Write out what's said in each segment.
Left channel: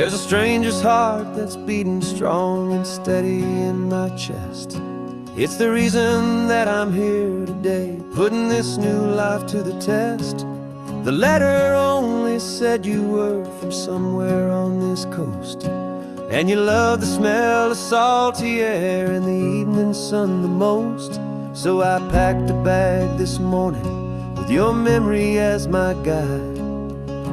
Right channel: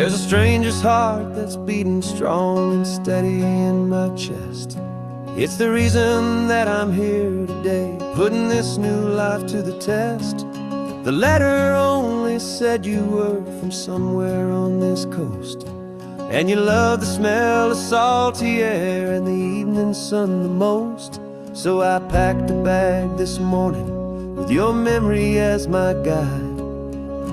There's a stranger's heart that's beating strong and steady in my chest. It's the reason that I'm here today, putting this new life to the test. The letter only said you were from somewhere on this coast, and you love the smell of salty air and the evening sun the most. So I packed a bag this morning with your memory as my guide,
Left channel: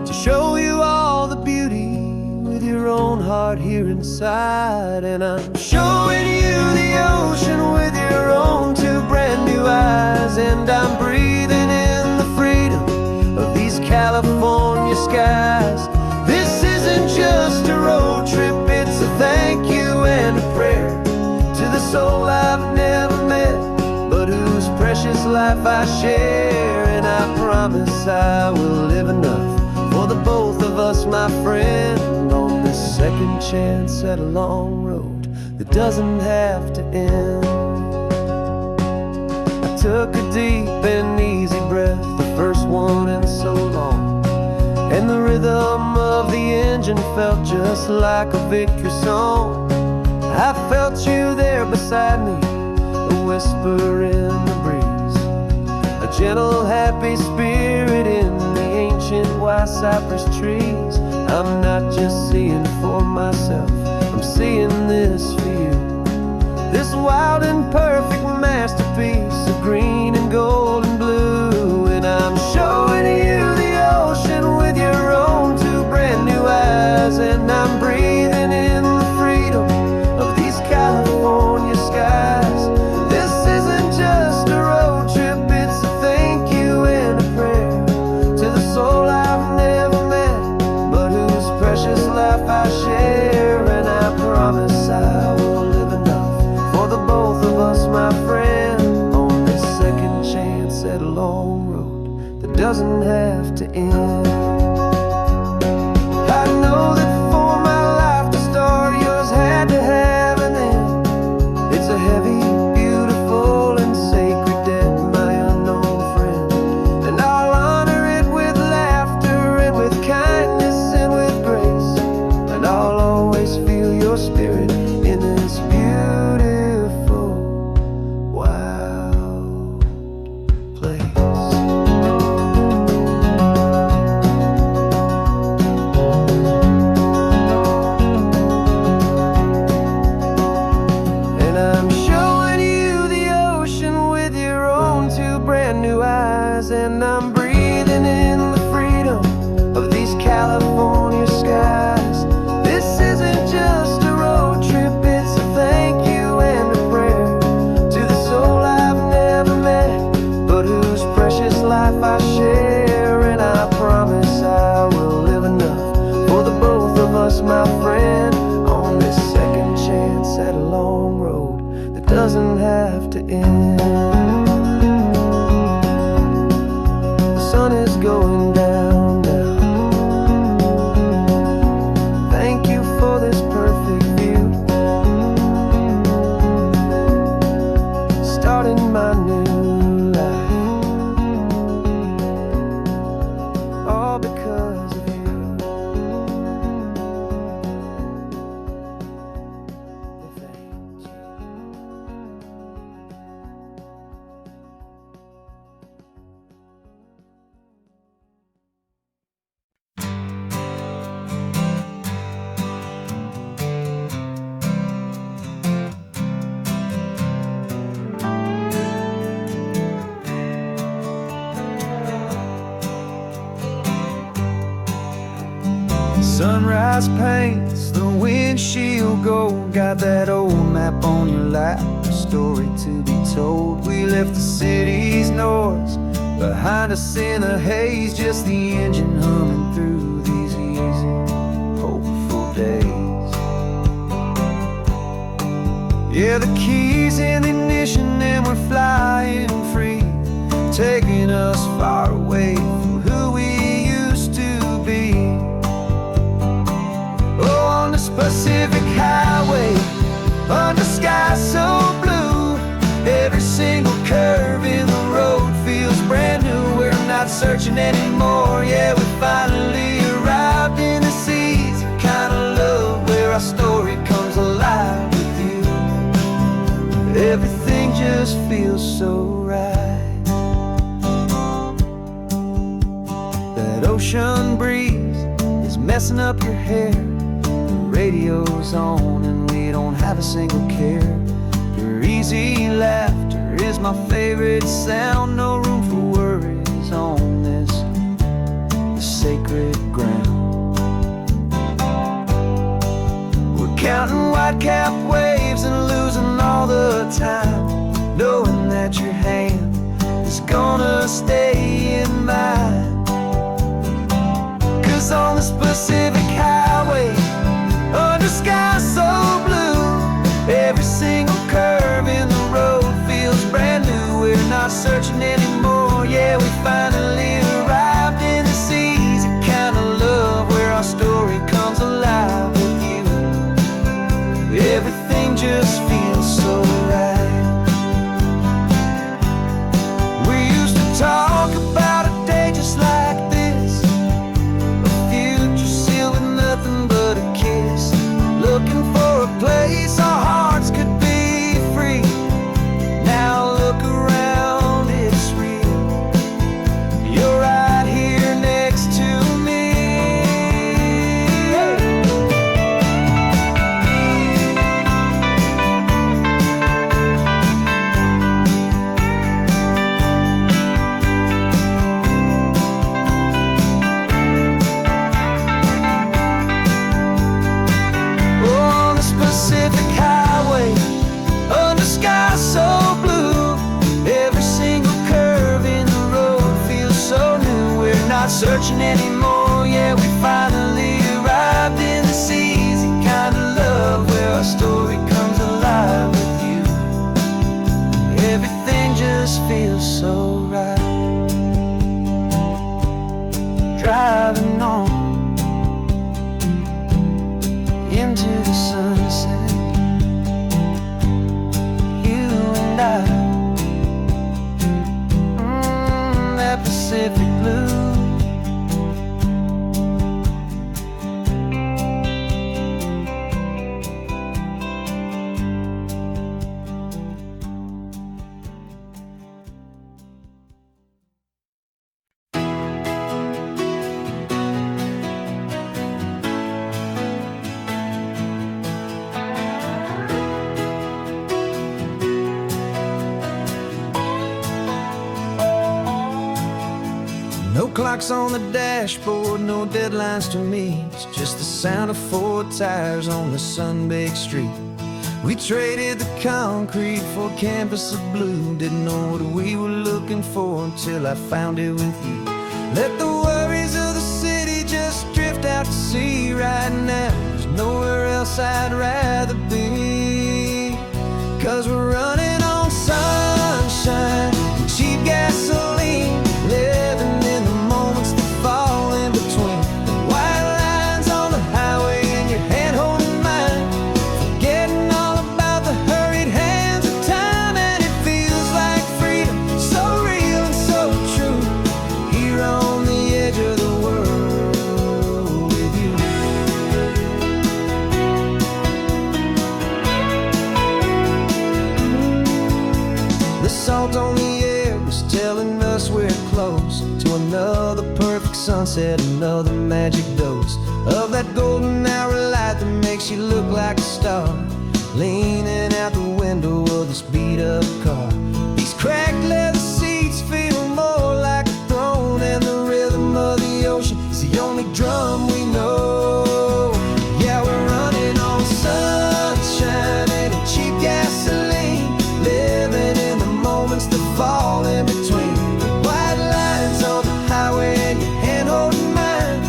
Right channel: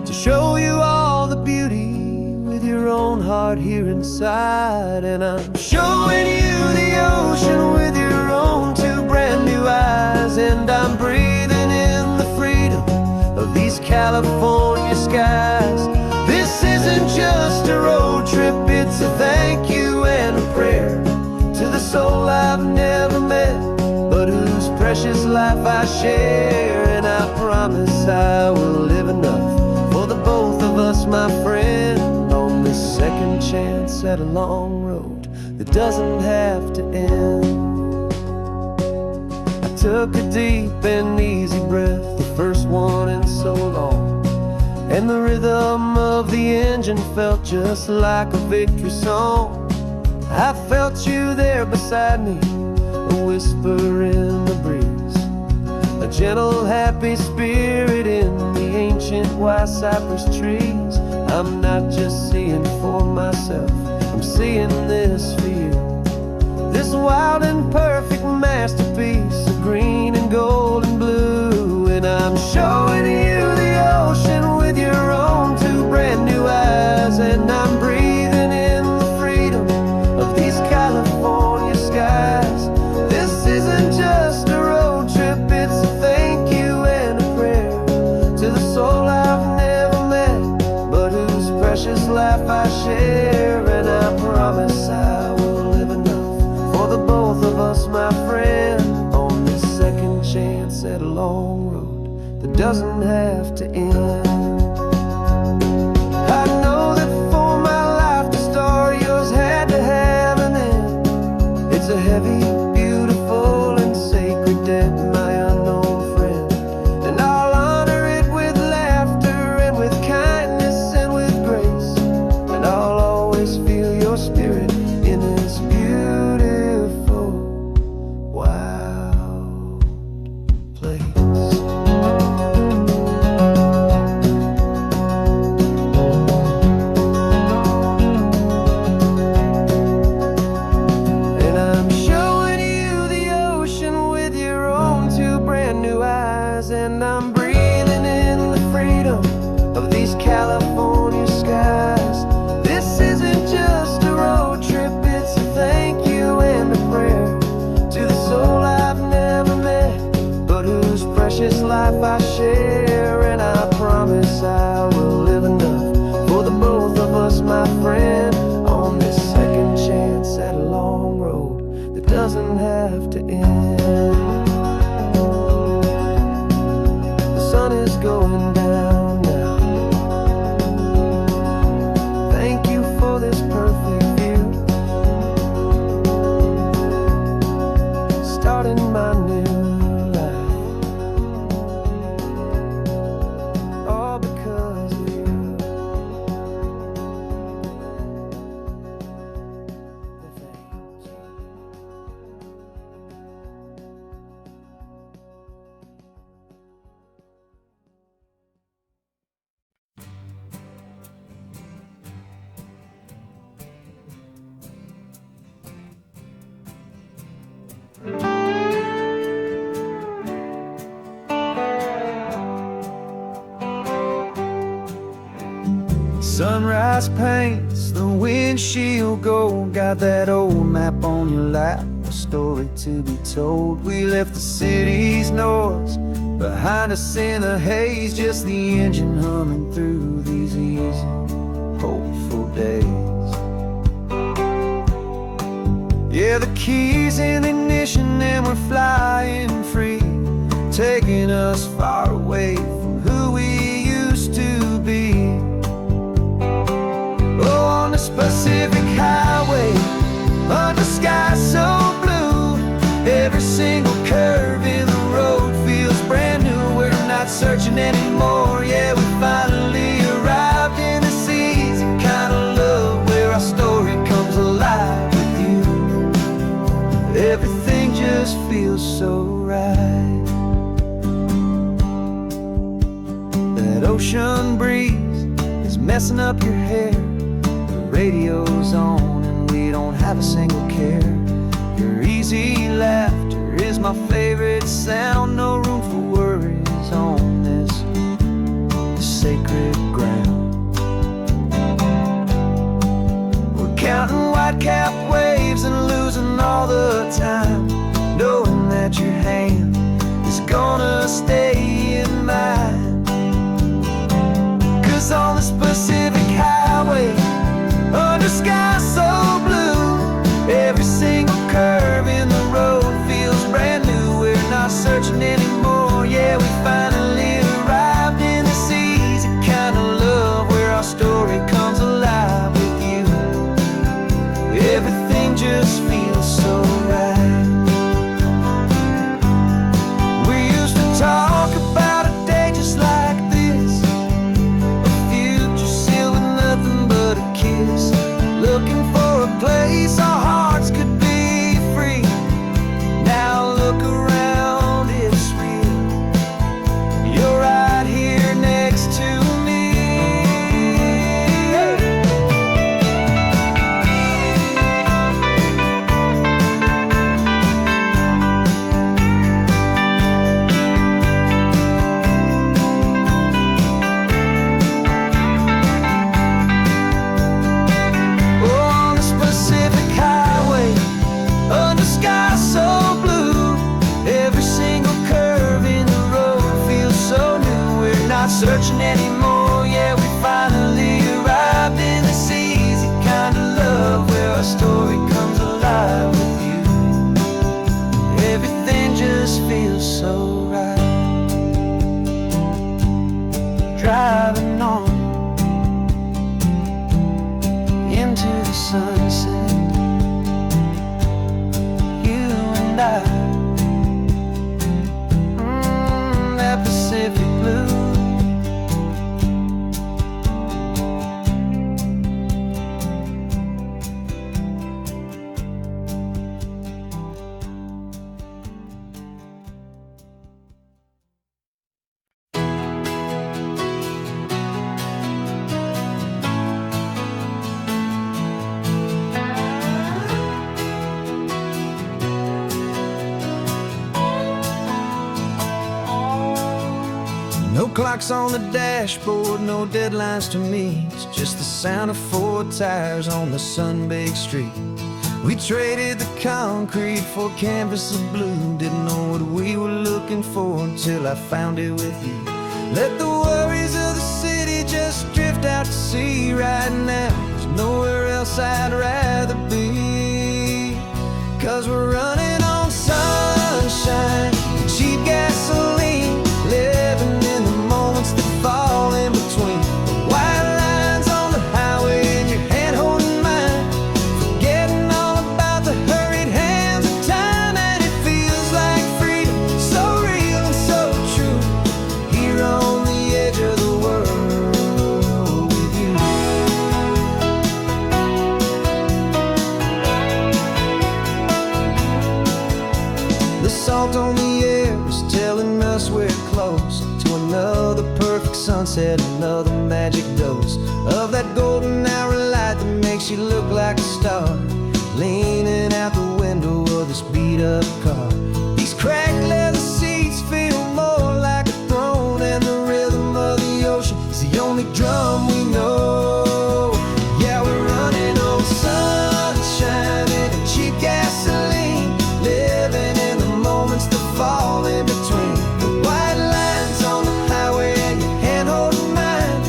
to show you all the beauty with your own heart here inside. And I'm showing you the ocean with your own two brand new eyes, and I'm breathing in the freedom of these California skies. This isn't just a road trip, it's a thank you and a prayer to the soul I've never met, but whose precious life I share. And I promise I will live enough for the both of us, my friend, on this second chance at a long road that doesn't have to end. I took a deep and easy breath, the first one in so long, and the rhythm of the engine felt just like a victory song. I felt you there beside me, a whisper in the breeze, a gentle happy spirit in the ancient white cypress trees. I'm not just seeing for myself, I'm seeing this for you, this wild and perfect masterpiece of green and gold and blue. And I'm showing you the ocean with your own two brand new eyes, and I'm breathing in the freedom of these California skies. This isn't just a road trip, it's a thank you and a prayer to the soul I've never met, but whose precious life I share. And I promise I will live enough for the both of us, my friend, on this second chance at a long road that doesn't have to end. I know that for my life to start, yours had to have an end. It's a heavy, beautiful, and sacred debt, my unknown friend, and I'll honor it with laughter and with kindness and with grace, and I'll always feel your spirit in this beautiful, wild place. And I'm showing you the ocean with your own two brand new eyes, and I'm breathing in the freedom of these California skies. This isn't just a road trip, it's a thank you and a prayer to the soul I've never met, but whose precious life I share. And I promise I will live enough for the both of us, my friend, on this second chance at a long road that doesn't have to end. The sun is going down now. Thank you for this perfect view, starting my new life, all because of you. Thank you. Sunrise paints the windshield gold, got that old map on your lap, a story to be told. We left the city's noise behind us in the haze, just the engine humming through these easy, hopeful days. Yeah, the keys in the ignition and we're flying free, taking us far away from who we used to be. Oh, on this Pacific highway, under sky so blue, every single curve in the road feels brand new. We're not searching anymore, yeah, we finally arrived in this easy kind of love just feels so right. That ocean breeze is messing up your hair. The radio's on and we don't have a single care. Your easy laughter is my favorite sound. No room for worries on this sacred ground. We're counting white-cap waves and losing all the time, knowing that your hand is gonna stay in mine. 'Cause on this Pacific highway, under sky so blue, every single curve in the road feels brand new. We're not searching anymore, yeah, we finally arrived in this easy kind of love, where our story comes alive with you. Everything just feels so right. We used to talk about a day just like this, a future sealed with nothing but a kiss, looking for a place our hearts could be free. Now look around, it's real. You're right here next to me. Oh, on this Pacific highway, under sky so blue, every single curve in the road feels so new. We're not searching anymore, yeah, we finally arrived in this easy kind of love, where our story comes alive with you. Everything just feels so right. Driving on into the sunset, you and I, that Pacific blue. No clocks on the dashboard, no deadlines to meet, just the sound of 4 tires on the sun-baked street. We traded the concrete for a canvas of blue, didn't know what we were looking for until I found it with you. Let the worries of the city just drift out to sea right now. There's nowhere else I'd rather be, 'cause we're running on sunshine and cheap gasoline, living in the moments that fall in between the white lines on the highway and your hand holding mine, forgetting all about the hurried hands of time. And it feels like freedom, so real and so true, here on the edge of the world with you. The salt on the air is telling us we're close to another perfect sunset, another magic dose of that golden hour light that makes you look like a star, leaning out the window of this beat-up car. These cracked leather seats feel more like a throne, and the rhythm of the ocean is the only drum we know. Yeah, we're running on sunshine and cheap gasoline, living in the moments that fall in between the white lines on the highway and your hand holding mine,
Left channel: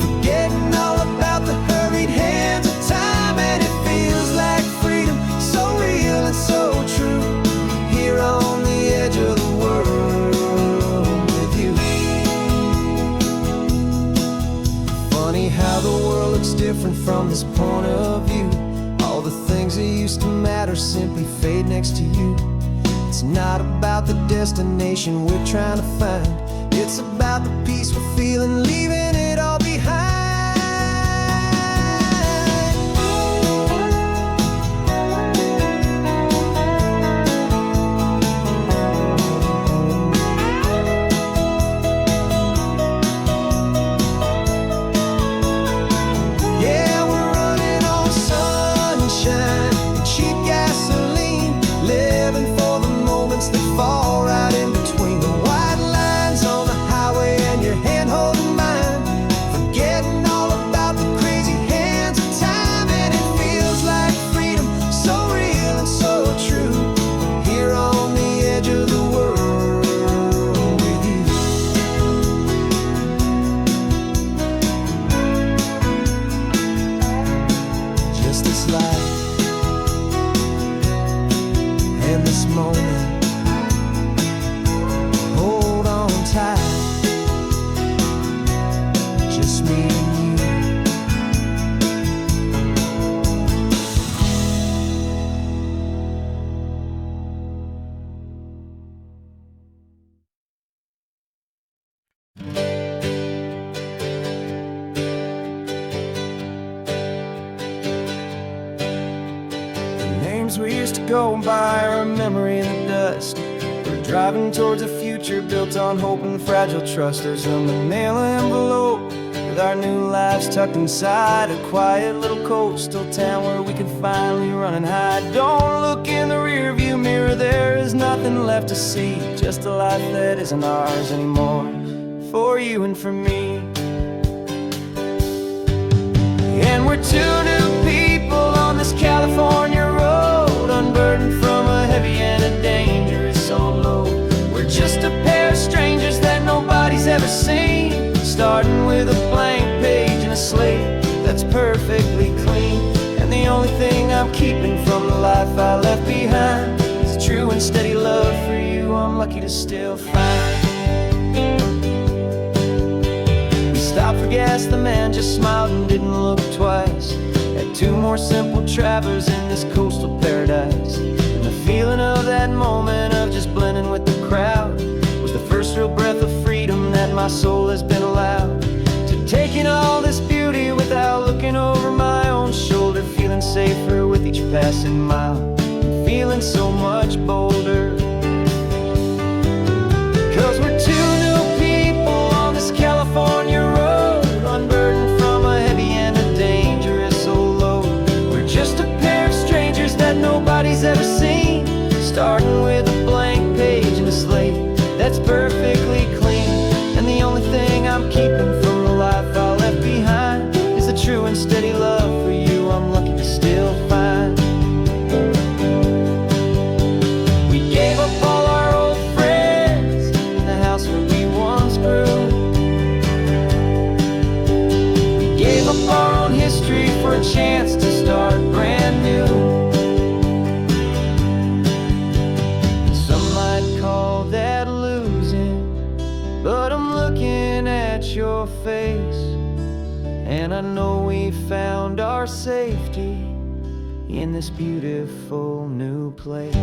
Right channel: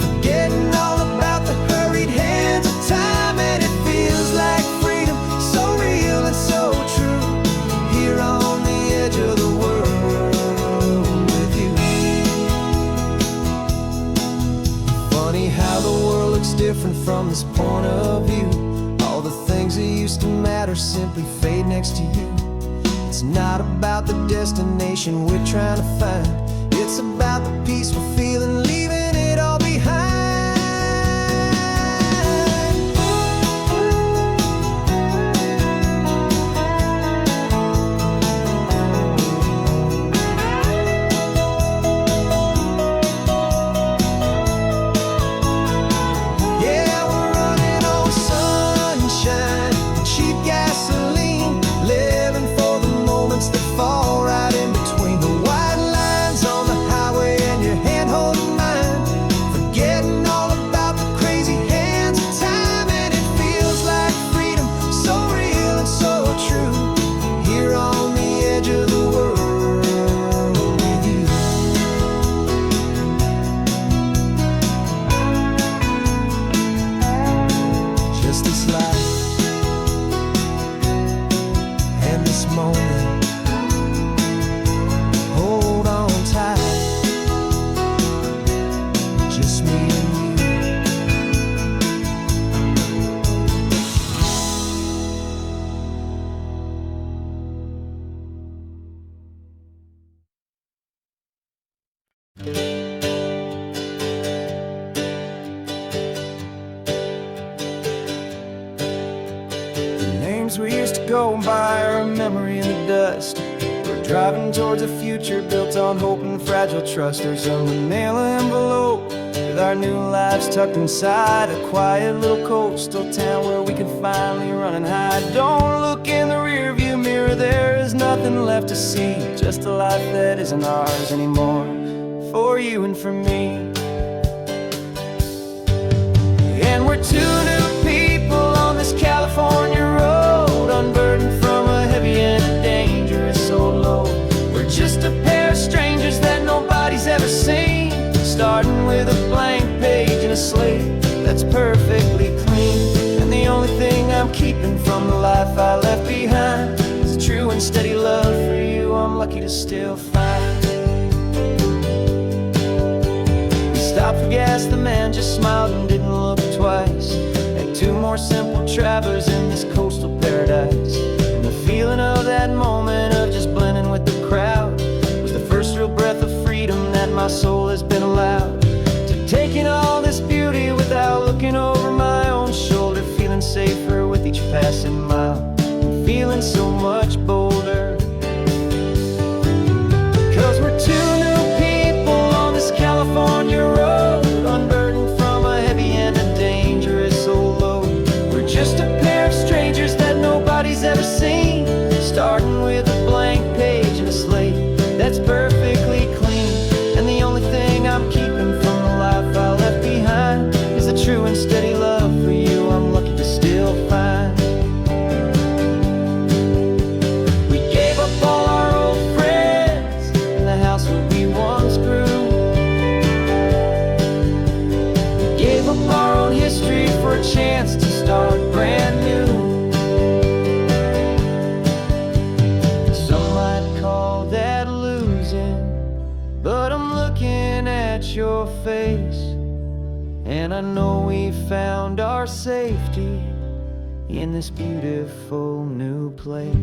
forgetting all about the hurried hands of time. And it feels like freedom, so real and so true, here on the edge of the world with you. Funny how the world looks different from this point of view. All the things that used to matter simply fade next to you. It's not about the destination we're trying to find, it's about the peace we're feeling, leaving it all behind. And this moment, hold on tight, just me and you. Names we used to go by are a memory in the dust. We're driving towards a future built on hope and fragile trust. There's a manila envelope with our new lives tucked inside, a quiet little coastal town where we can finally run and hide. Don't look in the rearview mirror, there is nothing left to see, just a life that isn't ours anymore, for you and for me. And we're two new people on this California road, unburdened from a heavy and a dangerous old load. We're just a pair of strangers that nobody's ever seen, starting with a blank page and a slate that's perfectly clean. And the only thing I'm keeping from the life I left behind is a true and steady love for you I'm lucky to still find. We stopped for gas, the man just smiled and didn't look twice. Had two more simple travelers in this coastal paradise. And the feeling of that moment of just blending with the crowd was the first real breath of freedom that my soul has been allowed to take in all this beauty without looking over my own shoulder, feeling safer with each passing mile and feeling so much bolder. 'Cause we're two new people on this California road, unburdened from a heavy and a dangerous old load. We're just a pair of strangers that nobody's ever seen, starting with a blank page and a slate that's perfectly clean. And the only thing I'm keeping from the life I left behind is the true and steady love for you I'm lucky to still find. We gave up all our old friends in the house where we once grew. We gave up our own history for a chance to start brand new. Some might call that losing, but I'm looking at your face, and I know we found our safety in this beautiful new place.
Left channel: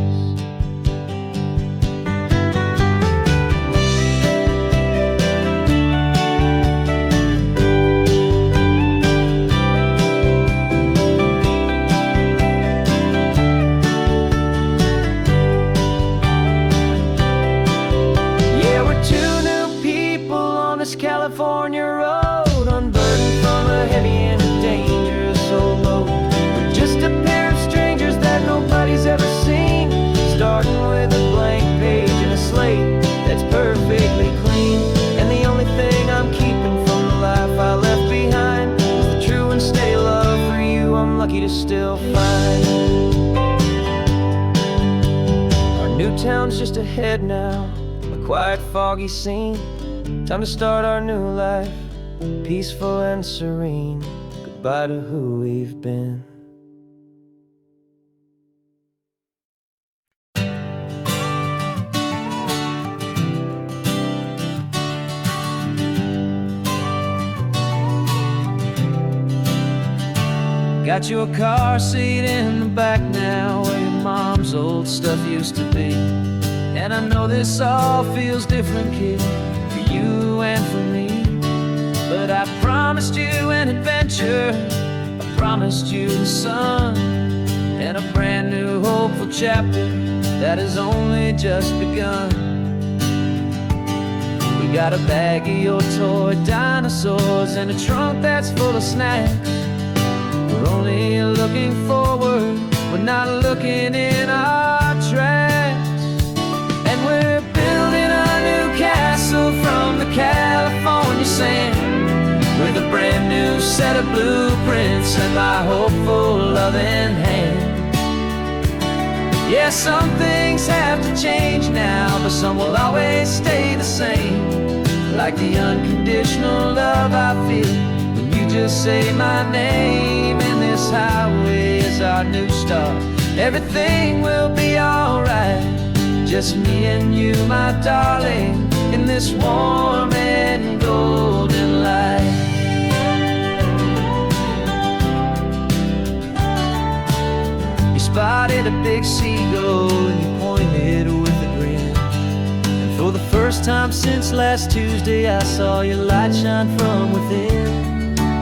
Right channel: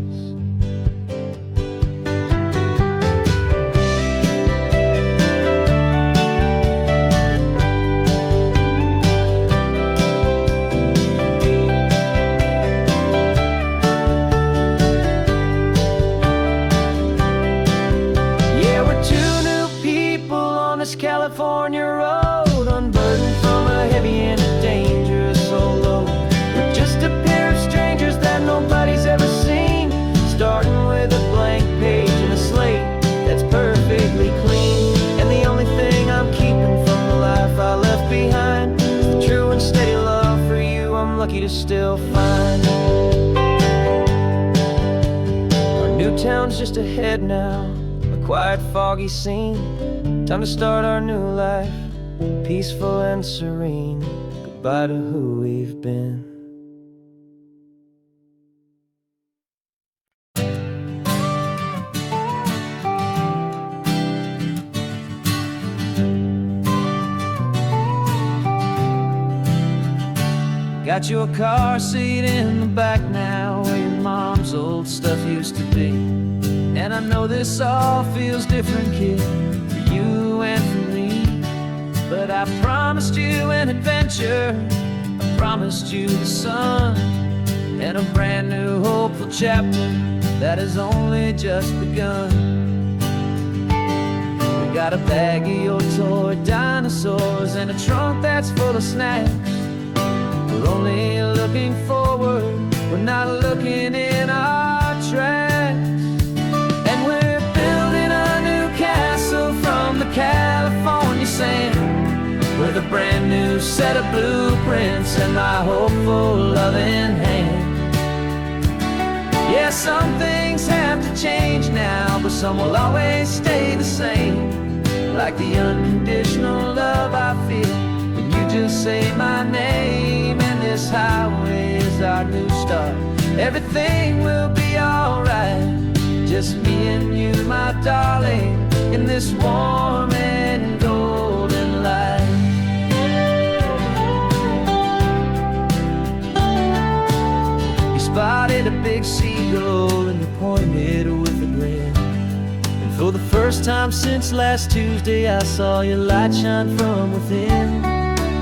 California road, unburdened from a heavy and a dangerous old load. We're just a pair of strangers that nobody's ever seen, starting with a blank page and a slate that's perfectly clean. And the only thing I'm keeping from the life I left behind is the true and steady love for you I'm lucky to still find. Our new town's just ahead now, a quiet, foggy scene. Time to start our new life, peaceful and serene. Goodbye to who we've been. Got you a car seat in the back now, where your mom's old stuff used to be. And I know this all feels different, kid, for you and for me. But I promised you an adventure, I promised you the sun, and a brand new hopeful chapter that has only just begun. We got a bag of your toy dinosaurs and a trunk that's full of snacks. We're only looking forward, we're not looking in our tracks. And we're building a new castle from the California sand, with a brand new set of blueprints and my hopeful loving hand. Yeah, some things have to change now, but some will always stay the same. Like the unconditional love I feel when you just say my name. And this highway is our new start, everything will be alright. just me and you, my darling, in this warm and golden light. You spotted a big seagull and you pointed with a grin. And for the first time since last Tuesday, I saw your light shine from within.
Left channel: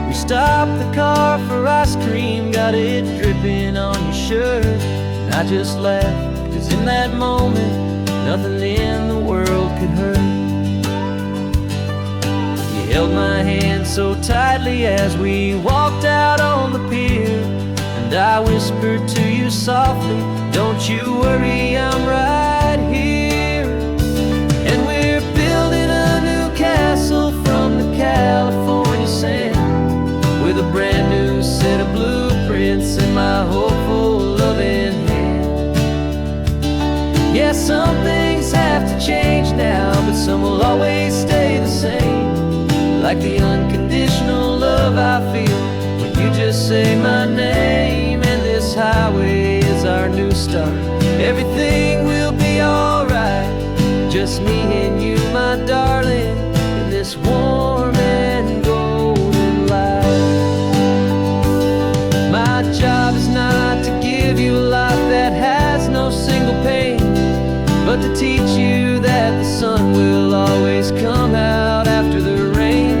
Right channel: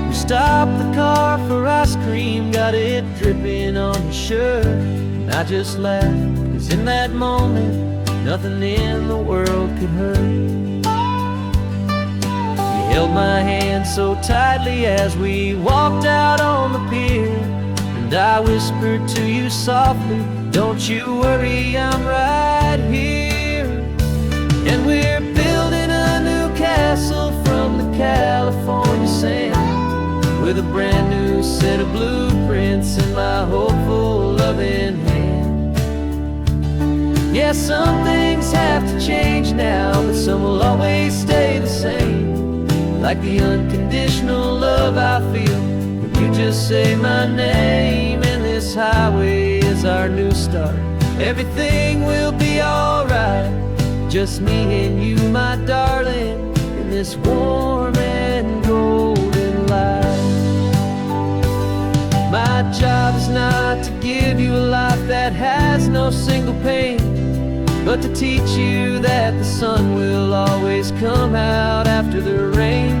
We stopped the car for ice cream, got it dripping on your shirt. And I just laughed, 'cause in that moment, nothing in the world could hurt. You held my hand so tightly as we walked out on the pier, and I whispered to you softly, don't you worry, I'm right here. And we're building a new castle from the California sand, with a brand new set of blueprints in my hopeful, loving hand. Yeah, some things have to change now, but some will always stay the same. Like the unconditional love I feel when you just say my name. And this highway is our new start. Everything will be alright, just me and you, my darling, in this warm and golden light. My job is not to give you a life that has no single pain, but to teach you that the sun will always come out after the rain.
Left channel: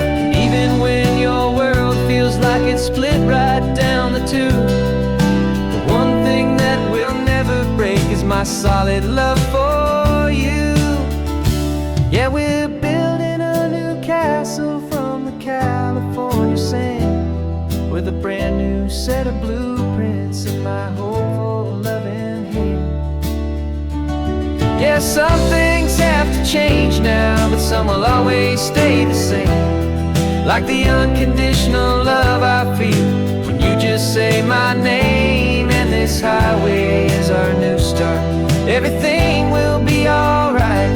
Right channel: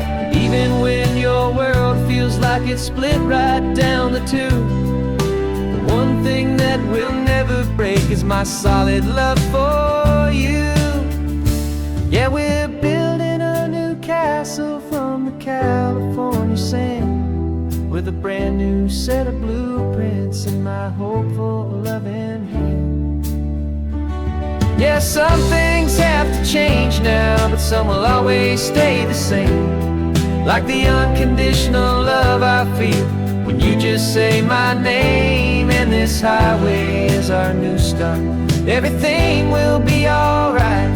And even when your world feels like it's split right down the two, the one thing that will never break is my solid love for you. Yeah, we're building a new castle from the California sand, with a brand new set of blueprints in my hopeful, loving hand. Yeah, some things have to change now, but some will always stay the same. Like the unconditional love I feel when you just say my name. And this highway is our new start. Everything will be alright,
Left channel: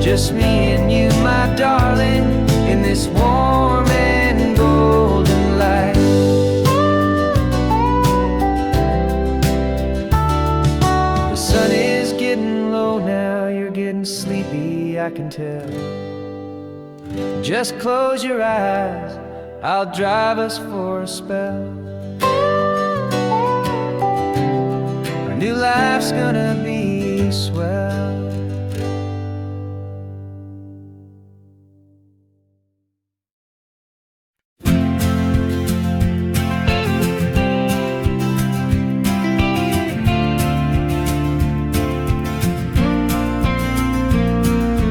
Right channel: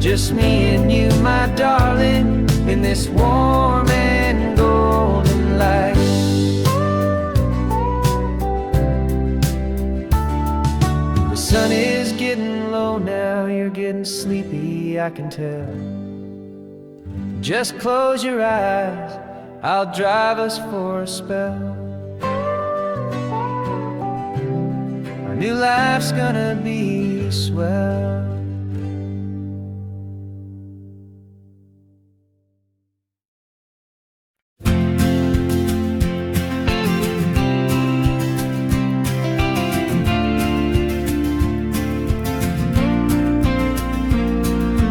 just me and you, my darling, in this warm and golden light. The sun is getting low now, you're getting sleepy, I can tell. Just close your eyes, I'll drive us for a spell. Our new life's gonna be swell.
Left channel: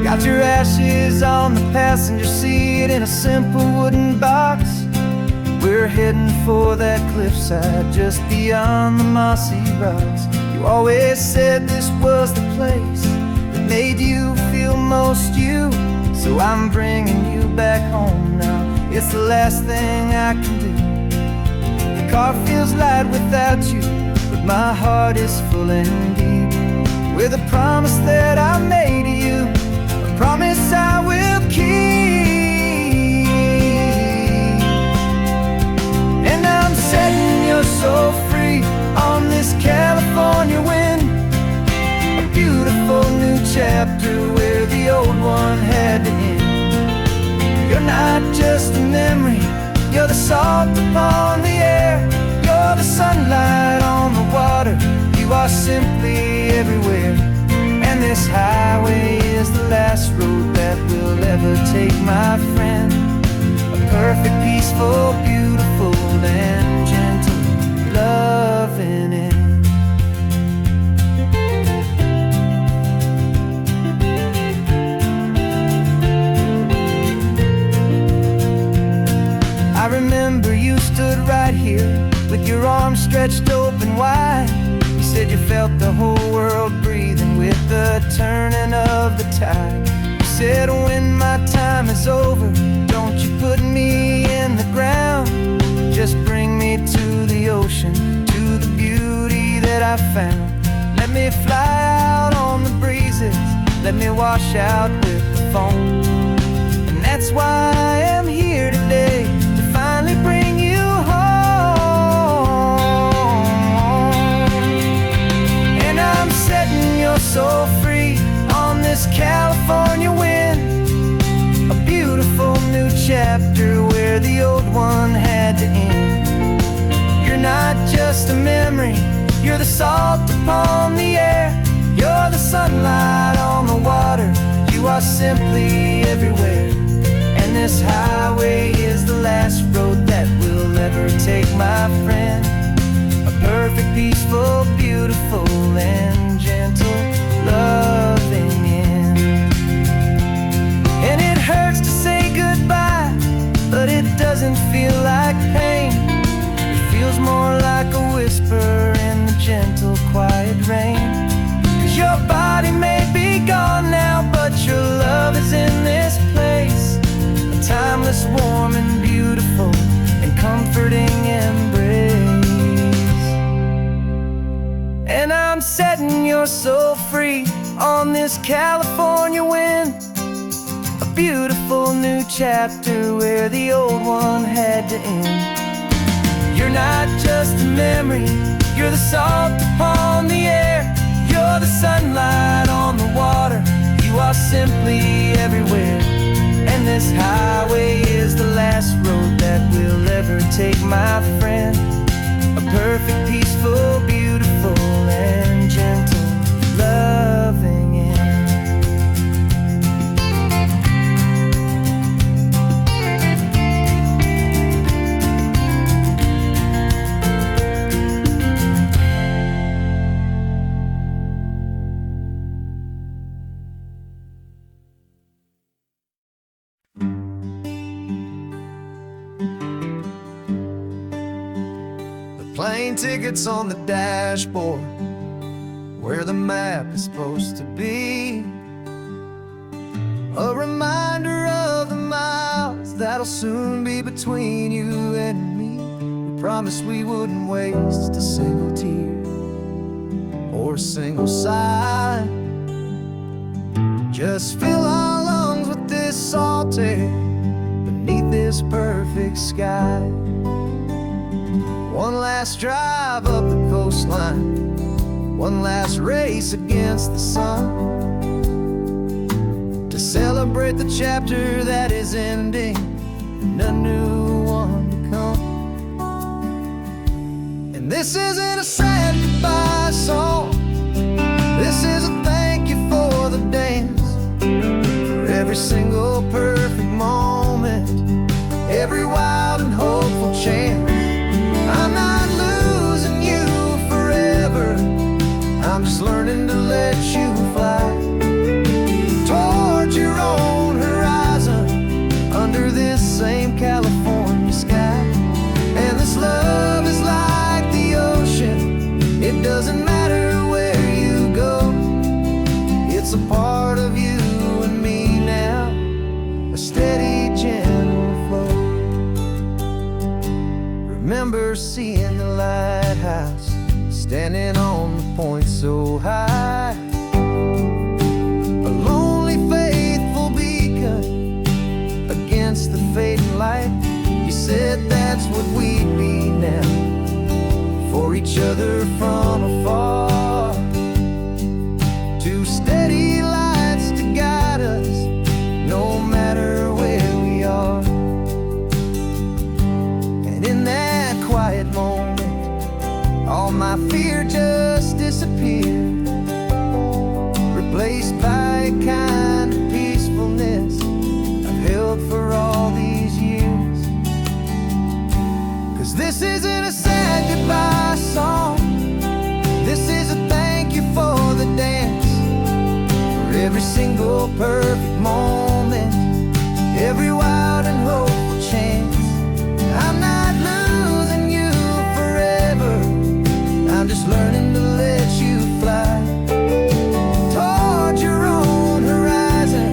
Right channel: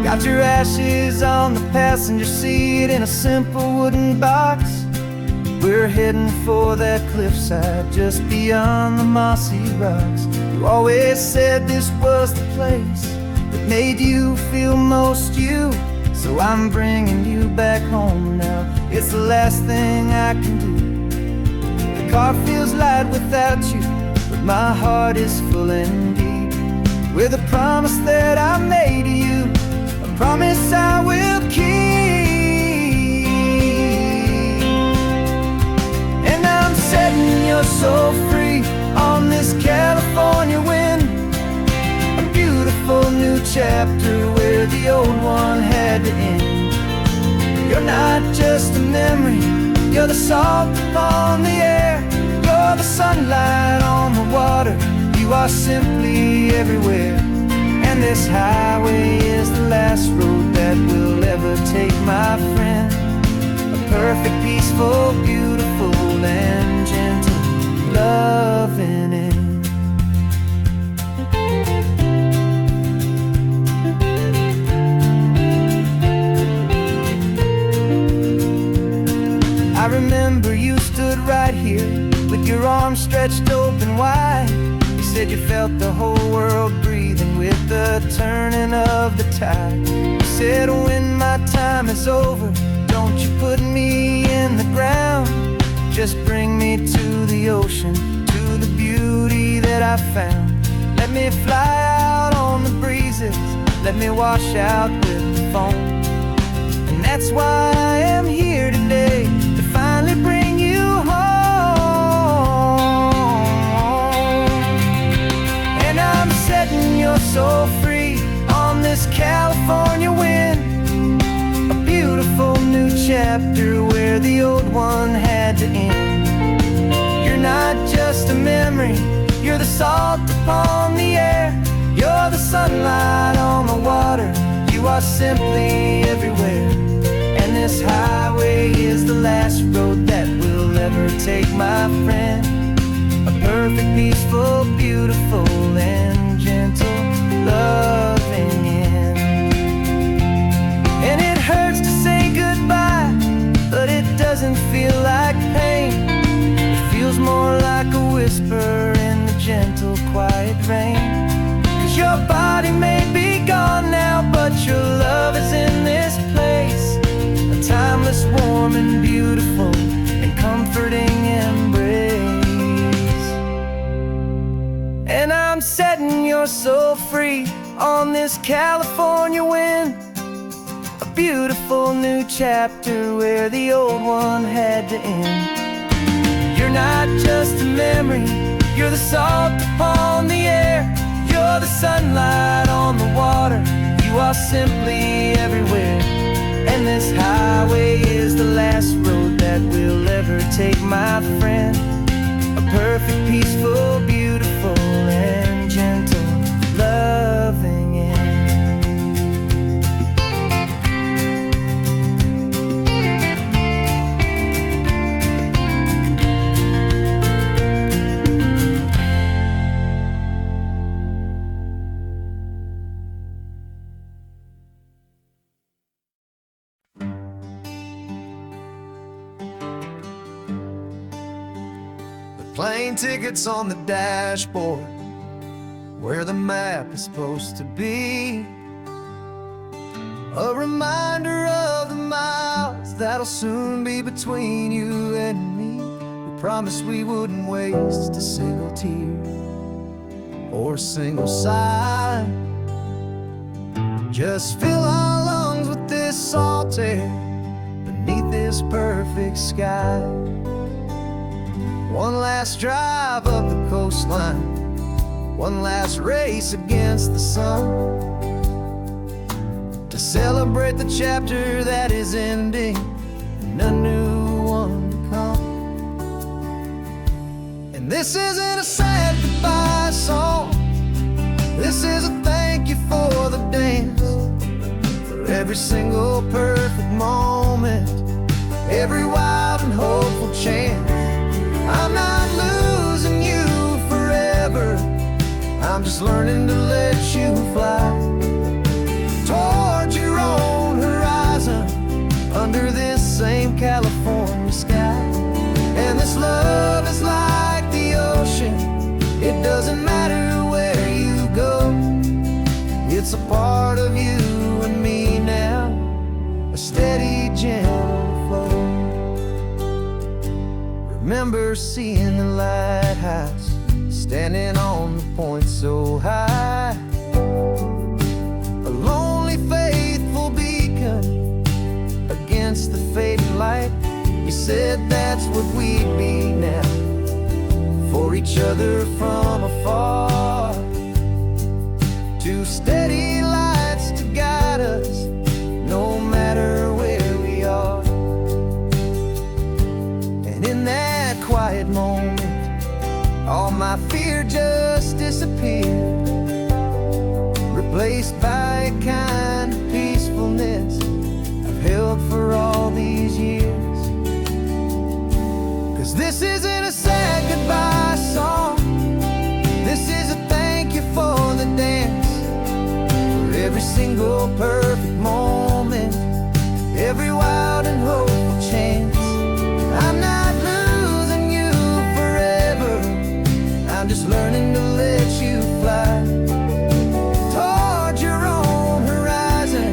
Got your ashes on the passenger seat in a simple wooden box. We're heading for that cliffside just beyond the mossy rocks. You always said this was the place that made you feel most you, so I'm bringing you back home now. It's the last thing I can do. The car feels light without you, but my heart is full and deep with a promise that I made to you, a promise I will keep. And I'm setting your soul free on this California wind, a beautiful new chapter where the old one had to end. You're not just a memory, you're the salt upon the air, you're the sunlight on the water, you are simply everywhere. And this highway is the last road that we'll ever take, my friend. A perfect, peaceful, beautiful, and gentle, loving end. I remember you stood right here with your arms stretched open wide. You said you felt the whole world breathing with the turning of the tide. You said when my time is over, don't you put me in the ground, just bring me to the ocean, to the beauty that I found. Let me fly out on the breezes, let me wash out with the foam. And that's why I am here today, to finally bring you home. And I'm setting your you're so free on this California wind. A beautiful new chapter where the old one had to end. You're not just a memory, you're the salt upon the air. You're the sunlight on the water, you are simply everywhere. And this highway is the last road that we'll ever take, my friend. A perfect, peaceful, beautiful, and gentle, loving end. And it hurts to say goodbye, but it doesn't feel like pain. It feels more like a whisper in the gentle, quiet rain. 'Cause your body may be gone now, but your love is in this place. A timeless, warm, and beautiful, and comforting embrace. And I'm setting your soul free on this California wind. A beautiful new chapter where the old one had to end. You're not just a memory, you're the salt upon the air. You're the sunlight on the water, you are simply everywhere. And this highway is the last road that we'll ever take, my friend. A perfect, peaceful, beautiful, and gentle, loving end. Plane tickets on the dashboard, where the map is supposed to be. A reminder of the miles that'll soon be between you and me. We promised we wouldn't waste a single tear or a single sigh. Just fill our lungs with this salt air beneath this perfect sky. One last drive up the coastline, one last race against the sun, to celebrate the chapter that is ending and a new one to come. And this isn't a sad goodbye song, this is a thank you for the dance, for every single perfect moment, every wild and hopeful chance. I'm not losing you forever, I'm just learning to let you fly towards your own horizon, under this same California sky. And this love is like the ocean, it doesn't matter where you go. It's a part of you and me now, a steady, gentle flow. Remember seeing the lighthouse, standing on the point so high, a lonely, faithful beacon against the fading light. You said that's what we'd be now, for each other from afar. Two steady lights to guide us, no matter where we are. And in that quiet moment, all my fear just disappeared, replaced by a kind of peacefulness I've held for all these years. 'Cause this isn't a sad goodbye song, this is a thank you for the dance, for every single perfect moment, every wild and hopeful chance. I'm not losing you forever, I'm just learning to let you fly towards your own horizon,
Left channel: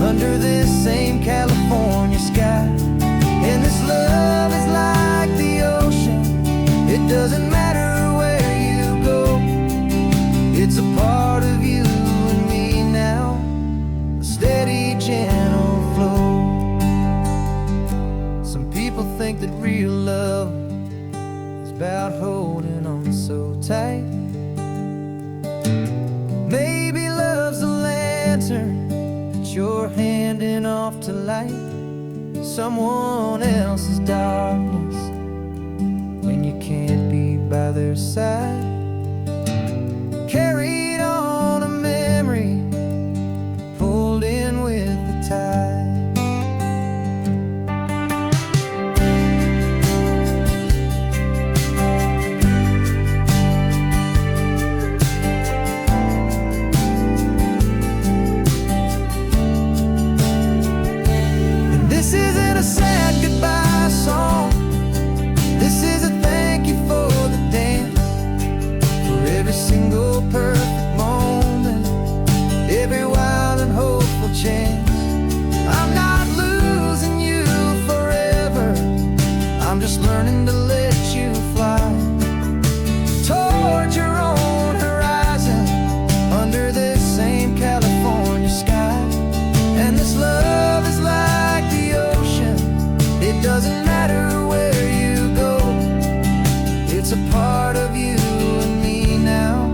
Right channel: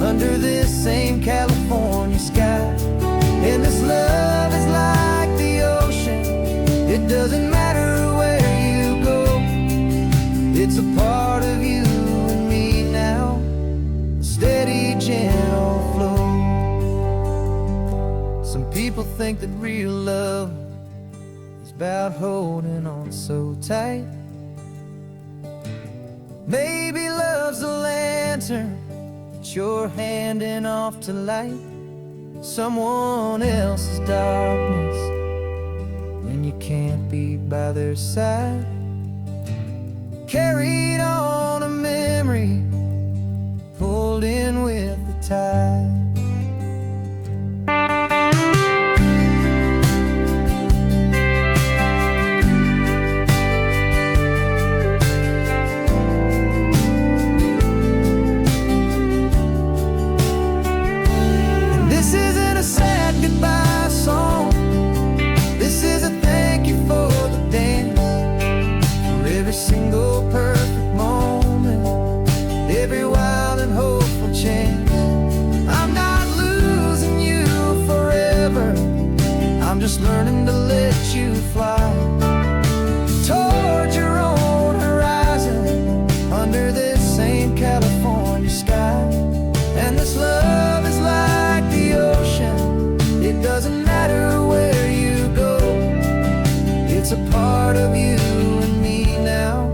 under this same California sky. And this love is like the ocean, it doesn't matter where you go. It's a part of you and me now, a steady, gentle flow. Some people think that real love is about holding on so tight, Maybe love's a lantern that you're handing off to light someone else's darkness when you can't be by their side. Carried on a memory, pulled in with the tide. This isn't a sad goodbye song. This is a thank you for the dance, for every single perfect moment, every wild and hopeful chance. I'm not losing you forever, I'm just learning to let you fly toward your own horizon, under this same California sky. And this love is like the ocean, it doesn't matter where you go. It's a part of you and me now,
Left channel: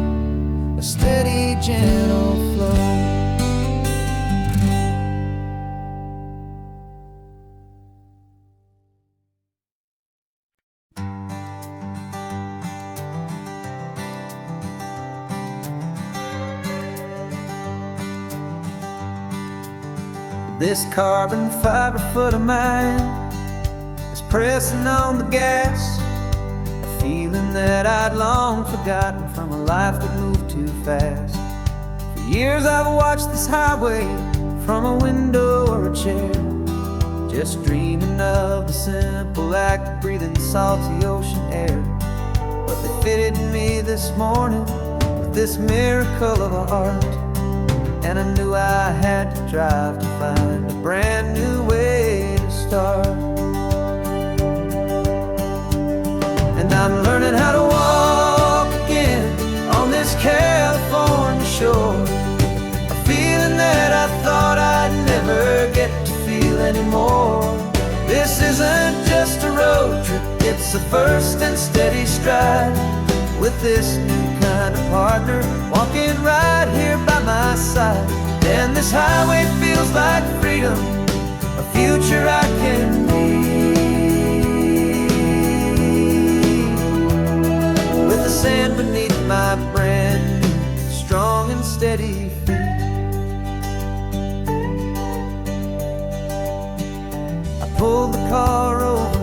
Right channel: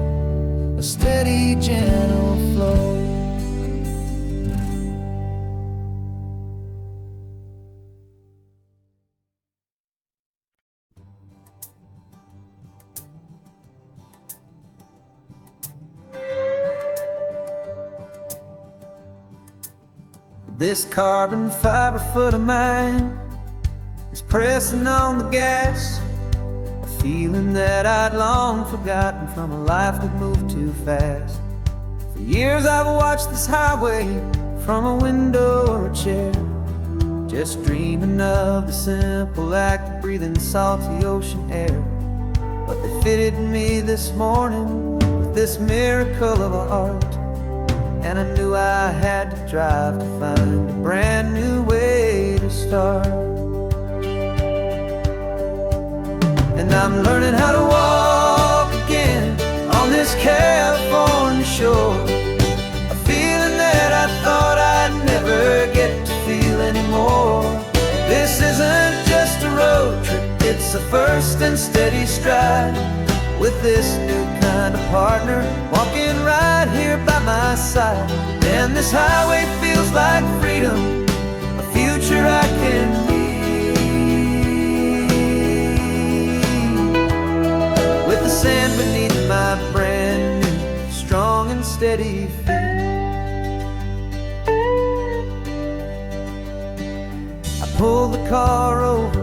a steady, gentle flow. This carbon fiber foot of mine is pressing on the gas, a feeling that I'd long forgotten from a life that moved too fast. For years I've watched this highway from a window or a chair, just dreaming of the simple act of breathing salty ocean air. But they fitted me this morning with this miracle of art, and I knew I had to drive to find a brand new way to start. And I'm learning how to walk again on this California shore, a feeling that I thought I'd never get to feel anymore. This isn't just a road trip, it's a first and steady stride, with this new kind of partner walking right here by my side. And this highway feels like freedom, a future I can need, with the sand beneath my brand new, strong and steady feet. I pulled the car over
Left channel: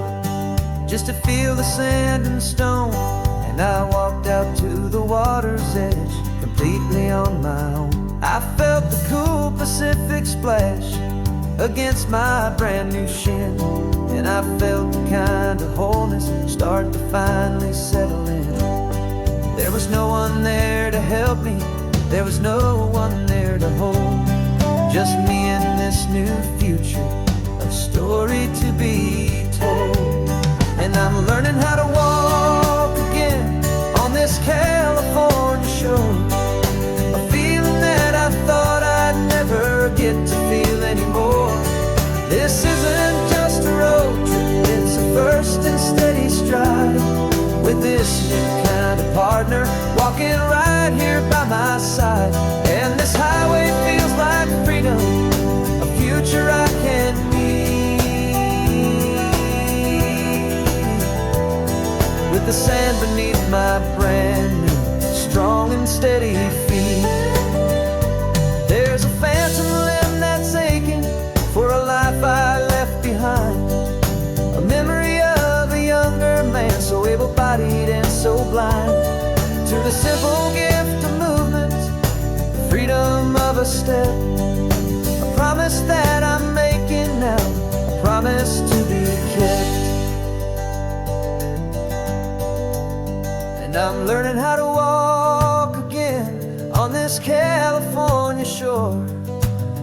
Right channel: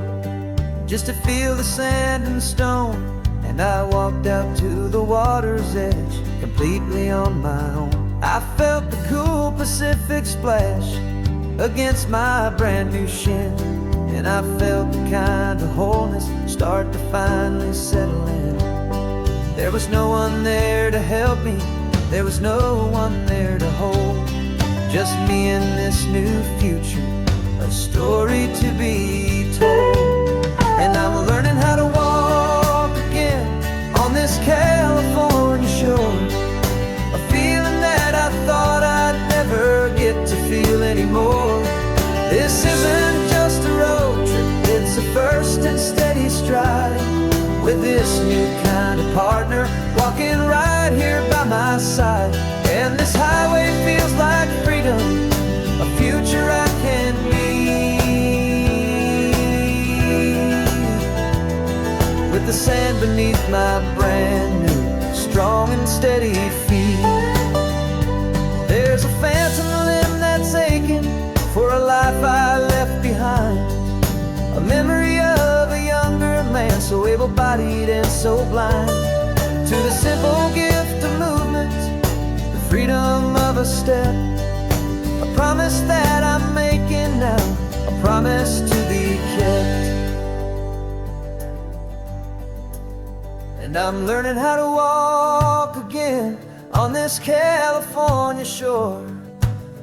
just to feel the sand and stone, and I walked out to the water's edge, completely on my own. I felt the cool Pacific splash against my brand new shin, and I felt the kind of wholeness start to finally settle in. There was no one there to help me, there was no one there to hold, just me and this new future, a story to be told. And I'm learning how to walk again on this California shore, a feeling that I thought I'd never get to feel anymore. This isn't just a road trip, it's a first and steady stride, with this new kind of partner walking right here by my side. And this highway feels like freedom, a future I can need, with the sand beneath my brand new, strong and steady feet. There's a phantom limb that's aching for a life I left behind, a memory of a younger man, so able-bodied and so blind, to the simple gift of movement, the freedom of a step, a promise that I'm making now, a promise to be kept. And I'm learning how to walk again on this California shore,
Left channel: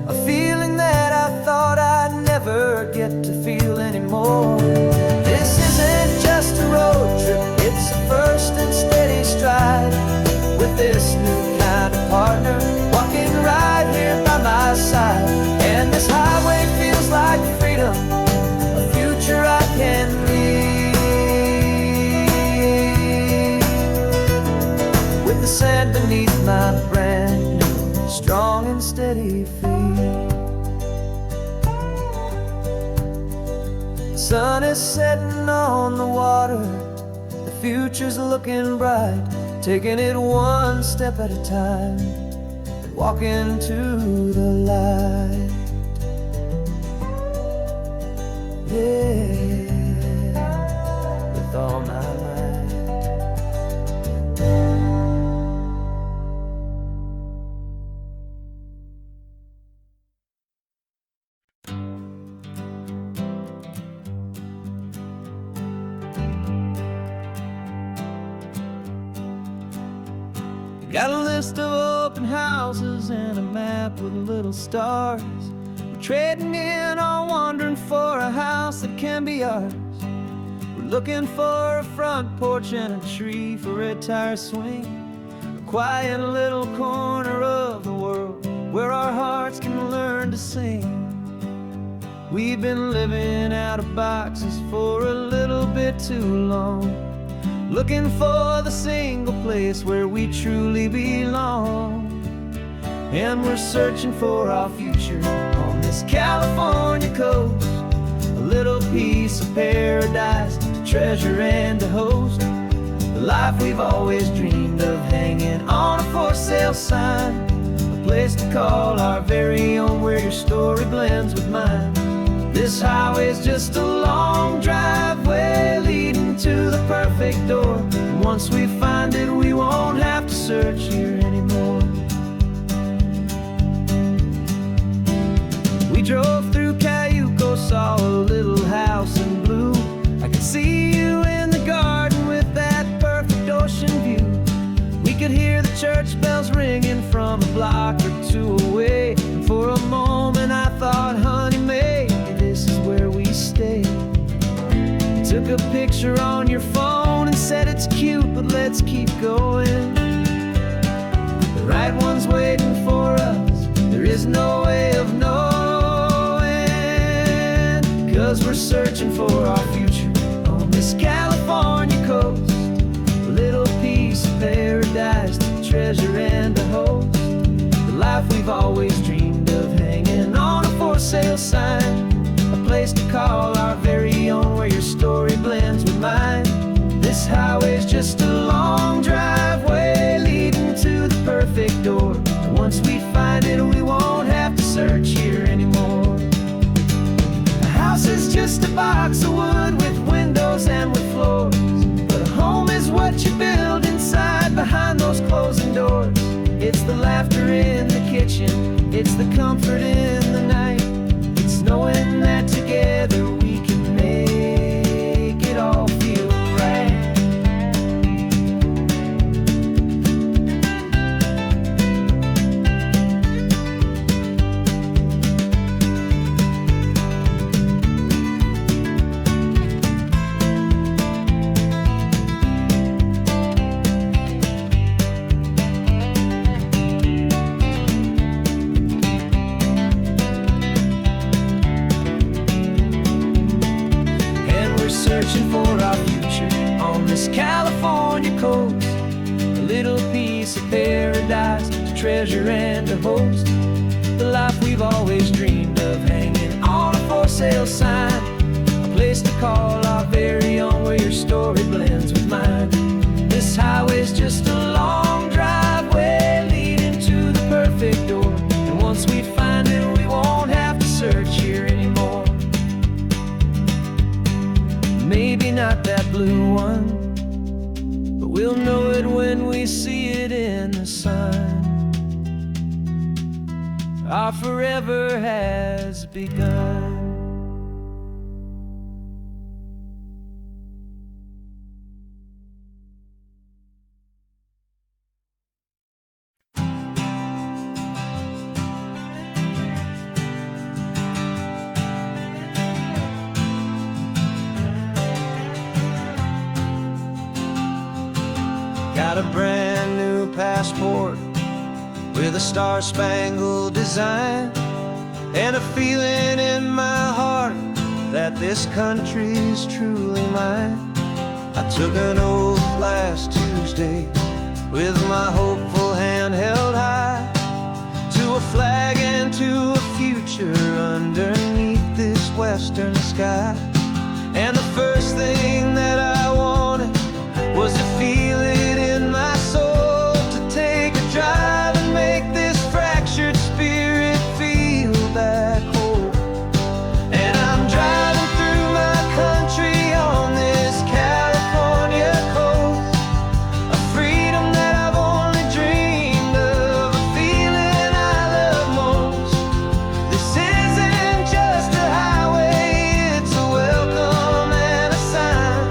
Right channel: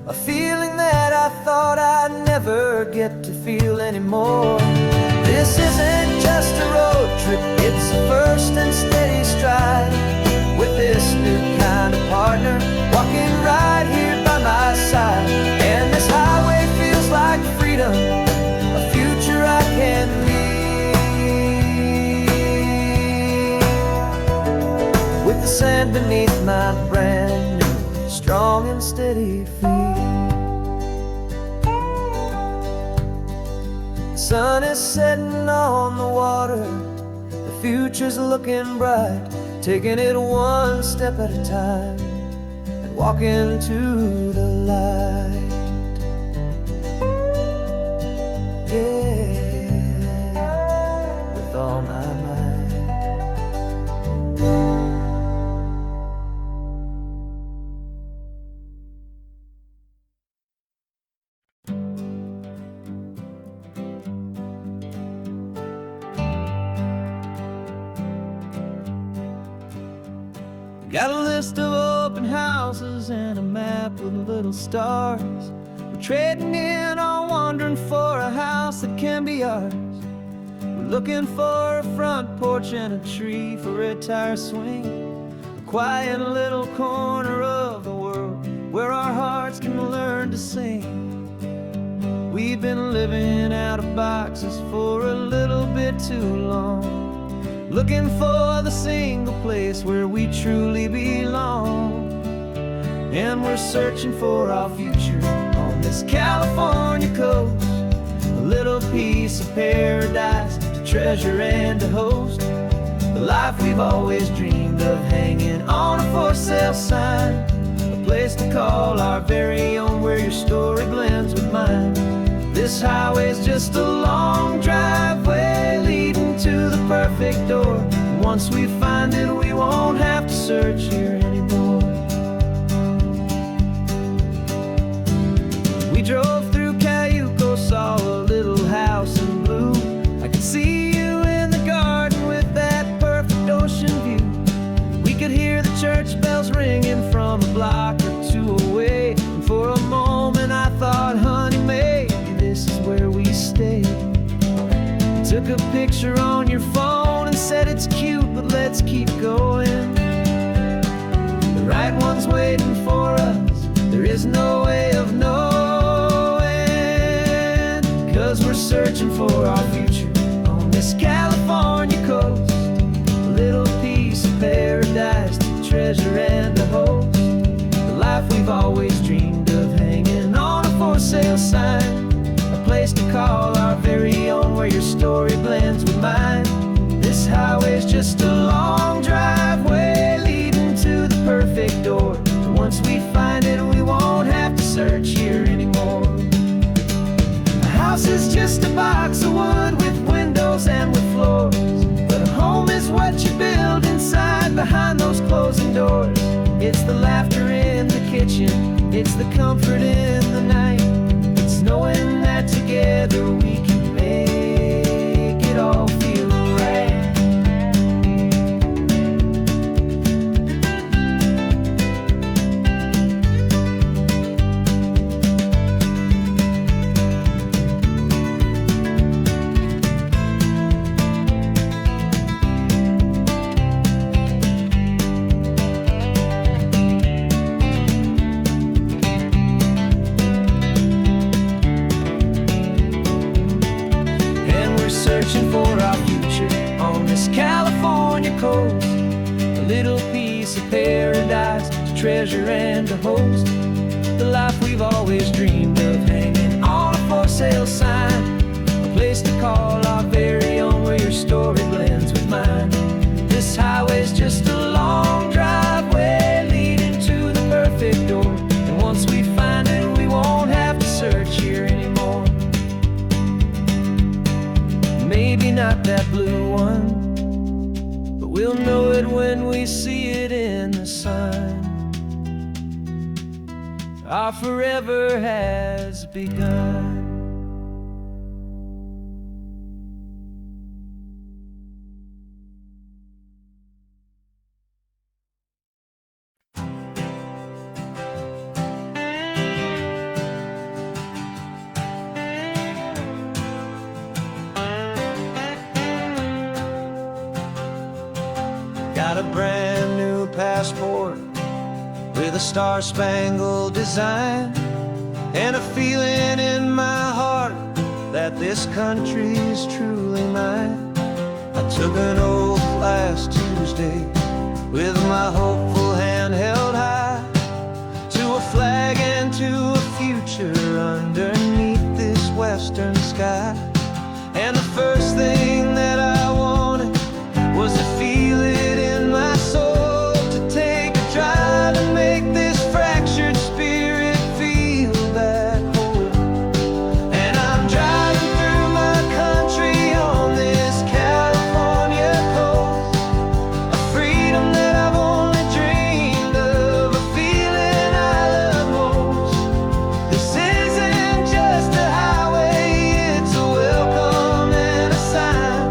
a feeling that I thought I'd never get to feel anymore. This isn't just a road trip, it's a first and steady stride, with this new kind of partner walking right here by my side. And this highway feels like freedom, a future I can need, with the sand beneath my brand new, strong and steady feet. The sun is setting on the water, the future's looking bright, taking it one step at a time and walking to the light. Yeah, with all my might. Got a list of open houses and a map with little stars. We're trading in our wandering for a house that can be ours. We're looking for a front porch and a tree for a tire swing, a quiet little corner of the world where our hearts can learn to sing. We've been living out of boxes for a little bit too long, looking for the single place where we truly belong. And we're searching for our future on this California coast, a little piece of paradise to treasure and to host, the life we've always dreamed of, hanging on a for sale sign, a place to call our very own where your story blends with mine. This highway's just a long driveway leading to the perfect door, and once we find it we won't have to search here anymore. We drove through Cayuco, saw a little house in blue. I could see you in the garden with that perfect ocean view. We could hear the church bells ringing from a block or two away, and for a moment I thought, honey, maybe this is where we stay. You took a picture on your phone and said it's cute, but let's keep going. The right one's waiting for us, there is no way of knowing, 'cause we're searching for our future on this California coast, a little piece of paradise to treasure and to host, the life we've always dreamed of, hanging on a for sale sign, a place to call our very own where your story blends with mine. This highway's just a long driveway leading to the perfect door, and once we find it we won't have to search here anymore. A house is just a box of wood with windows and with floors, but a home is what you build inside behind those closing doors. It's the laughter in the kitchen, it's the comfort in the night, it's knowing that together we can make it all feel right. Searching for our future on this California coast, a little piece of paradise to treasure and to host, the life we've always dreamed of, hanging on a for sale sign, a place to call our very own where your story blends with mine. This highway's just a long driveway leading to the perfect door, and once we find it we won't have to search here anymore. Maybe not that blue one, but we'll know it when we see it in the sun. Our forever has begun. Got a brand new passport with a star-spangled design, and a feeling in my heart that this country's truly mine. I took an oath last Tuesday with my hopeful hand held high, to a flag and to a future underneath this western sky. And the first thing that I wanted was to feel it in my soul, to take a drive and make this fractured spirit feel back home. And I'm driving through my country on this California coast, a freedom that I've only dreamed of, a feeling I love most. This isn't just a highway, it's a welcome and a sign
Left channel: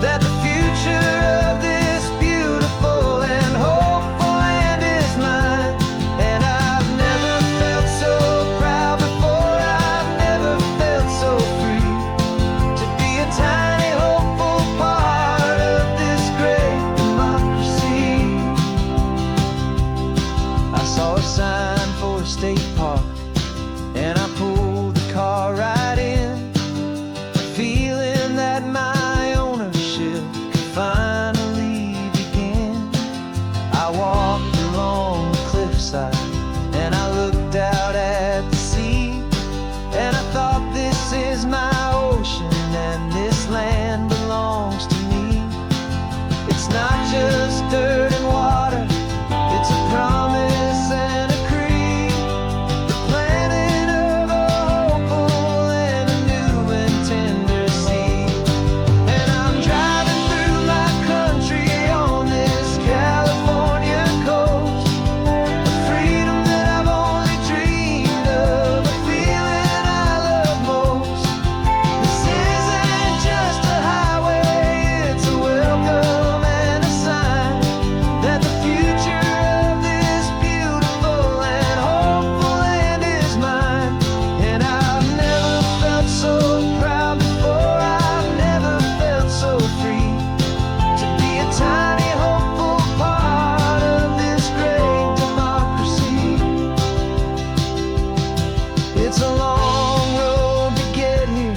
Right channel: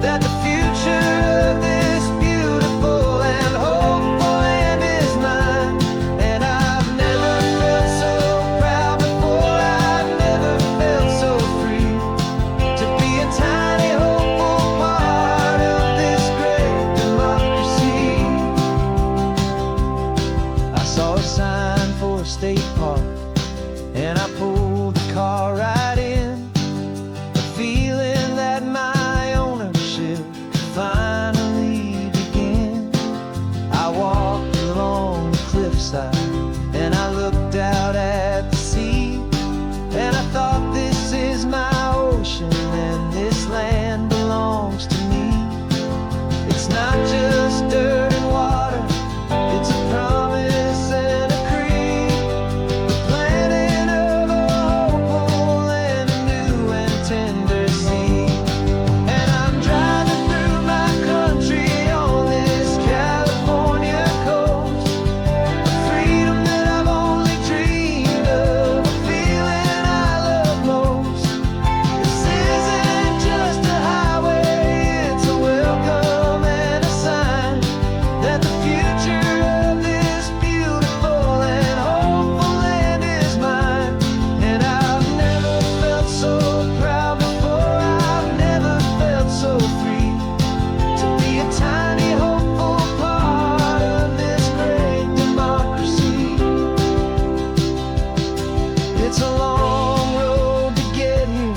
that the future of this beautiful and hopeful land is mine. And I've never felt so proud before, I've never felt so free, to be a tiny hopeful part of this great democracy. I saw a sign for a state park, and I pulled the car right in, a feeling that my ownership could finally begin. I walked along the cliffside and I looked out at the sea, and I thought, this is my ocean and this land belongs to me. It's not just dirt and water, it's a promise and a creed, the planting of a hopeful and a new and tender seed. And I'm driving through my country on this California coast, a freedom that I've only dreamed of, a feeling I love most. This isn't just a highway, it's a welcome and a sign that the future of this beautiful and hopeful land is mine. And I've never felt so proud before, I've never felt so free, to be a tiny hopeful part of this great democracy. It's a long road to get here,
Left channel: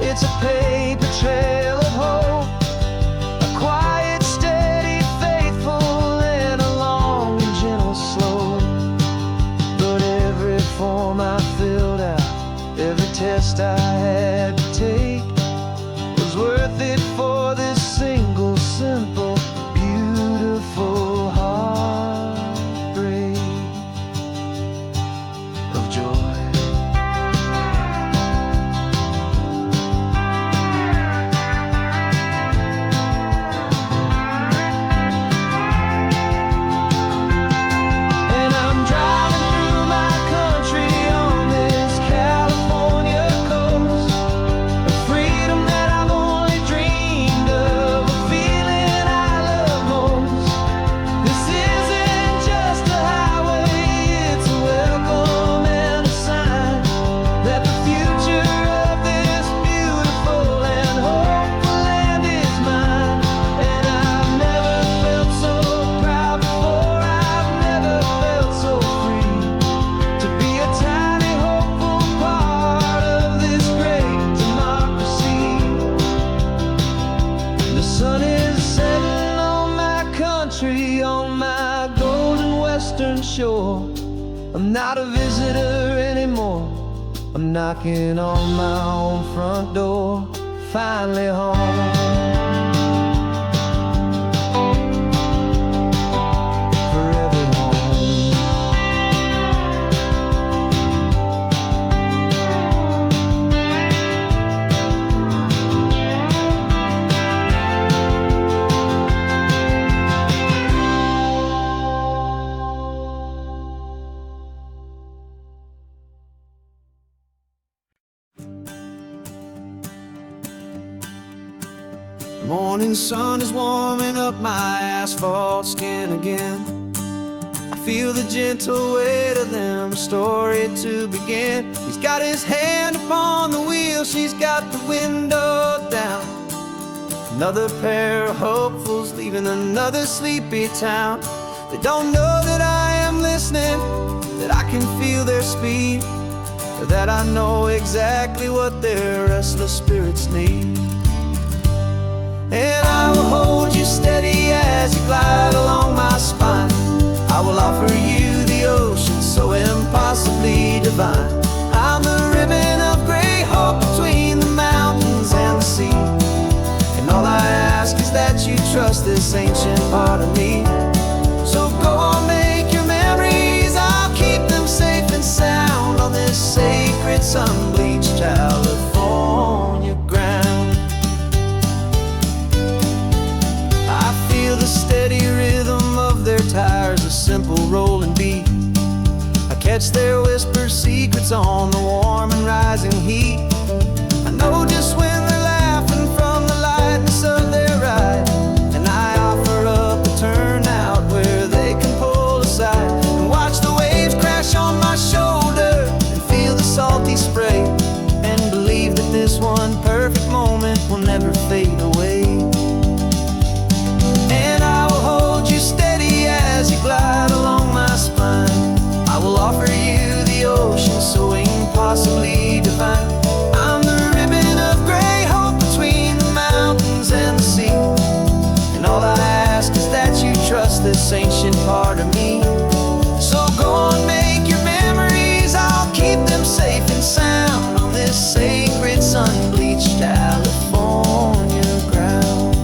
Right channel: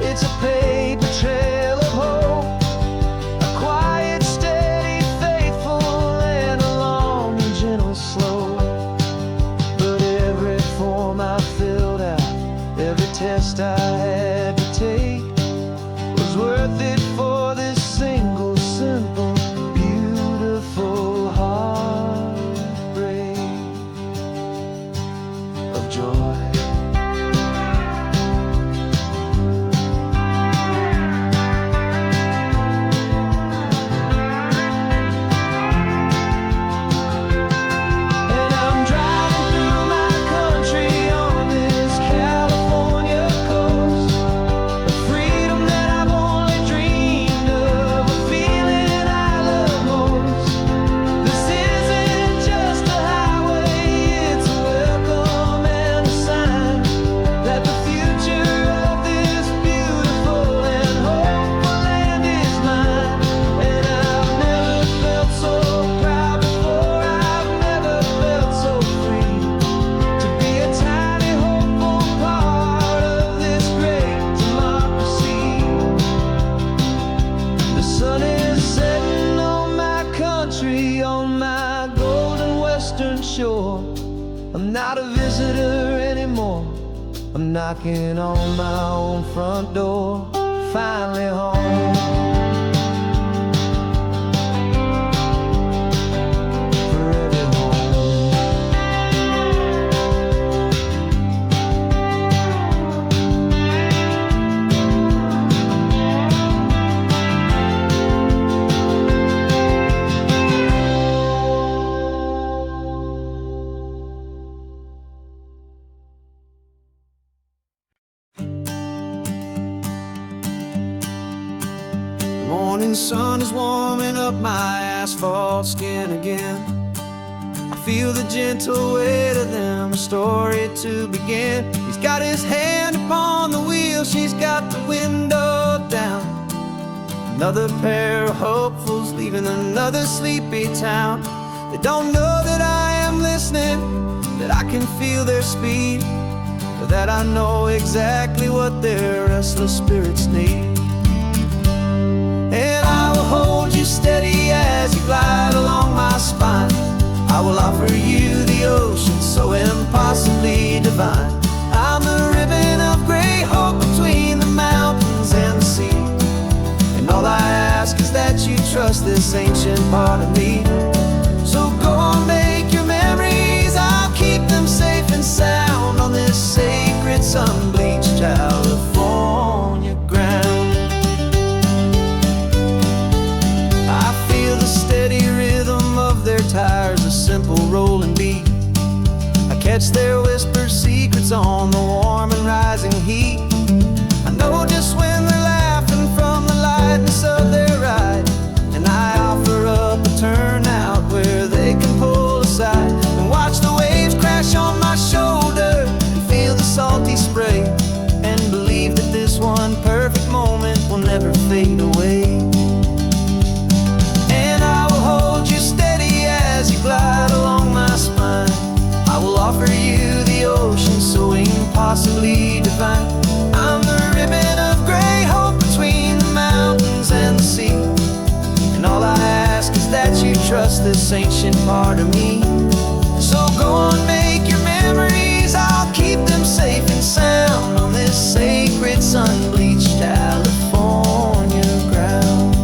it's a paper trail of hope, a quiet, steady, faithful, and a long and gentle slope. But every form I filled out, every test I had to take, was worth it for this single, simple, beautiful heartbreak of joy. And I'm driving through my country on this California coast, a freedom that I've only dreamed of, a feeling I love most. This isn't just a highway, it's a welcome and a sign that the future of this beautiful and hopeful land is mine. And I've never felt so proud before, I've never felt so free, to be a tiny hopeful part of this great democracy. The sun is setting on my country, on my golden western shore. I'm not a visitor anymore, I'm knocking on my own front door, finally home. For every home. The morning sun is warming up my asphalt skin again. I feel the gentle weight of them, a story to begin. He's got his hand upon the wheel, she's got the window down. Another pair of hopefuls leaving another sleepy town. They don't know that I am listening, that I can feel their speed, or that I know exactly what their restless spirits need. And I will hold you steady as you glide along my spine. I will offer you the ocean so divine. I'm the ribbon of gray hope between the mountains and the sea. And all I ask is that you trust this ancient part of me. So go on, make your memories, I'll keep them safe and sound on this sacred sun-bleached California ground. I feel the steady rhythm of their tires, a simple rolling beat. I catch their whispered secrets on the warm and rising heat. I know just when they're laughing from the lightness of their ride, and I offer up a turnout where they can pull aside and watch the waves crash on my shoulder and feel the salty spray, and believe that this one perfect moment will never fade away. And I will hold you steady as you glide along my spine. I will offer you the ocean so impossibly divine. I'm the ribbon of gray hope between the mountains and the sea. And all I ask is that you trust this ancient part of me. So go on, make your memories, I'll keep them safe and sound on this sacred sun-bleached California ground.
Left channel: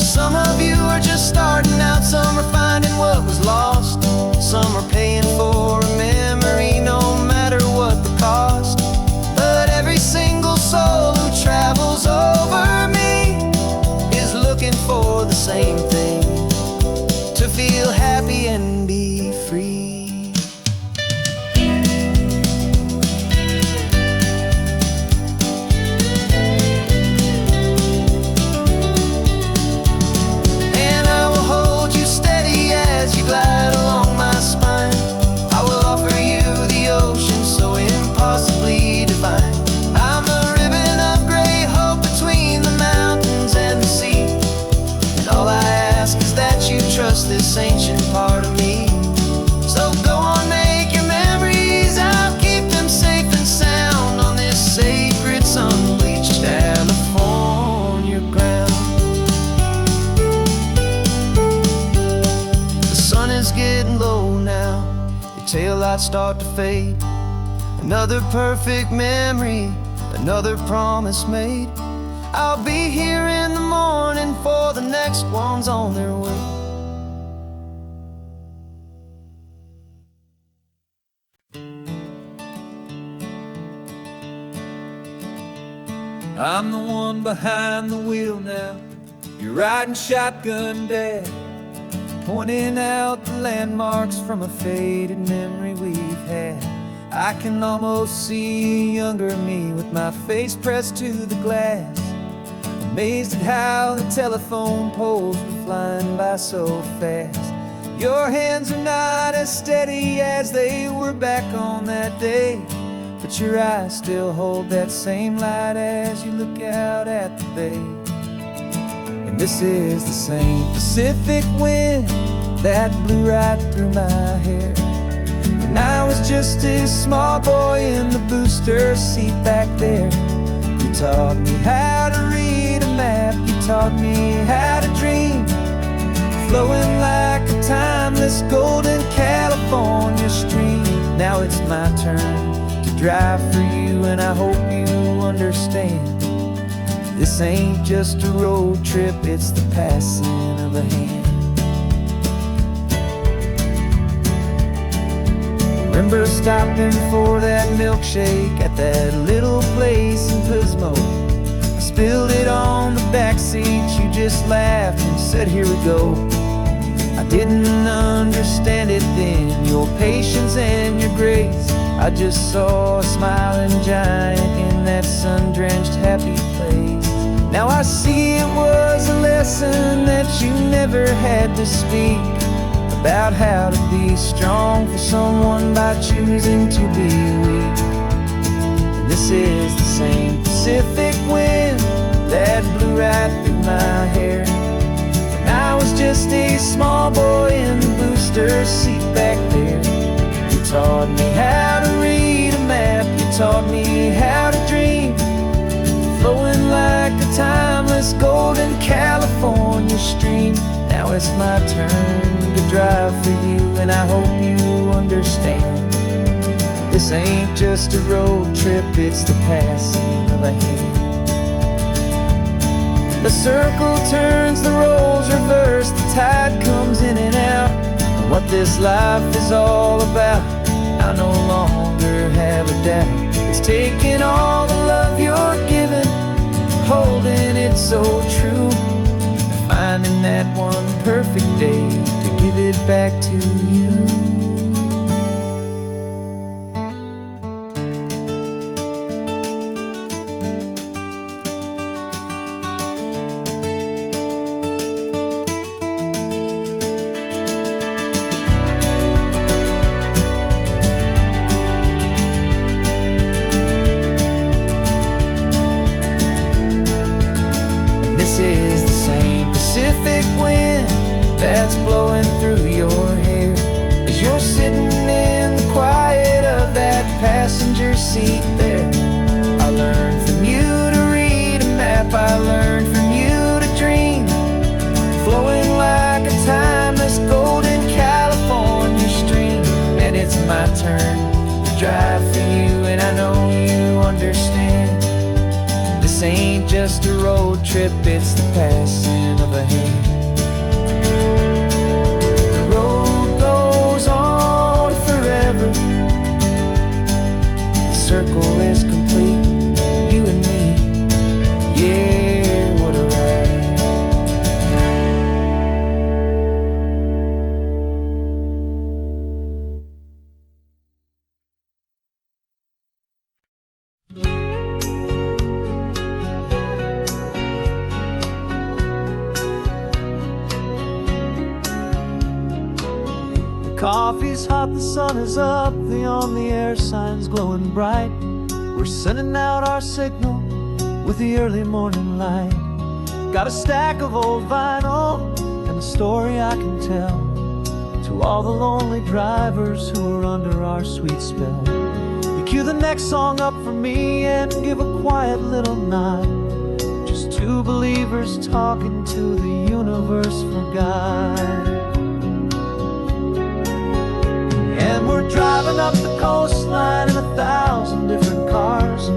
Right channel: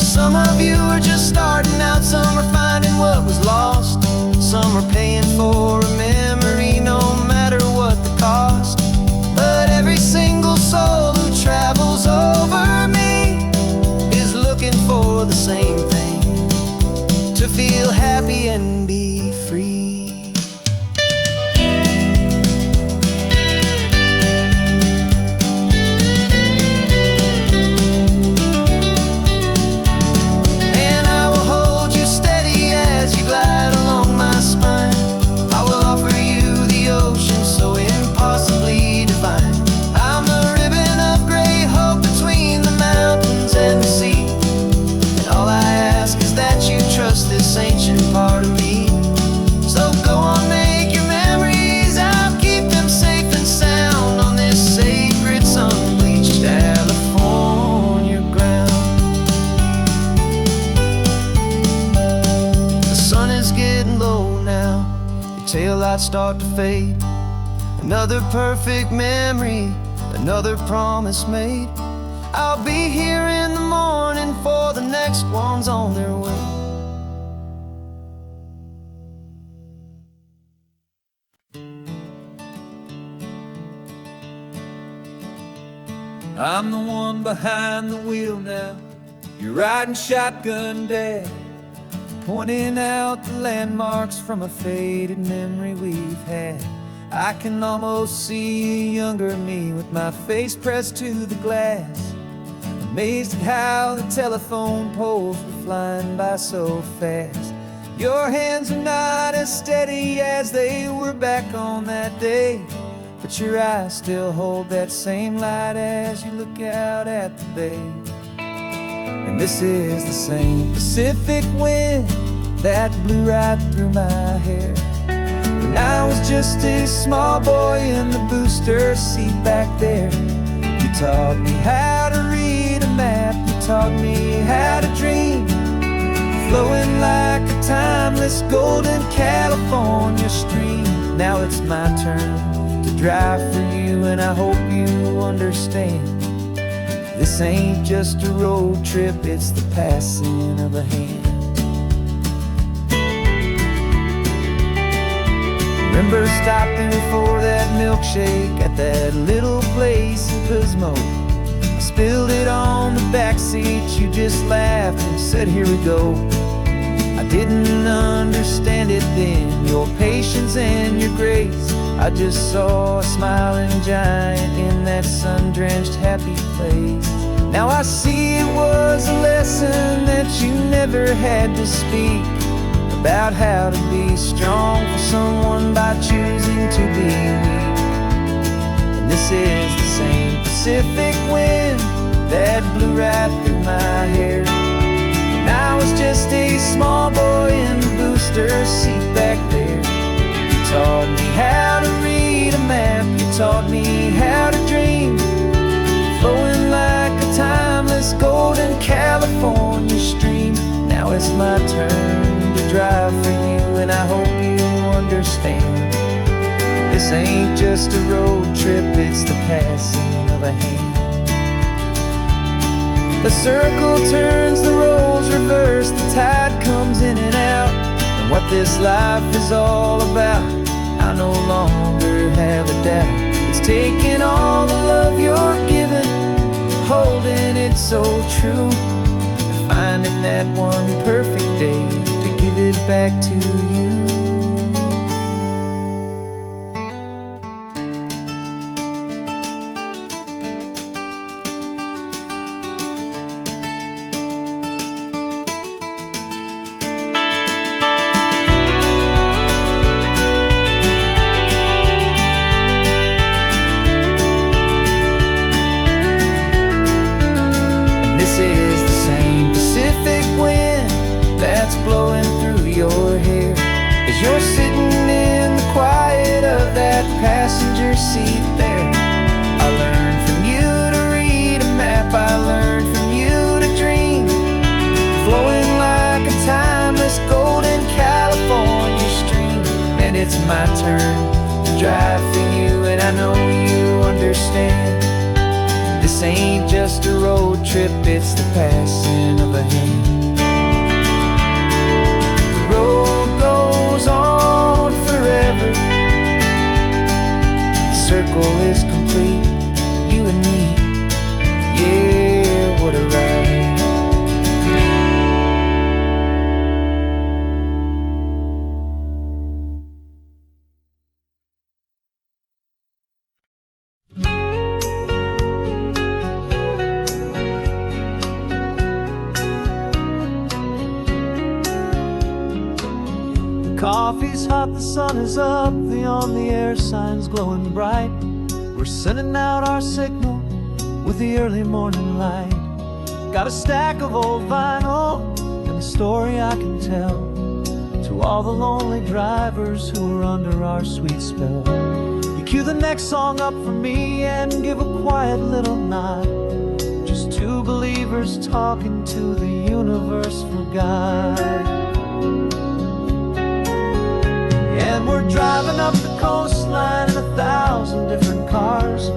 Some of you are just starting out, some are finding what was lost, some are paying for a memory no matter what the cost. But every single soul who travels over me is looking for the same thing, to feel happy and be free. Trust this ancient part of me. So go on, make your memories, I'll keep them safe and sound on this sacred sun-bleached California ground. The sun is getting low now, your taillights start to fade. Another perfect memory, another promise made. I'll be here in the morning for the next ones on their way. I'm the one behind the wheel now, you're riding shotgun, Dad, pointing out the landmarks from a faded memory we've had. I can almost see a younger me with my face pressed to the glass, amazed at how the telephone poles were flying by so fast. Your hands are not as steady as they were back on that day, but your eyes still hold that same light as you look out at the bay. And this is the same Pacific wind that blew right through my hair when I was just a small boy in the booster seat back there. You taught me how to read a map, you taught me how to dream, flowing like a timeless golden California stream. Now it's my turn to drive for you, and I hope you understand. This ain't just a road trip, it's the passing of a hand. Remember stopping for that milkshake at that little place in Pismo. I spilled it on the backseat, you just laughed and said, here we go. I didn't understand it then, your patience and your grace. I just saw a smiling giant in that sun-drenched happy place. Now I see it was a lesson that you never had to speak, about how to be strong for someone by choosing to be weak. And this is the same Pacific wind that blew right through my hair when I was just a small boy in the booster seat back there. You taught me how to read a map, you taught me how to dream, flowing like a timeless golden California stream. Now it's my turn to drive for you, and I hope you understand. This ain't just a road trip, it's the passing of a hand. The circle turns, the roles reverse, the tide comes in and out. And what this life is all about, I no longer have a doubt. It's taking all the love you're giving, holding it so true, and finding that one perfect day to give it back to you. This is the same Pacific wind that's blowing through your hair as you're sitting in the quiet of that passenger seat there. I learned from you to read a map, I learned from you to dream, flowing like a timeless golden California stream. And it's my turn to drive for you, and I know you understand. This ain't just a road trip, it's the passing of a hand. The road goes on forever, the circle is complete, you and me, yeah, what a ride. Coffee's hot, the sun is up, the on-the-air sign's glowing bright. We're sending out our signal with the early morning light. Got a stack of old vinyl and a story I can tell to all the lonely drivers who are under our sweet spell. You cue the next song up for me and give a quiet little nod. Just two believers talking to the universe for God. And we're driving up the coastline in 1,000 different cars,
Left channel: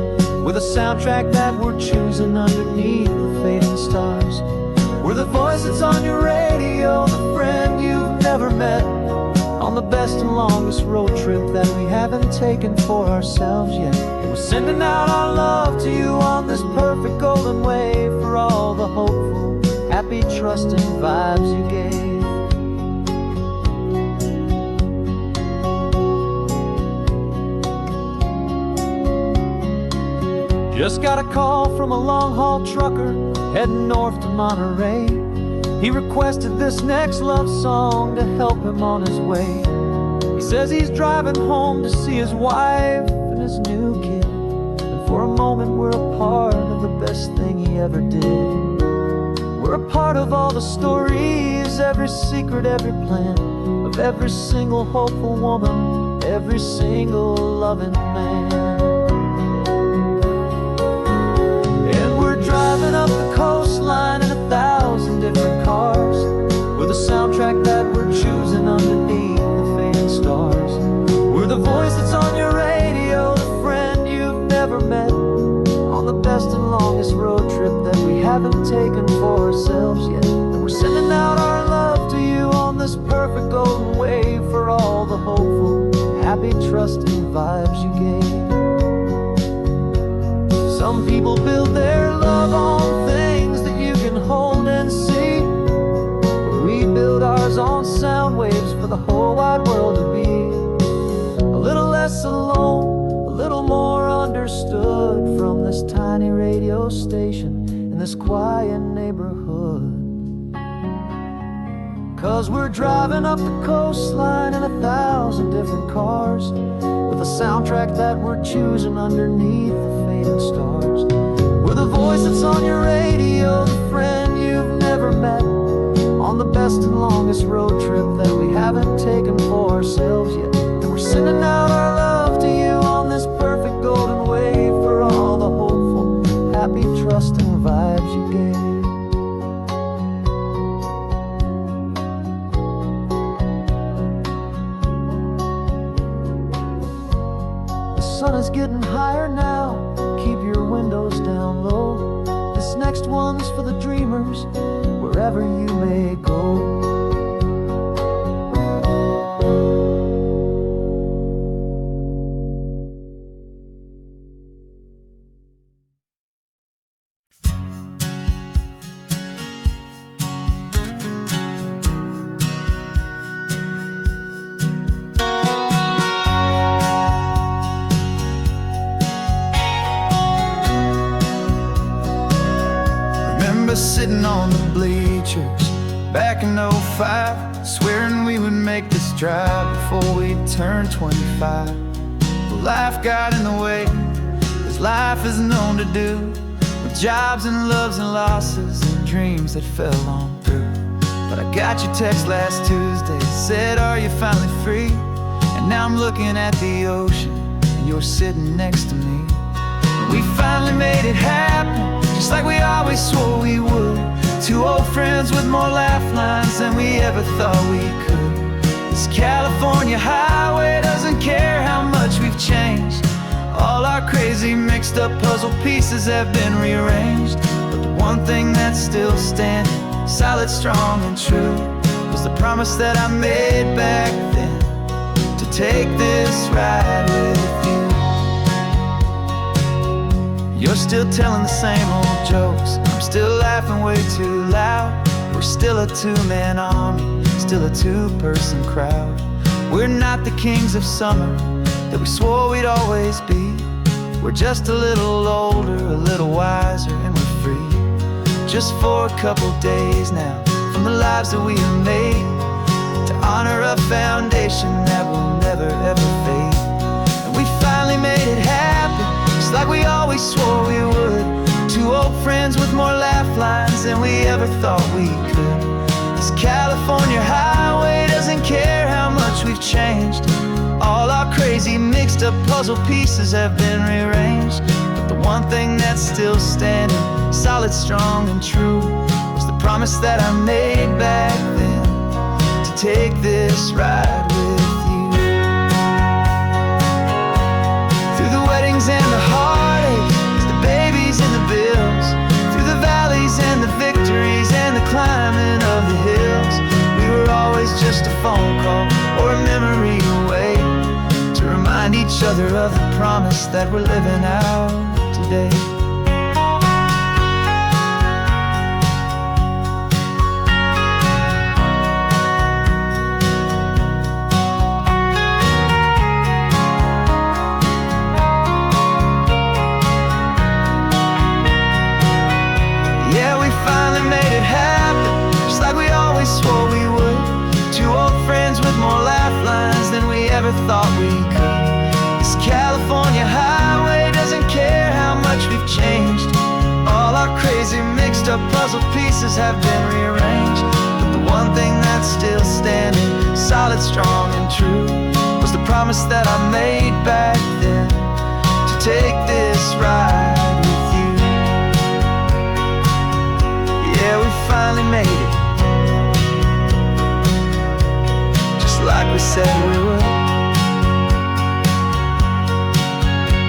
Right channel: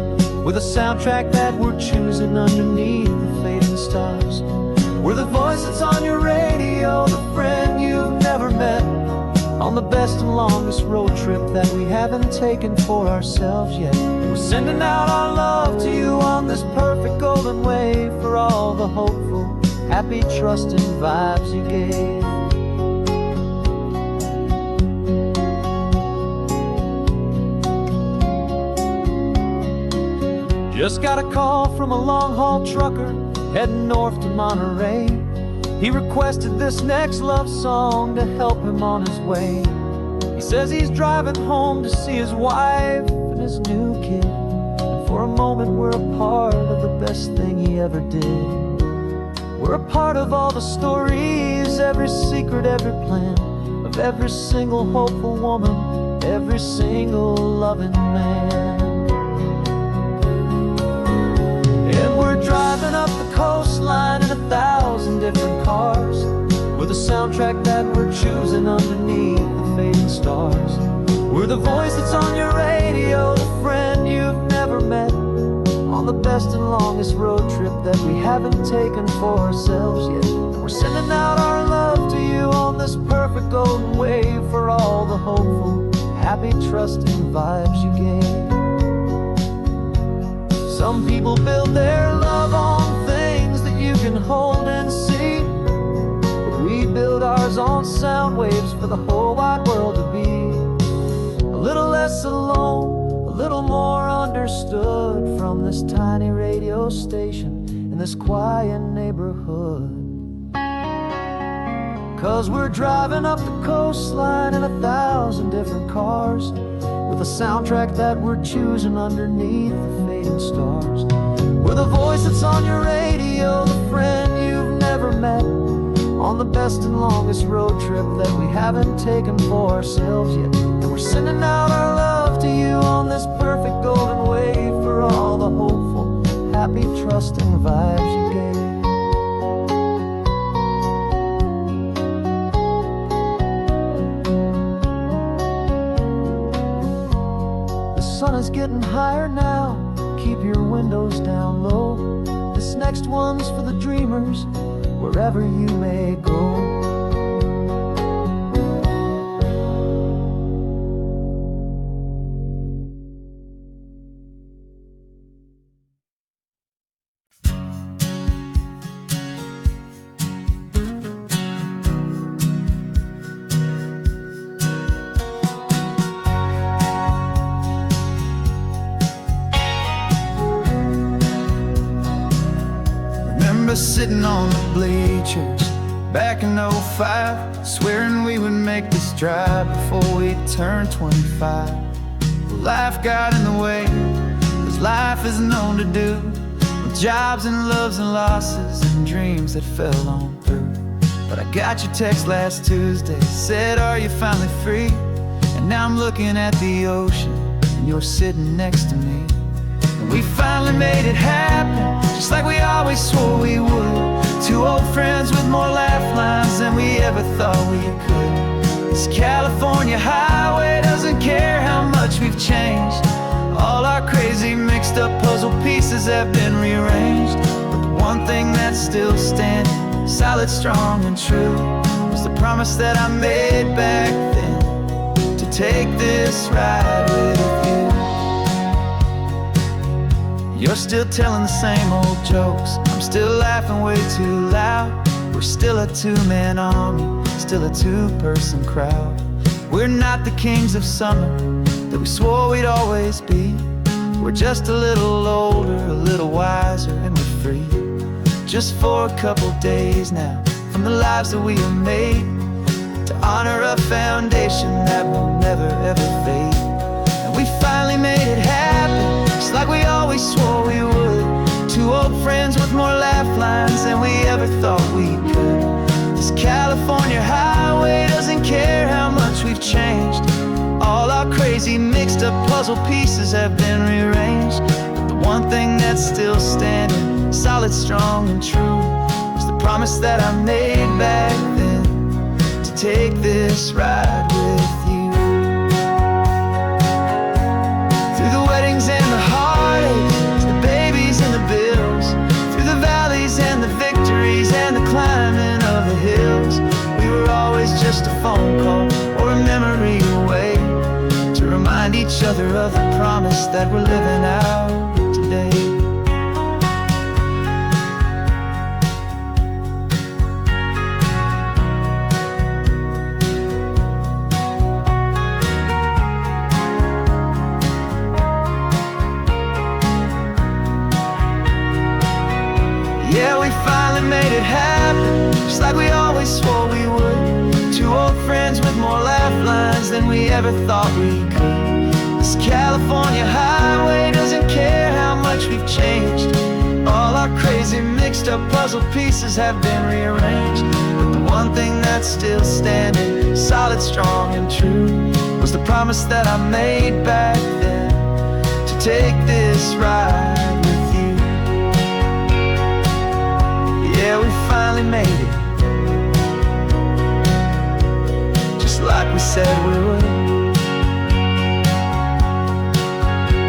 with a soundtrack that we're choosing underneath the fading stars. We're the voice that's on your radio, the friend you've never met, on the best and longest road trip that we haven't taken for ourselves yet. And we're sending out our love to you on this perfect golden wave for all the hopeful, happy, trusting vibes you gave. Just got a call from a long-haul trucker heading north to Monterey. He requested this next love song to help him on his way. He says he's driving home to see his wife and his new kid, and for a moment we're a part of the best thing he ever did. We're a part of all the stories, every secret, every plan, of every single hopeful woman, every single loving man. And we're driving up the coastline in 1,000 different cars, with a soundtrack that we're choosing underneath the fading stars. We're the voice that's on your radio, the friend you've never met, on the best and longest road trip that we haven't taken for ourselves yet. And we're sending out our love to you on this perfect golden wave for all the hopeful, happy, trusting vibes you gave. Some people build their love on things that you can hold and see, but we build ours on sound waves for the whole wide world to be a little less alone, a little more understood from this tiny radio station in this quiet neighborhood. 'Cause we're driving up the coastline in 1,000 different cars, with a soundtrack that we're choosing underneath the fading stars. We're the voice that's on your radio, the friend you've never met, on the best and longest road trip that we haven't taken for ourselves yet. And we're sending out our love to you on this perfect golden wave for all the hopeful, happy, trusting vibes you gave. sun is getting higher now, keep your windows down low. This next one's for the dreamers, wherever you may go. Sitting on the bleachers back in '05, swearing we would make this drive before we turned 25. Well, life got in the way, as life is known to do, with jobs and loves and losses and dreams that fell on through. But I got your text last Tuesday, said, are you finally free? And now I'm looking at the ocean, and you're sitting next to me. And we finally made it happen, just like we always swore we would. Two old friends with more laugh lines than we ever thought we could. This California highway doesn't care how much we've changed. All our crazy mixed up puzzle pieces have been rearranged. But the one thing that's still standing, solid, strong and true, was the promise that I made back then, to take this ride with you. You're still telling the same old jokes, I'm still laughing way too loud. We're still a two-man army, still a two-person crowd. We're not the kings of summer that we swore we'd always be. We're just a little older, a little wiser, and we're free. Just for a couple days now, from the lives that we have made, to honor a foundation that will never ever fade. And we finally made it happen, just like we always swore we would. Two old friends with more laugh lines than we ever thought we could. This California highway doesn't care how much we've changed. All our crazy mixed up puzzle pieces have been rearranged. But the one thing that's still standing, solid, strong and true, was the promise that I made back then, to take this ride with you. Through the weddings and the heartaches, the babies and the bills, through the valleys and the victories and the climbing of the hills, we were always just a phone call or a memory away, to remind each other of the promise that we're living out today. Yeah, we finally made it happen, just like we always swore we would. Two old friends with more laugh lines than we ever thought we could. This California highway doesn't care how much we've changed. All our crazy mixed up puzzle pieces have been rearranged. But the one thing that's still standing, solid, strong and true, was the promise that I made back then, to take this ride with you. Yeah, we finally made it, just like we said we would.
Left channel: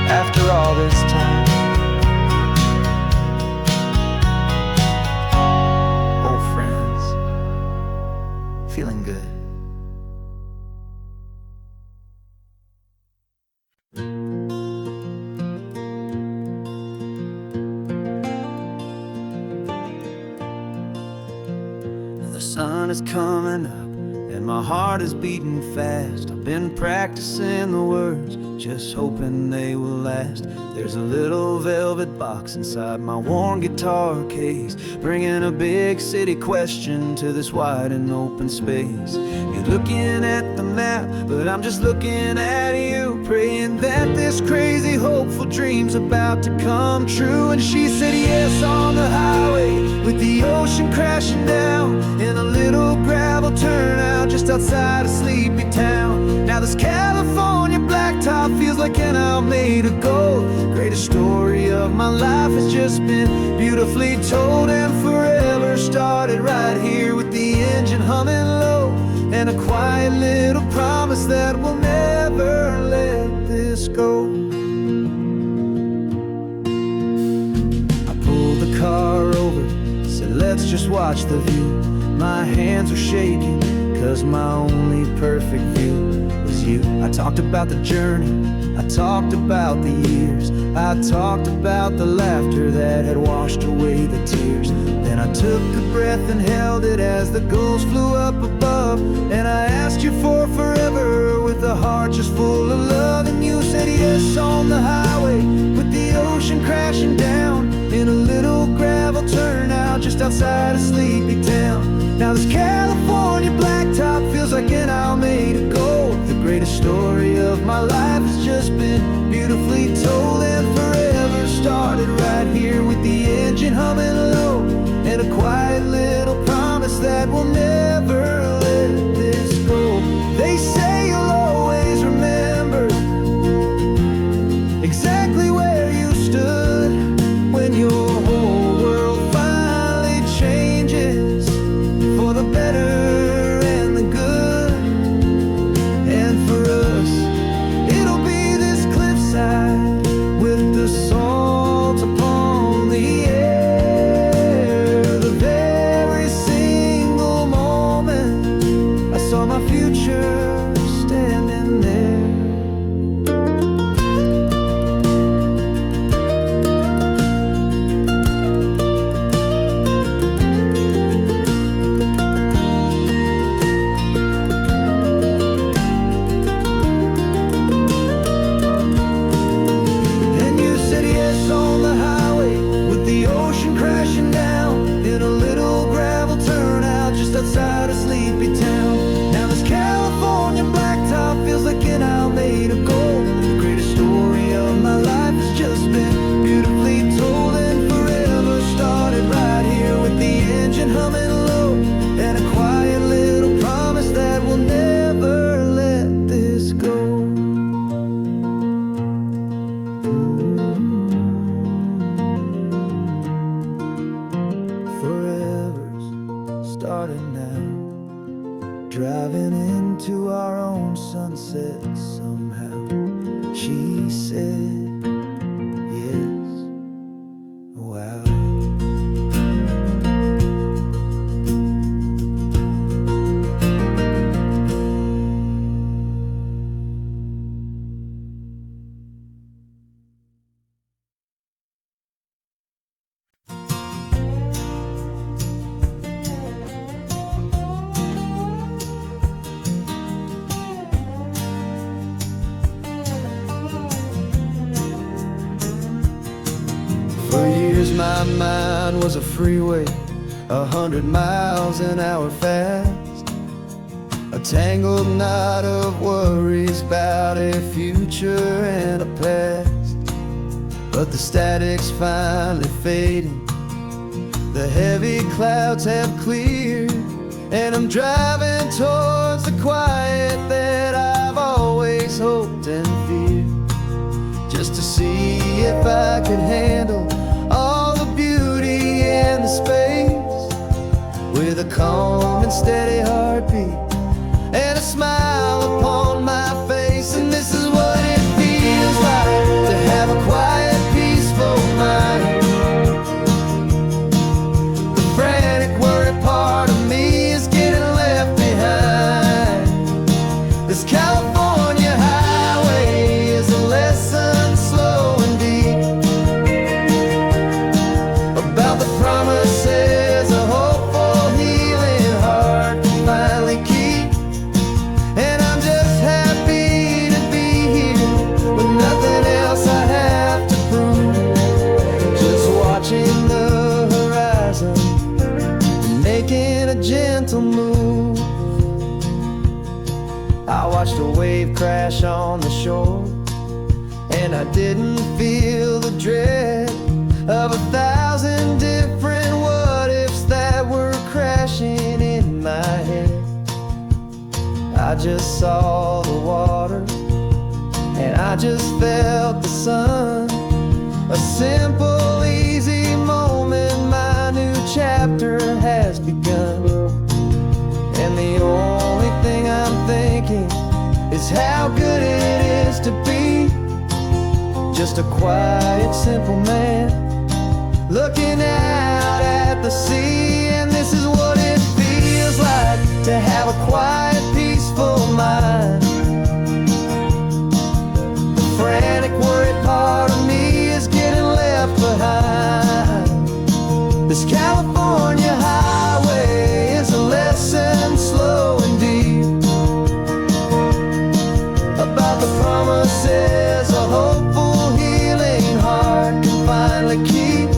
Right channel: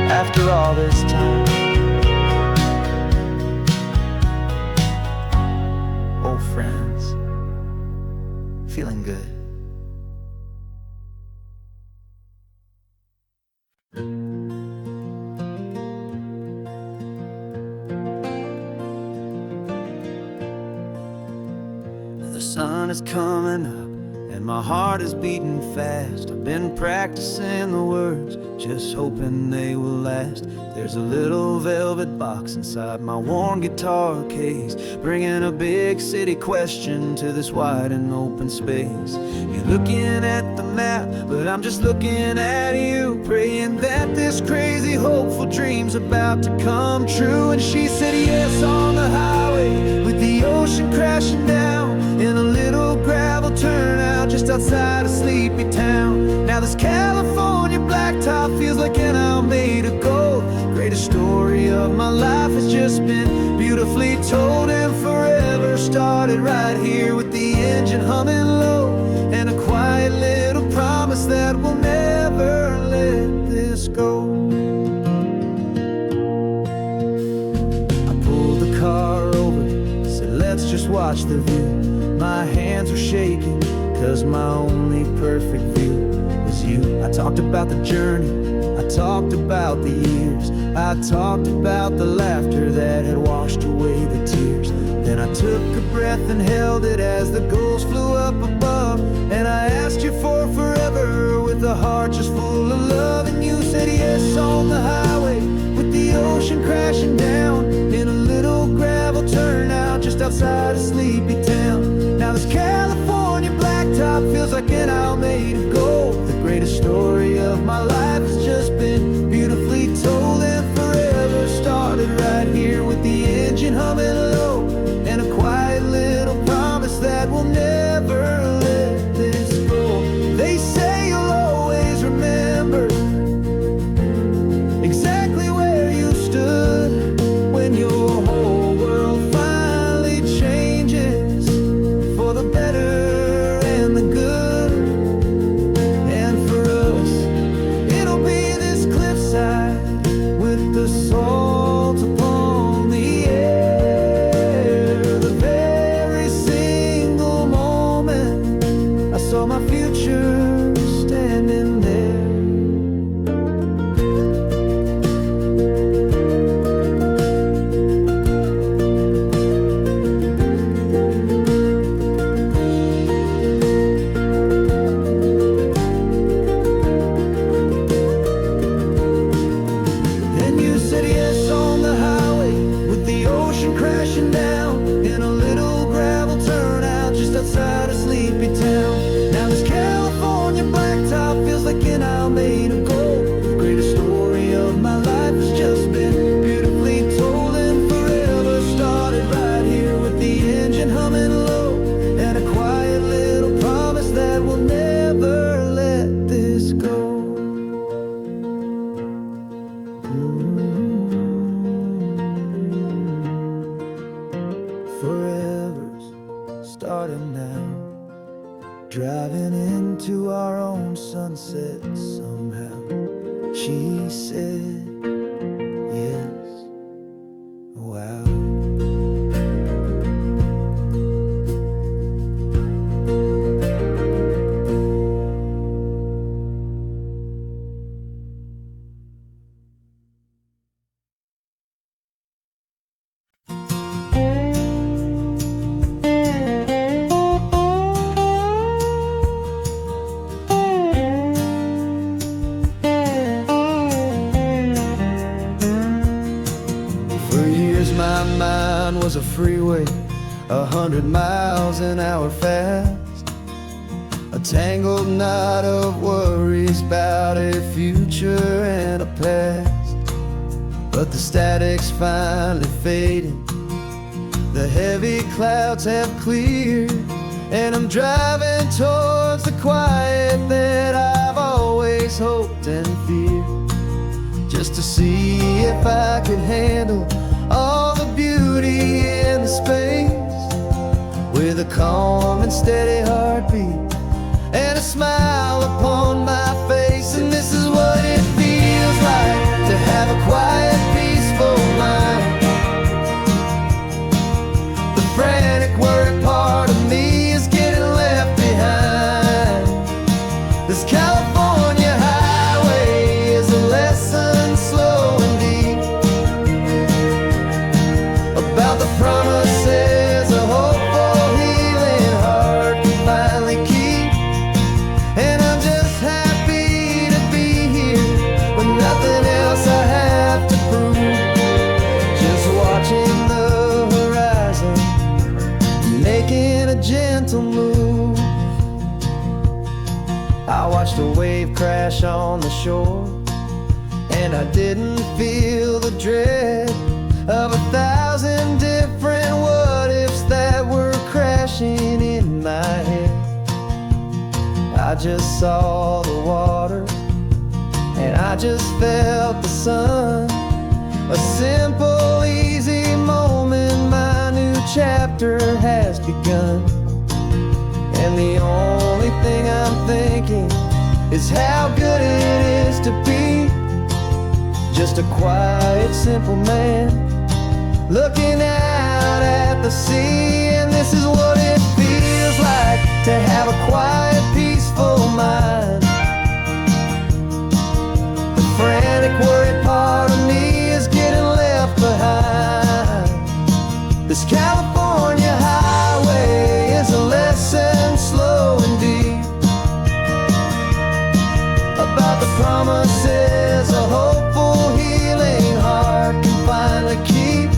After all this time, old friends, feeling good. The sun is coming up and my heart is beating fast. I've been practicing the words, just hoping they will last. There's a little velvet box inside my worn guitar case, bringing a big city question to this wide and open space. You're looking at the map, but I'm just looking at you, praying that this crazy hopeful dream's about to come true. And she said yes on the highway, with the ocean crashing down, in a little gravel turnout just outside a sleepy town. Now this California blacktop feels like an Almeida gold. Greatest story of my life has just been beautifully told, and forever started right here with the engine humming low, and a quiet little promise that we'll never let this go. I pulled the car over, said let's just watch the view. My hands were shaking, 'cause my only perfect view was you. I talked about the journey, I talked about the years, I talked about the laughter that had washed away the tears. Then I took a breath and held it as the gulls flew up above. And I asked you for forever with a heart just full of love. And you said yes on the highway with the ocean crashing down in a little gravel turnout just outside of sleepy town. Now this California blacktop feels like an isle made of gold. The greatest story of my life has just been beautifully told, and forever started right here with the engine humming low, and a quiet little promise that we'll never let this go. They say you'll always remember exactly where you stood when your whole world finally changes for the better and the good. And for us, it'll be this cliffside with the salt upon the air. The very single moment I saw my future standing there. The ocean crashing down in a little gravel turnout just outside of sleepy town. Now this California blacktop feels like an isle made of gold. The greatest story of my life has just been beautifully told, and forever started right here with the engine humming low, and a quiet little promise that we'll never let this go. Forever's starting now, driving into our own sunset somehow. She said yes, wow. For years my mind was a freeway, 100 miles an hour fast, a tangled knot of worries about a future and a past. But the static's finally fading, the heavy clouds have cleared, and I'm driving towards the quiet that I've always hoped and feared, just to see if I could handle all the beauty and the space, with a calm and steady heartbeat and a smile upon my face. And this is what it feels like to have a quiet, peaceful mind. The frantic, worried part of me is getting left behind. This California highway is a lesson slow and deep about the promises a hopeful, healing heart can finally keep. And I'm just happy to be here with nothing else I have to prove, just watching the horizon and making a gentle move. I watched a wave crash on the shore, and I didn't feel the dread of 1,000 different what-ifs that were crashing in my head. I just saw the water, and I just felt the sun. A simple, easy moment, my new chapter has begun. And the only thing I'm thinking is how good it is to be just a quiet, simple man looking out at the sea. And this is what it feels like to have a quiet, peaceful mind. The frantic, worried part of me is getting left behind. This California highway is a lesson, slow and deep, about the promises a hopeful, healing heart can finally keep.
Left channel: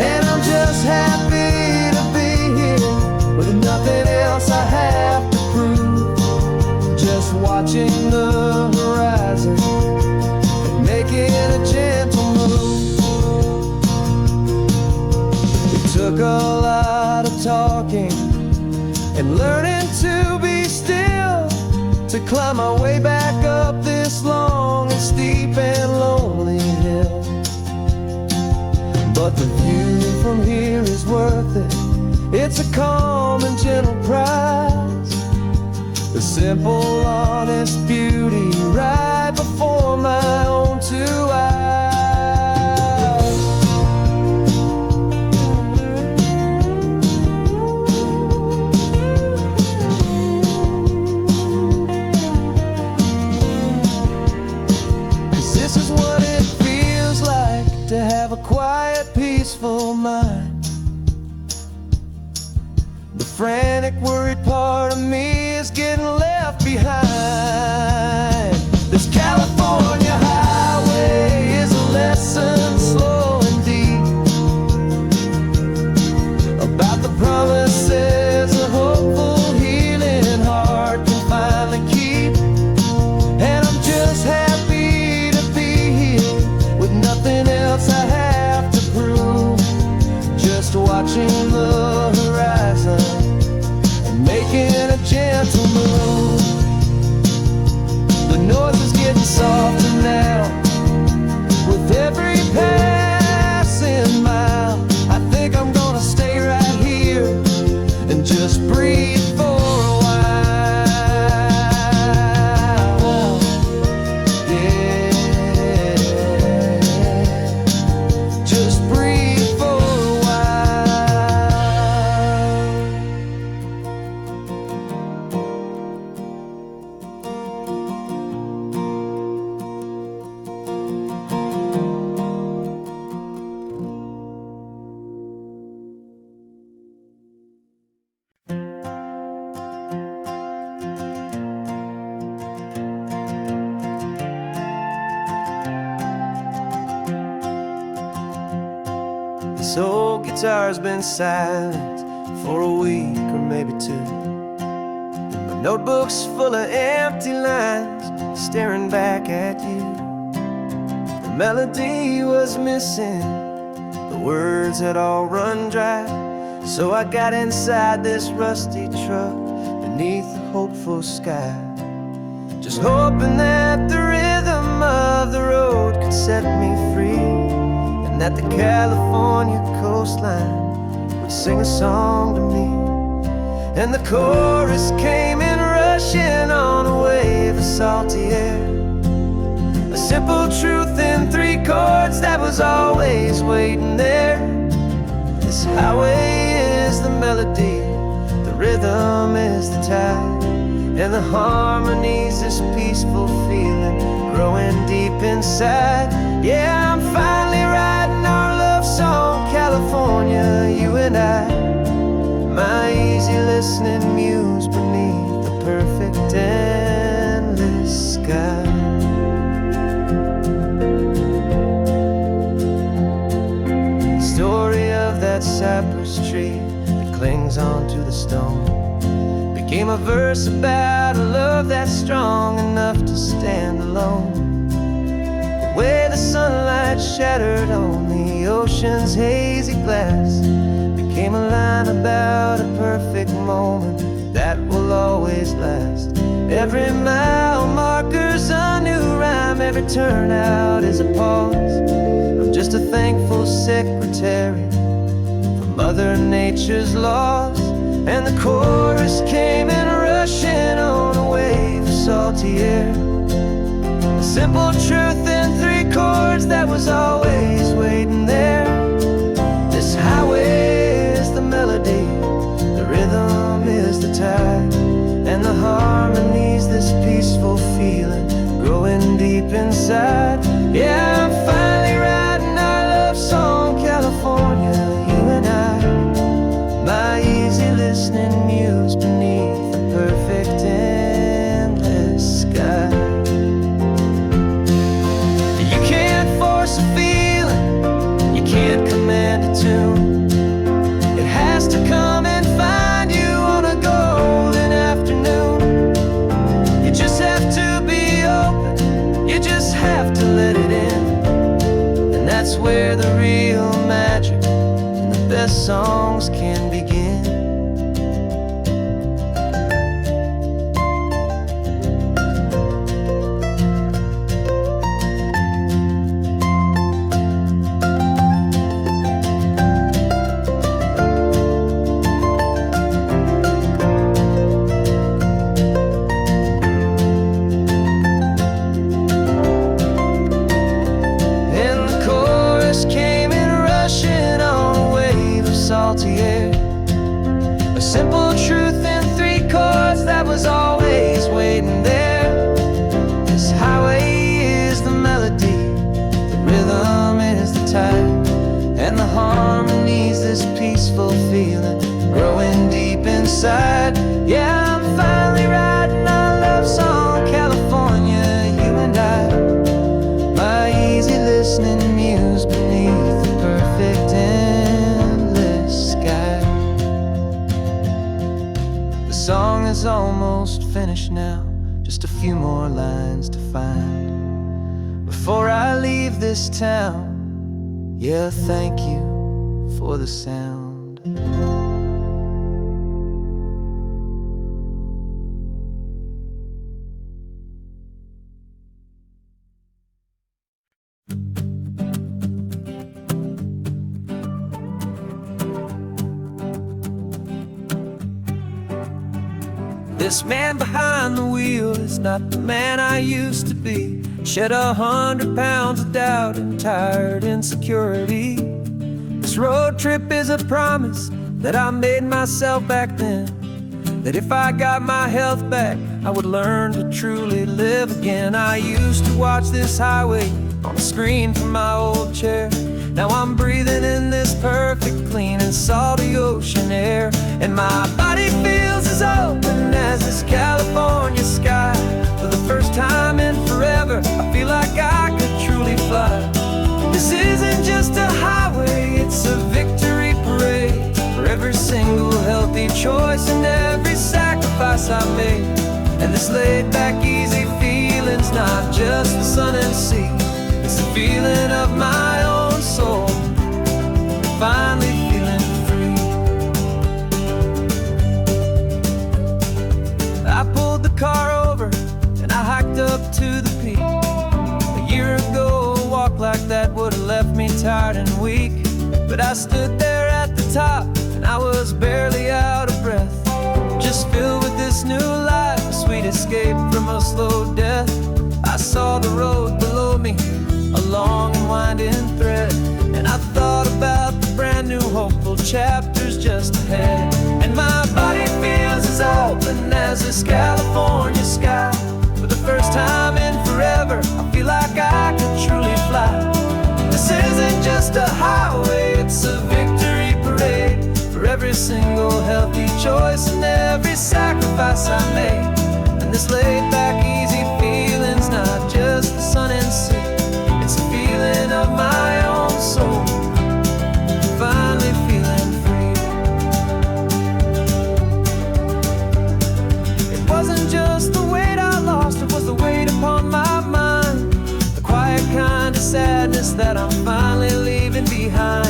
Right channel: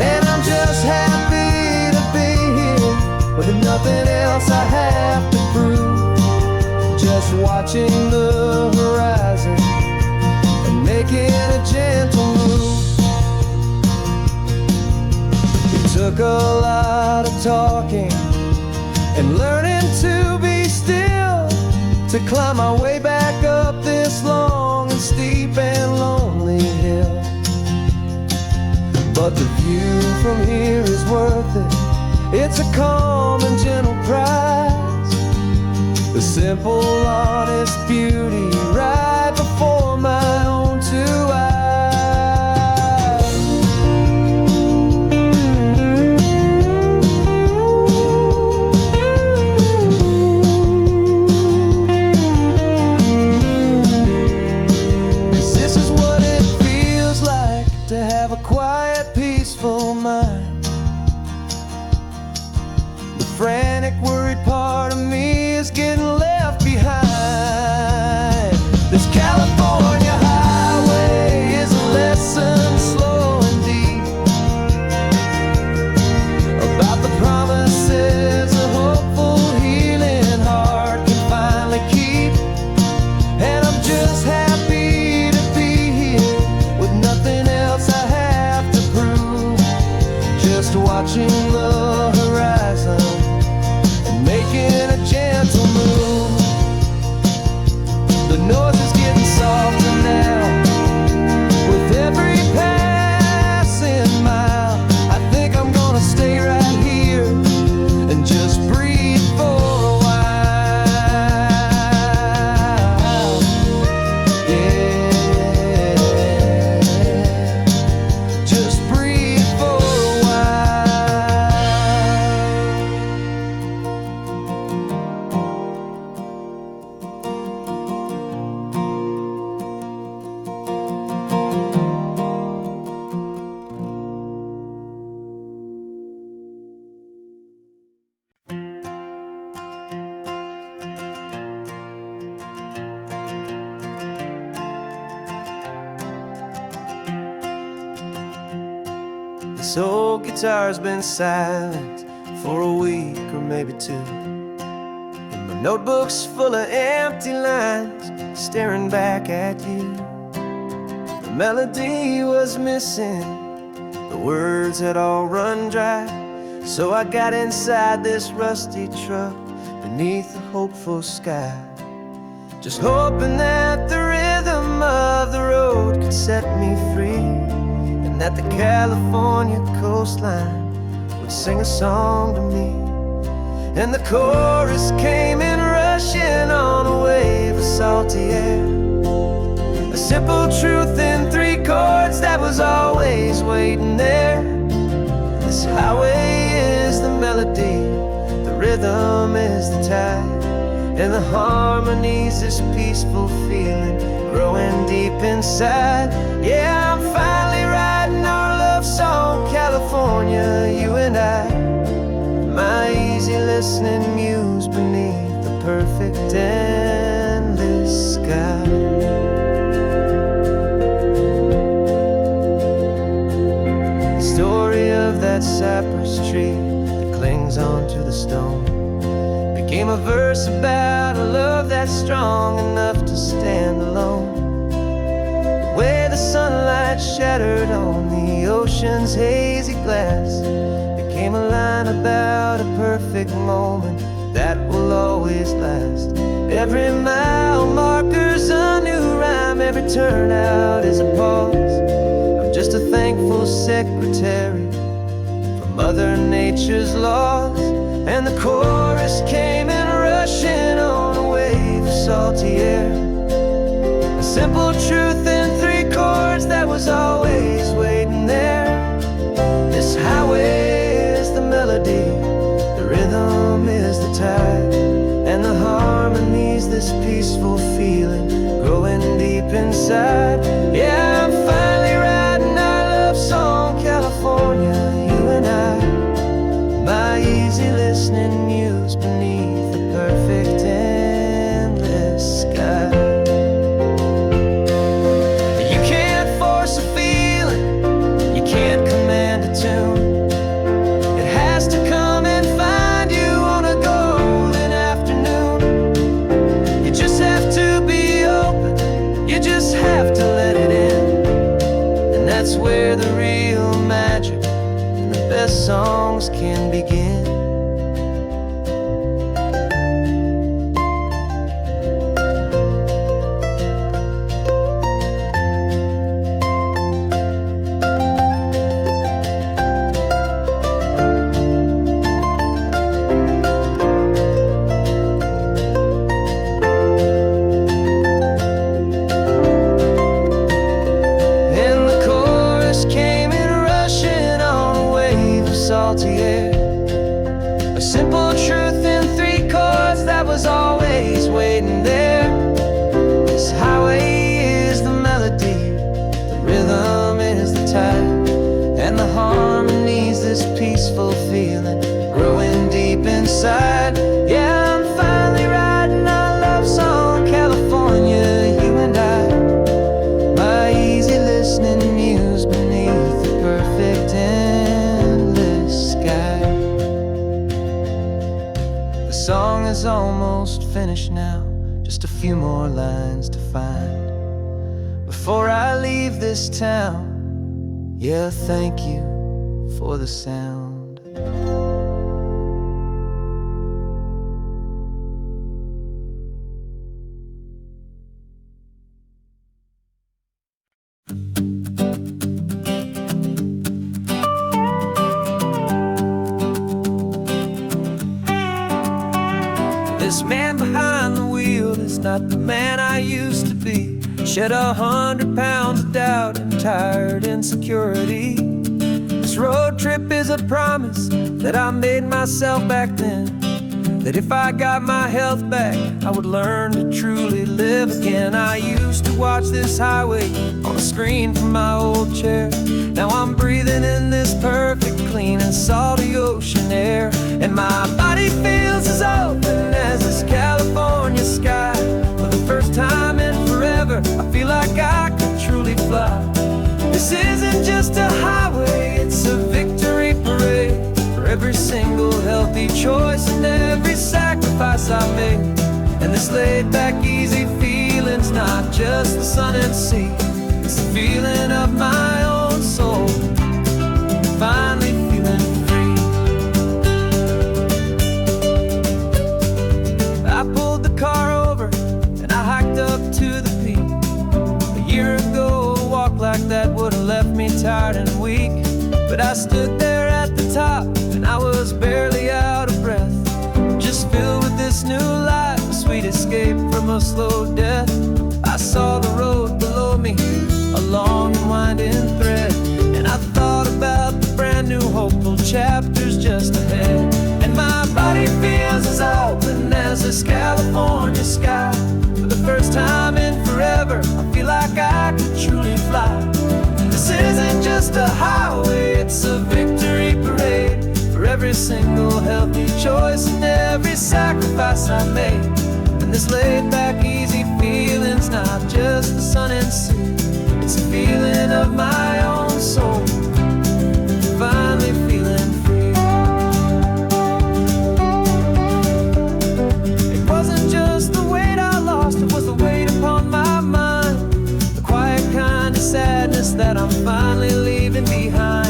And I'm just happy to be here with nothing else I have to prove, just watching the horizon and making a gentle move. It took a lot of talking and learning to be still to climb my way back up this long and steep and lonely hill. But the view from here is worth it. It's a calm and gentle prize, the simple, honest beauty right before my own two eyes. To have a quiet, peaceful mind. The frantic, worried part of me is getting left behind. This California highway is a lesson, slow and deep, about the promises a hopeful, healing heart can finally keep. And I'm just happy to be here with nothing else I have to prove, just watching the horizon and making a gentle move. The noise is getting softer now with every passing mile. I think I'm gonna stay right here and just breathe for a while. Yeah, just breathe for a This old guitar's been silent for a week or maybe two, and my notebook's full of empty lines staring back at you. The melody was missing, the words had all run dry, so I got inside this rusty truck beneath the hopeful sky, just hoping that the rhythm of the road could set me free, and that the California coastline would sing a song to me. And the chorus came in rushing on a wave of salty air, a simple truth in three chords that was always waiting there. This highway is the melody, the rhythm is the tide, and the harmony's this peaceful feeling growing deep inside. Yeah, I'm finally writing our love song, California, you and I, my easy listening muse beneath the perfect endless sky. The story of that cypress tree that clings onto the stone became a verse about a love that's strong enough to stand alone. The way the sunlight shattered on the ocean's hazy glass became a line about a perfect moment that will always last. Every mile marker's a new rhyme, every turnout is a pause. I'm just a thankful secretary for Mother Nature's laws. And the chorus came in rushing on a wave of salty air, a simple truth in three chords that was always waiting there. This highway is the melody, the rhythm is the tide, and the harmony's this peaceful feeling growing deep inside. Yeah, I'm finally writing our love song, California, you and I. My easy listening muse beneath the perfect endless sky. You can't force a feeling, you can't command a tune. It has to come and find you on a golden afternoon. You just have to be open, you just have to let it in. And that's where the real magic and the best songs can begin. Came in rushing on a wave of salty air, a simple truth in 3 chords that was always waiting there. This highway is the melody, the rhythm is the tide, and the harmony's this peaceful feeling growing deep inside. Yeah, I'm finally writing our love song, California, you and I. My easy listening muse beneath the perfect endless sky. The song is almost finished now, just a few more lines to find before I leave this town. Yeah, thank you for the sound. This man behind the wheel is not the man I used to be. Shed 100 pounds of doubt and tired insecurity. This road trip is a promise that I made myself back then, that if I got my health back, I would learn to truly live again. I used to watch this highway on a screen from my old chair. Now I'm breathing in this perfect, clean and salty ocean air, and my body feels as open as this California sky. For the first time in forever, I feel like I could truly fly. This isn't just a highway, it's a victory parade for every single healthy choice and every sacrifice I made. And this laid back, easy feeling's not just the sun and sea, it's the feeling of my own soul, finally feeling free. I pulled the car over and I hiked up to the peak. A year ago, a walk like that would have left me tired and weak, but I stood there at the top and I was barely out of breath, just filled with this new life, a sweet escape from a slow death. I saw the road below me, a long and winding thread, and I thought about the brand new hopeful chapters just ahead. And my body feels as open as this California sky. For the first time in forever, I feel like I could truly fly. This isn't just a highway, it's a victory parade for every single healthy choice and every sacrifice I made. And this laid back, easy feeling's not just the sun and sea, it's a feeling of my own soul, finally feeling free. It wasn't just the weight I lost, it was the weight upon my mind, the quiet kind of sadness that I'm finally leaving behind.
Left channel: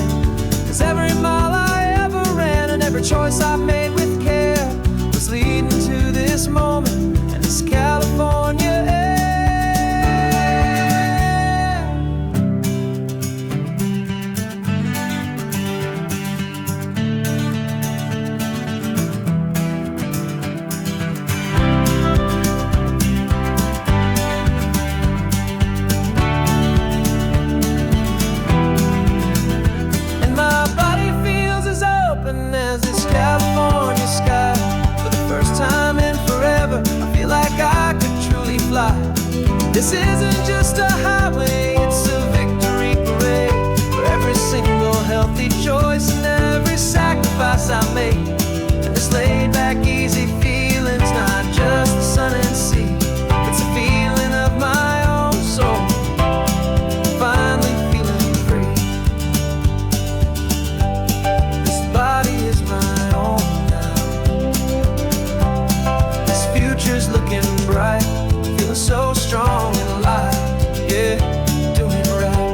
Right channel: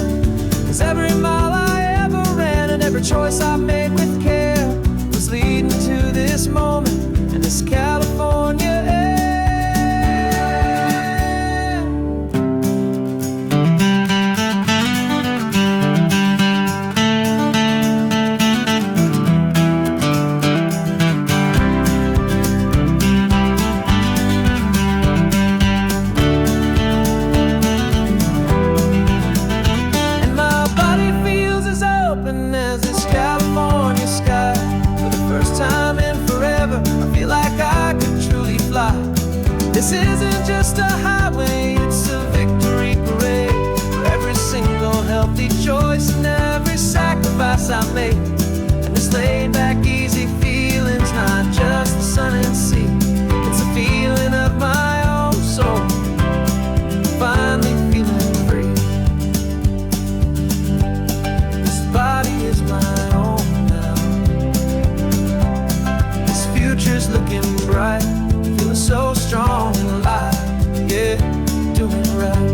'Cause every mile I ever ran and every choice I made with care was leading to this moment and this California air. This isn't just a highway, it's a victory parade for every single healthy choice and every sacrifice I made. And this laid back, easy feeling's not just the sun and sea, it's a feeling of my own soul, finally feeling free. This body is my own now. This future's looking bright, feeling so strong and alive, yeah, doing it right.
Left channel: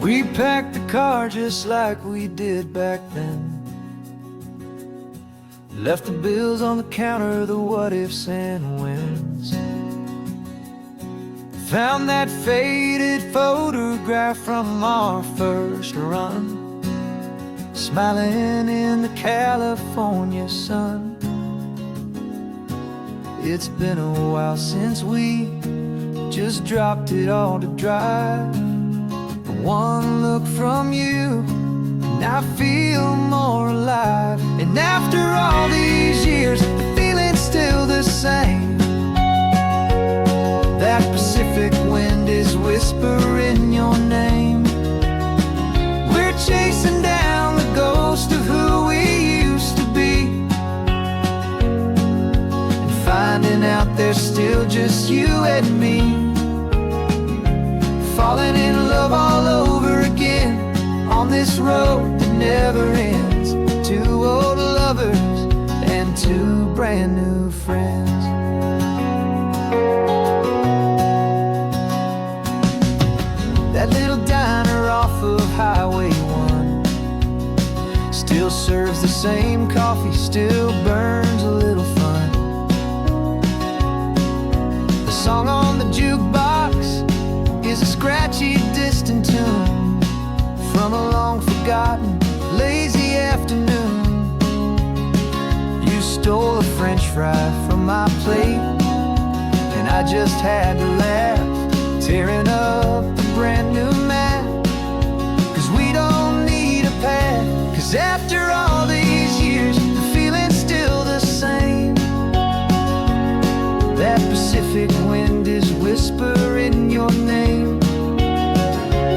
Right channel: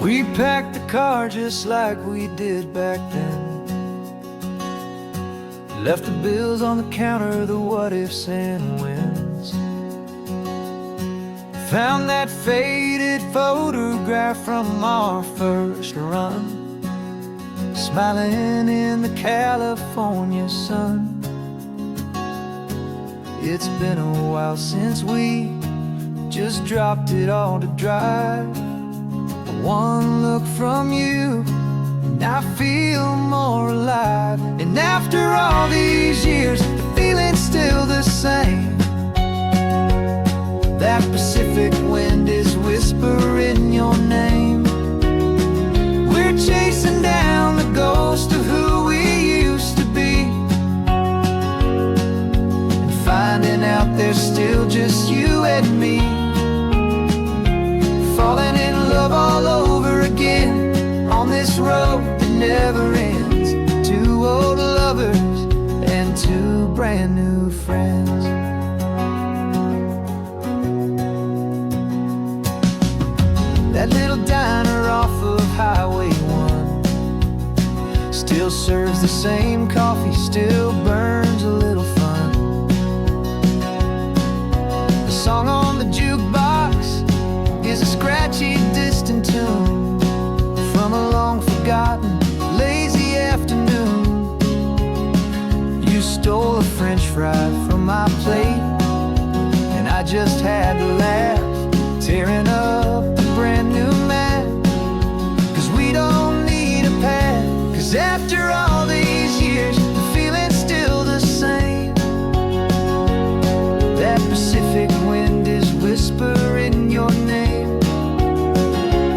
We packed the car just like we did back then. Left the bills on the counter, the what ifs and whens. Found that faded photograph from our first run, smiling in the California sun. It's been a while since we just dropped it all to drive. One look from you and I feel more alive. And after all these years, the feeling's still the same. That Pacific wind is whispering your name. We're chasing down the ghost of who we used to be, and finding out there's still just you and me. Falling in love all over again on this road that never ends. Two old lovers and two brand new friends. That little diner off of Highway 1 still serves the same coffee, still burns a little fun. The song on the jukebox is a scratchy, distant tune from a long-forgotten, lazy afternoon. You stole a French fry from my plate, and I just had to laugh, tearing up the brand new map. 'Cause we don't need a path, 'cause after all these years, the feeling's still the same. That Pacific wind is whispering your name.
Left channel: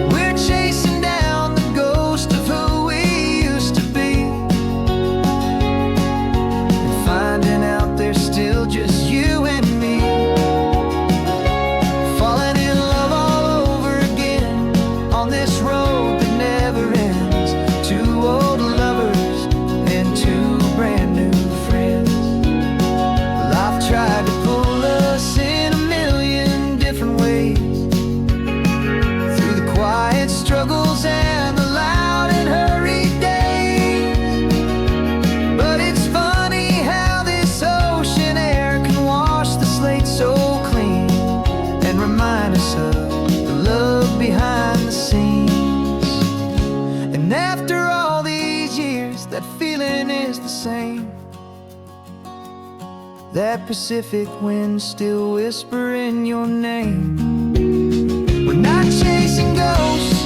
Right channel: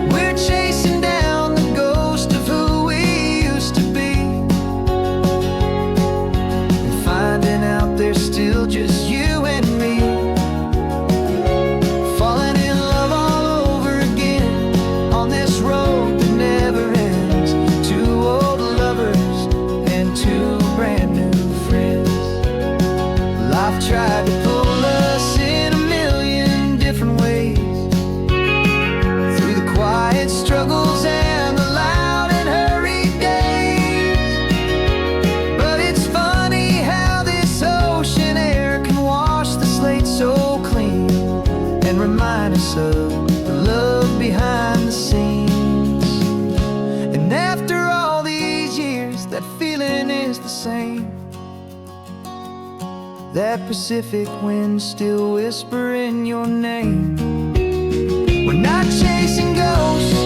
We're chasing down the ghost of who we used to be, and finding out there's still just you and me. Falling in love all over again on this road that never ends. Two old lovers and two brand new friends. Life tried to pull us in a million different ways, through the quiet struggles and the loud and hurried days. But it's funny how this ocean air can wash the slate so clean, and remind us of the love behind the scenes. And after all these years, that feeling is the same. That Pacific wind still whispering your name. We're not chasing ghosts,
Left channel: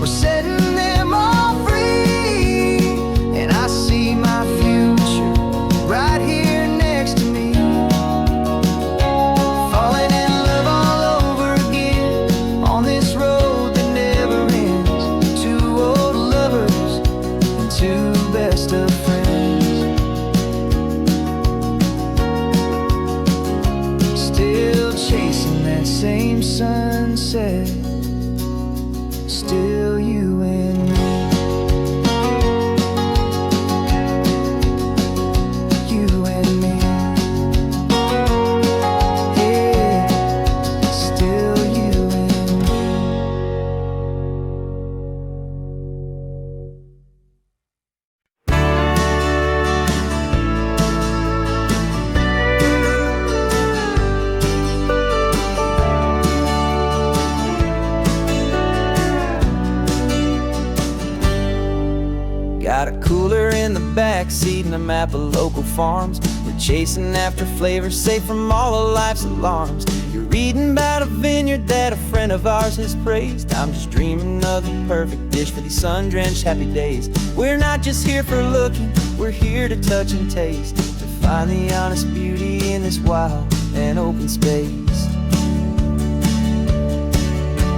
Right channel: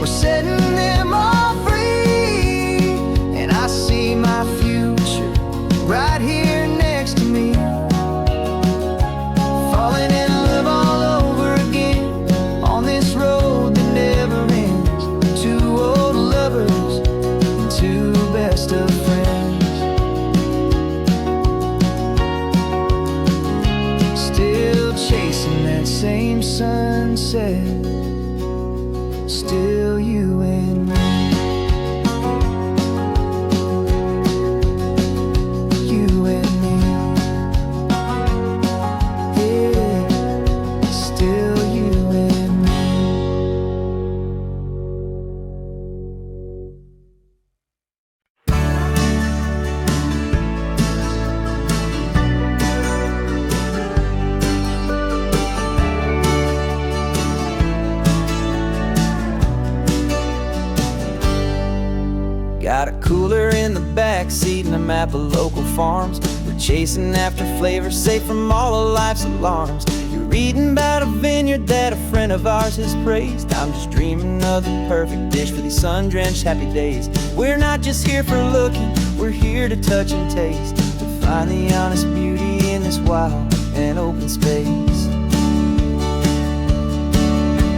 we're setting them all free. And I see my future right here next to me. Falling in love all over again on this road that never ends. Two old lovers and two best of friends. Still chasing that same sunset, still you and me. You and me. Yeah, still you and me. Got a cooler in the back seat and a map of local farms. We're chasing after flavors safe from all of life's alarms. You're reading about a vineyard that a friend of ours has praised. I'm just dreaming of the perfect dish for these sun-drenched happy days. We're not just here for looking, we're here to touch and taste, to find the honest beauty in this wild and open space.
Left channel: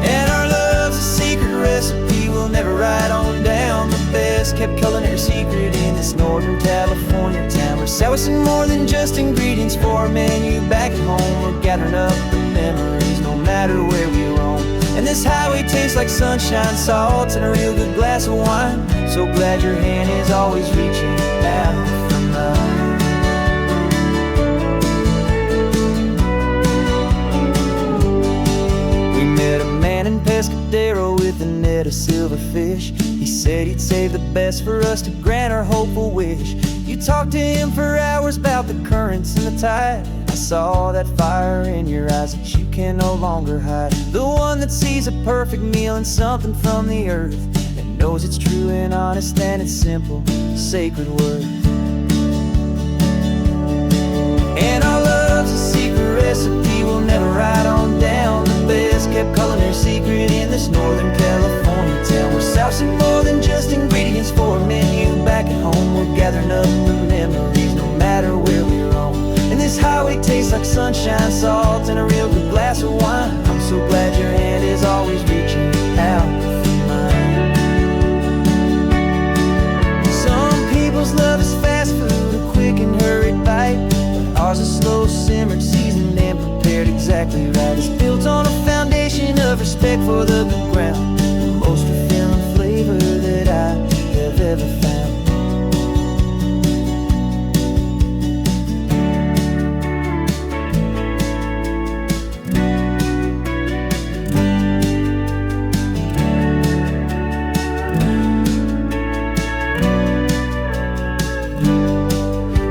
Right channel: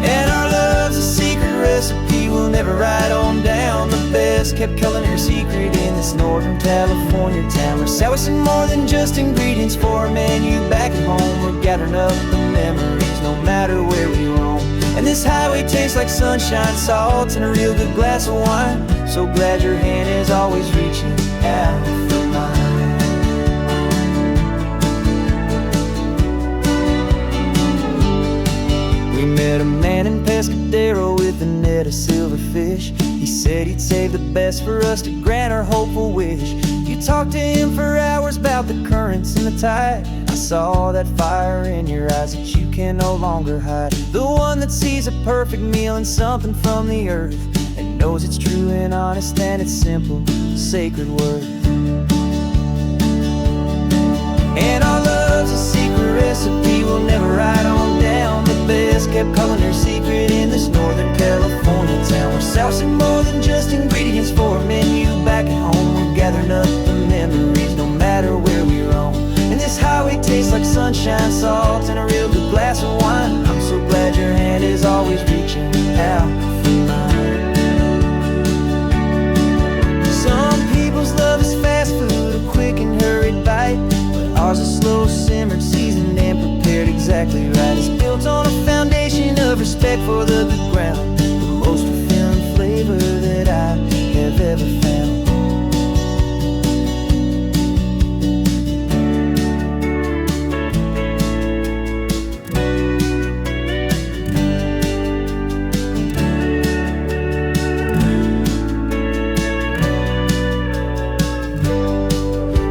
And our love's a secret recipe we'll never write on down. The best kept culinary secret in this Northern California town. We're sourcing more than just ingredients for a menu back at home. We're gathering up the memories no matter where we roam. And this highway tastes like sunshine, salt, and a real good glass of wine. So glad your hand is always reaching out for mine. We met a man in Pescadero with a net of silverfish. He said he'd save the best for us to grant our hopeful wish. You talked to him for hours about the currents and the tide. I saw that fire in your eyes that you can no longer hide. The one that sees a perfect meal in something from the earth, and knows it's true and honest and it's simple, sacred worth. And our love's a secret recipe we'll never write on down. The best kept culinary secret in this Northern California town. We're sourcing more than just ingredients for a menu back at home. We're gathering up the memories no matter where we roam. And this highway tastes like sunshine, salt, and a real good glass of wine. I'm so glad your hand is always reaching out for mine. Some people's love is fast food, a quick and hurried bite. Ours is slow simmered, seasoned, and prepared exactly right. It's built on a foundation of respect for the good ground, the most fulfilling flavor that I have ever found.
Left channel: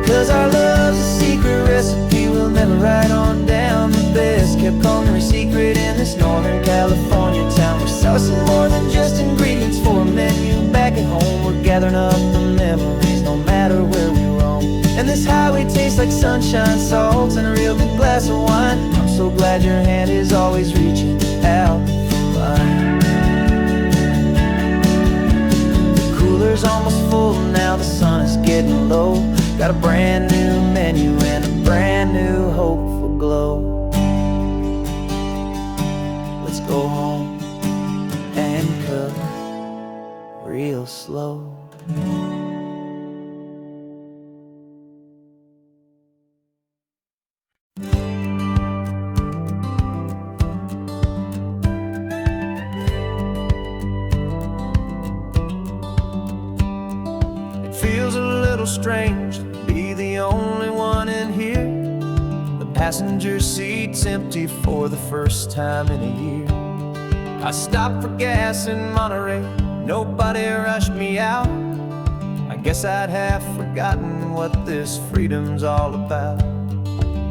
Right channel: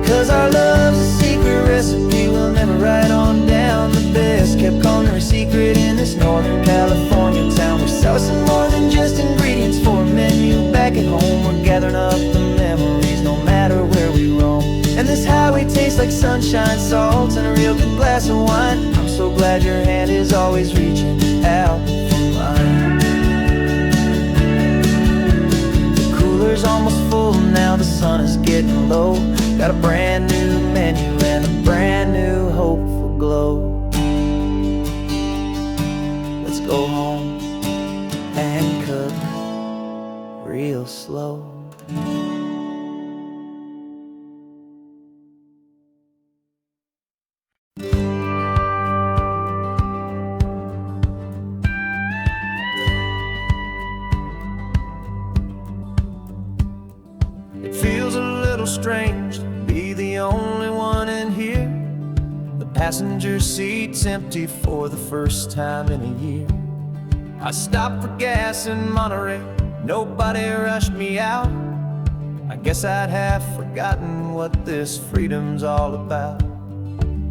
'Cause our love's a secret recipe we'll never write on down. The best kept culinary secret in this Northern California town. We're sourcing more than just ingredients for a menu back at home. We're gathering up the memories no matter where we roam. And this highway tastes like sunshine, salt, and a real good glass of wine. I'm so glad your hand is always reaching out for mine. The cooler's almost full now, the sun is getting low. Got a brand new menu and a brand new hopeful glow. Let's go home and cook real slow. It feels a little strange to be the only one in here. The passenger seat's empty for the first time in a year. I stopped for gas in Monterey, nobody rushed me out. I guess I'd have forgotten what this freedom's all about.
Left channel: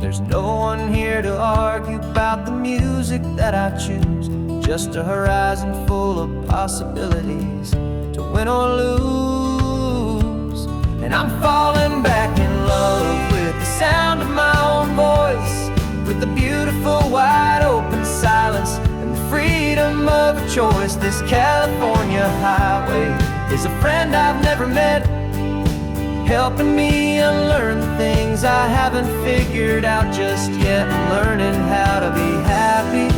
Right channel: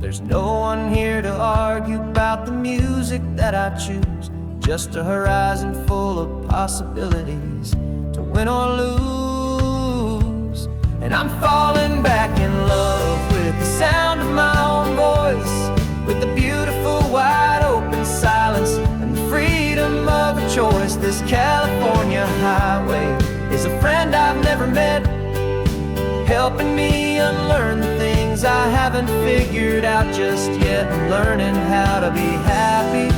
There's no one here to argue about the music that I choose, just a horizon full of possibilities to win or lose. And I'm falling back in love with the sound of my own voice, with the beautiful wide open silence and the freedom of a choice. This California highway is a friend I've never met, helping me unlearn the things I haven't figured out just yet. I'm learning how to be happy,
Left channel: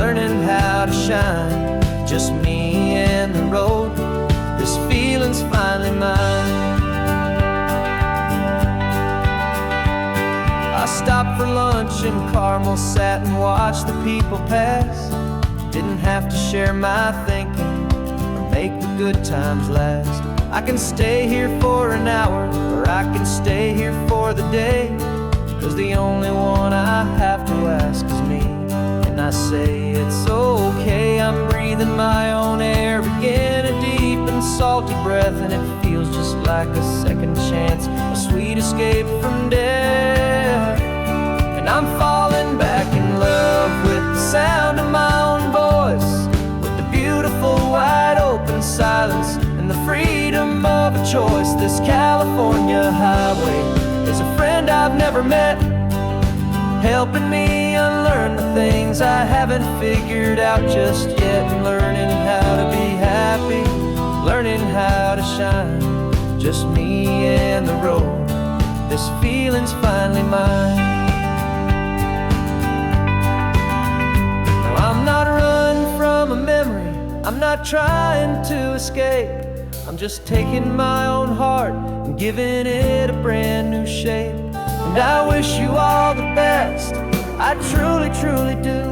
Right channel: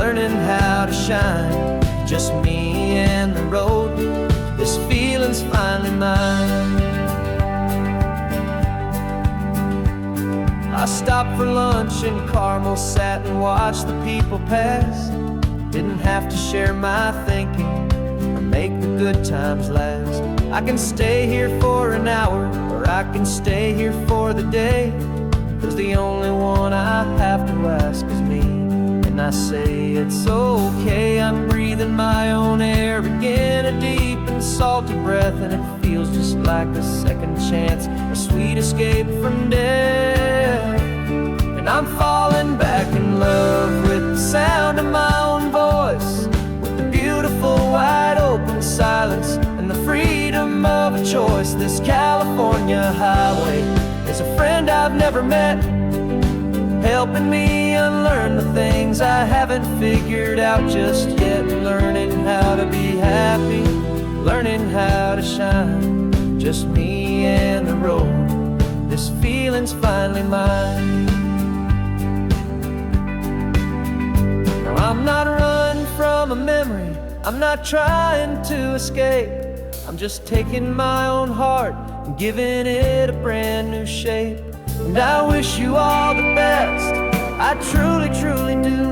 learning how to shine, just me and the road. This feeling's finally mine. I stopped for lunch in Carmel, sat and watched the people pass. Didn't have to share my thinking or make the good times last. I can stay here for an hour, or I can stay here for the day, 'cause the only one I have to ask is me. And I say it's okay, I'm breathing my own air again, a deep and salty breath, and it feels just like a second chance, a sweet escape from death. And I'm falling back in love with the sound of my own voice, with the beautiful wide open silence and the freedom of a choice. This California highway is a friend I've never met, helping me unlearn the things I haven't figured out just yet. Learning how to be happy, learning how to shine, just me and the road. This feeling's finally mine. Now I'm not running from a memory, I'm not trying to escape. I'm just taking my own heart and giving it a brand new shape. And I wish you all the best, I truly, truly do.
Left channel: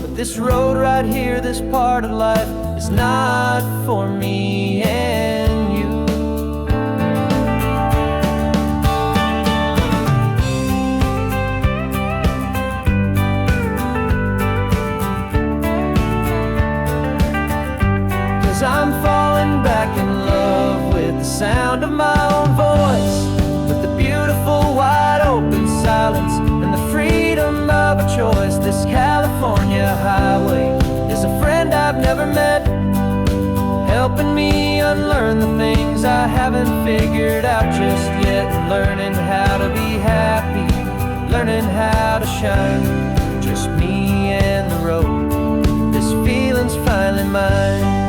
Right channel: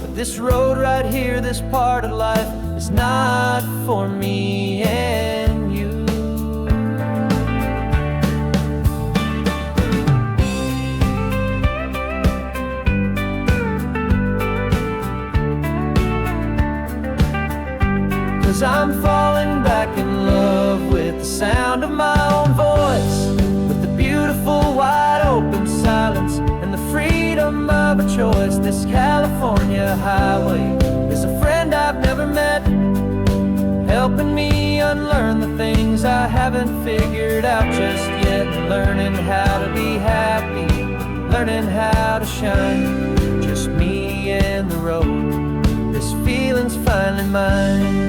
But this road right here, this part of life, is not for me and you. Cause I'm falling back in love with the sound of my own voice, with the beautiful wide open silence and the freedom of a choice. This California highway is a friend I've never met, helping me unlearn the things I haven't figured out just yet. Learning how to be happy, learning how to shine, just me and the road. This feeling's finally mine.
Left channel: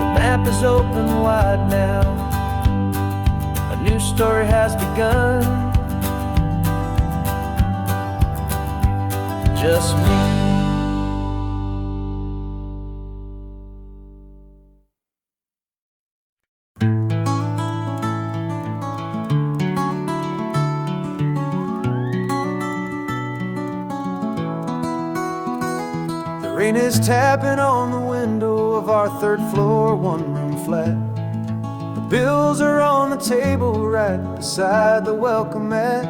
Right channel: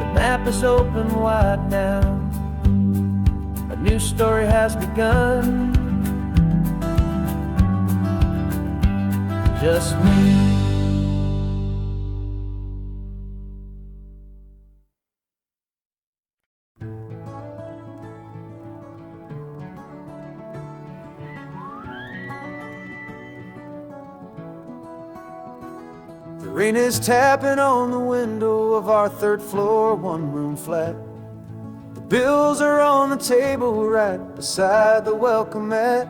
The map is open wide now, a new story has begun, just me. The rain is tapping on the window of our third floor, one-room flat. The bills are on the table right beside the welcome mat.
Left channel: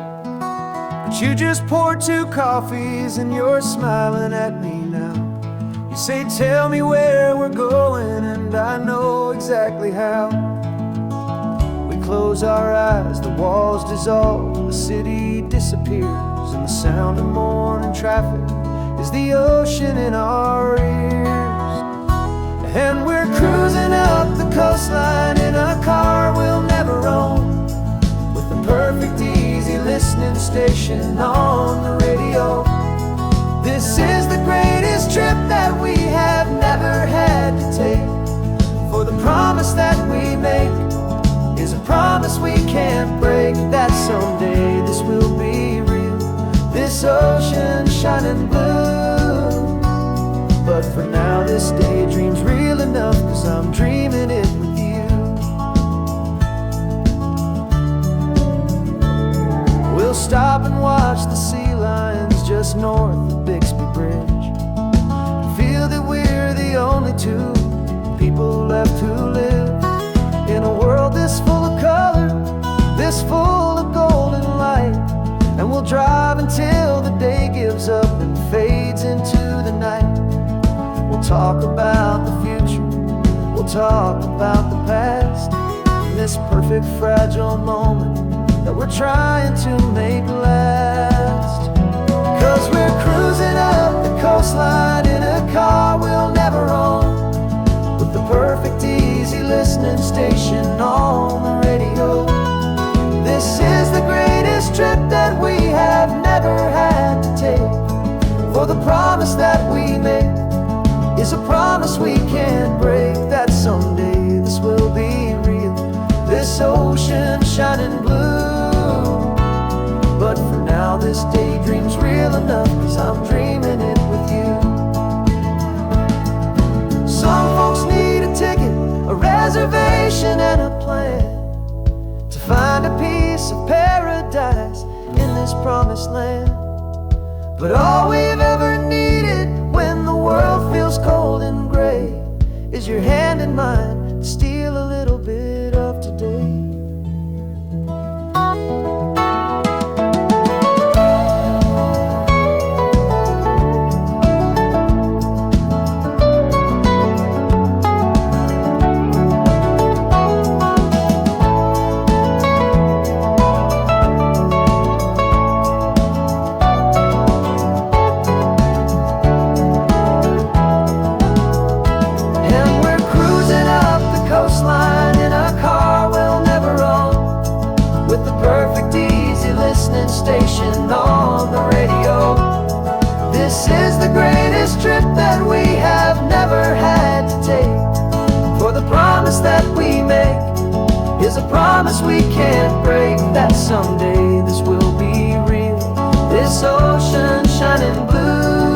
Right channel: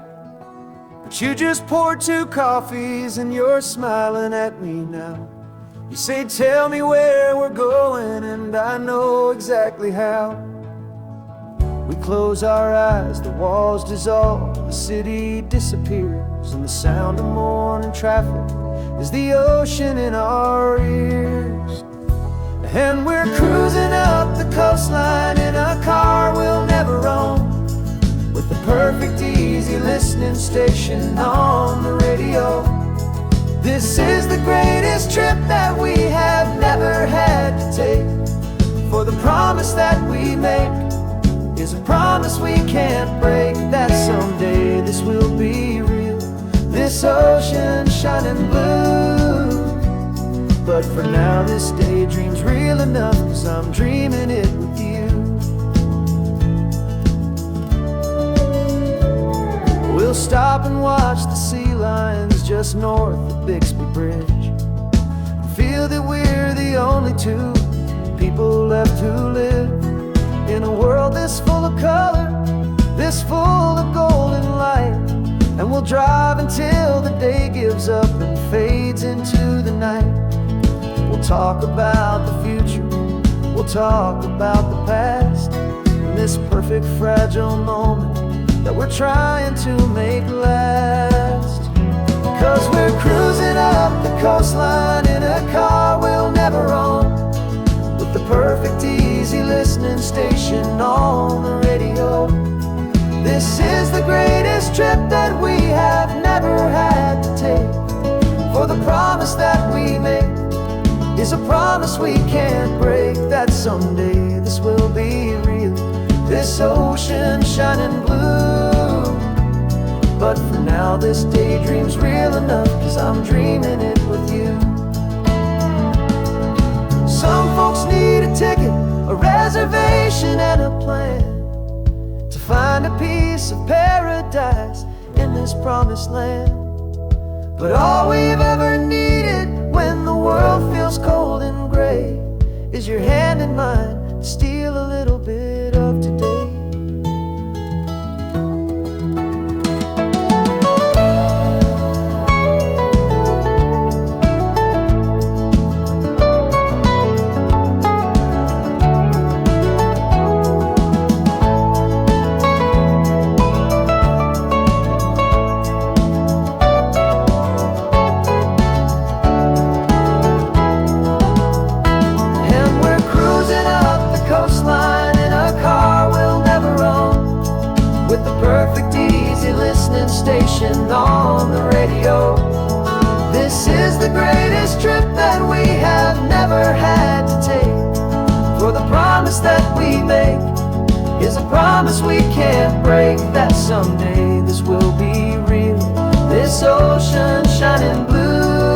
But you just poured 2 coffees and you're smiling at me now. You say, tell me where we're going, and I know exactly how. We close our eyes, the walls dissolve, the city disappears, and the sound of morning traffic is the ocean in our ears. And we're cruising up the coastline in a car we'll never own, with the perfect easy listening station on the radio. This is the greatest trip that we have never had to take, for the promise that we make is a promise we can't break, that someday this will be real, this ocean shining blue. But for now this daydream's real enough, cause I'm dreaming it with you. We'll stop and watch the sea lions just north of Bixby Bridge, and feel that we're the only 2 people left who live in a world this full of color, this full of golden light. And we'll drive until the day gives up and fades into the night. We'll talk about the future, we'll talk about the past, in this perfect fragile moment that we're trying to make last. Cause we're cruising up the coastline in a car we'll never own, with the perfect easy listening station on the radio. This is the greatest trip that we have never had to take, for the promise that we make is a promise we can't break, that someday this will be real, this ocean shining blue. But for now this daydream's real enough, cause I'm dreaming it with you. Some folks need a ticket, a reservation and a plan to find a piece of paradise in this promised land. But all we've ever needed when the world feels cold and gray is your hand in mine to steal a little bit of today. And we're promise we can't break, that someday this will be real, this ocean shining blue.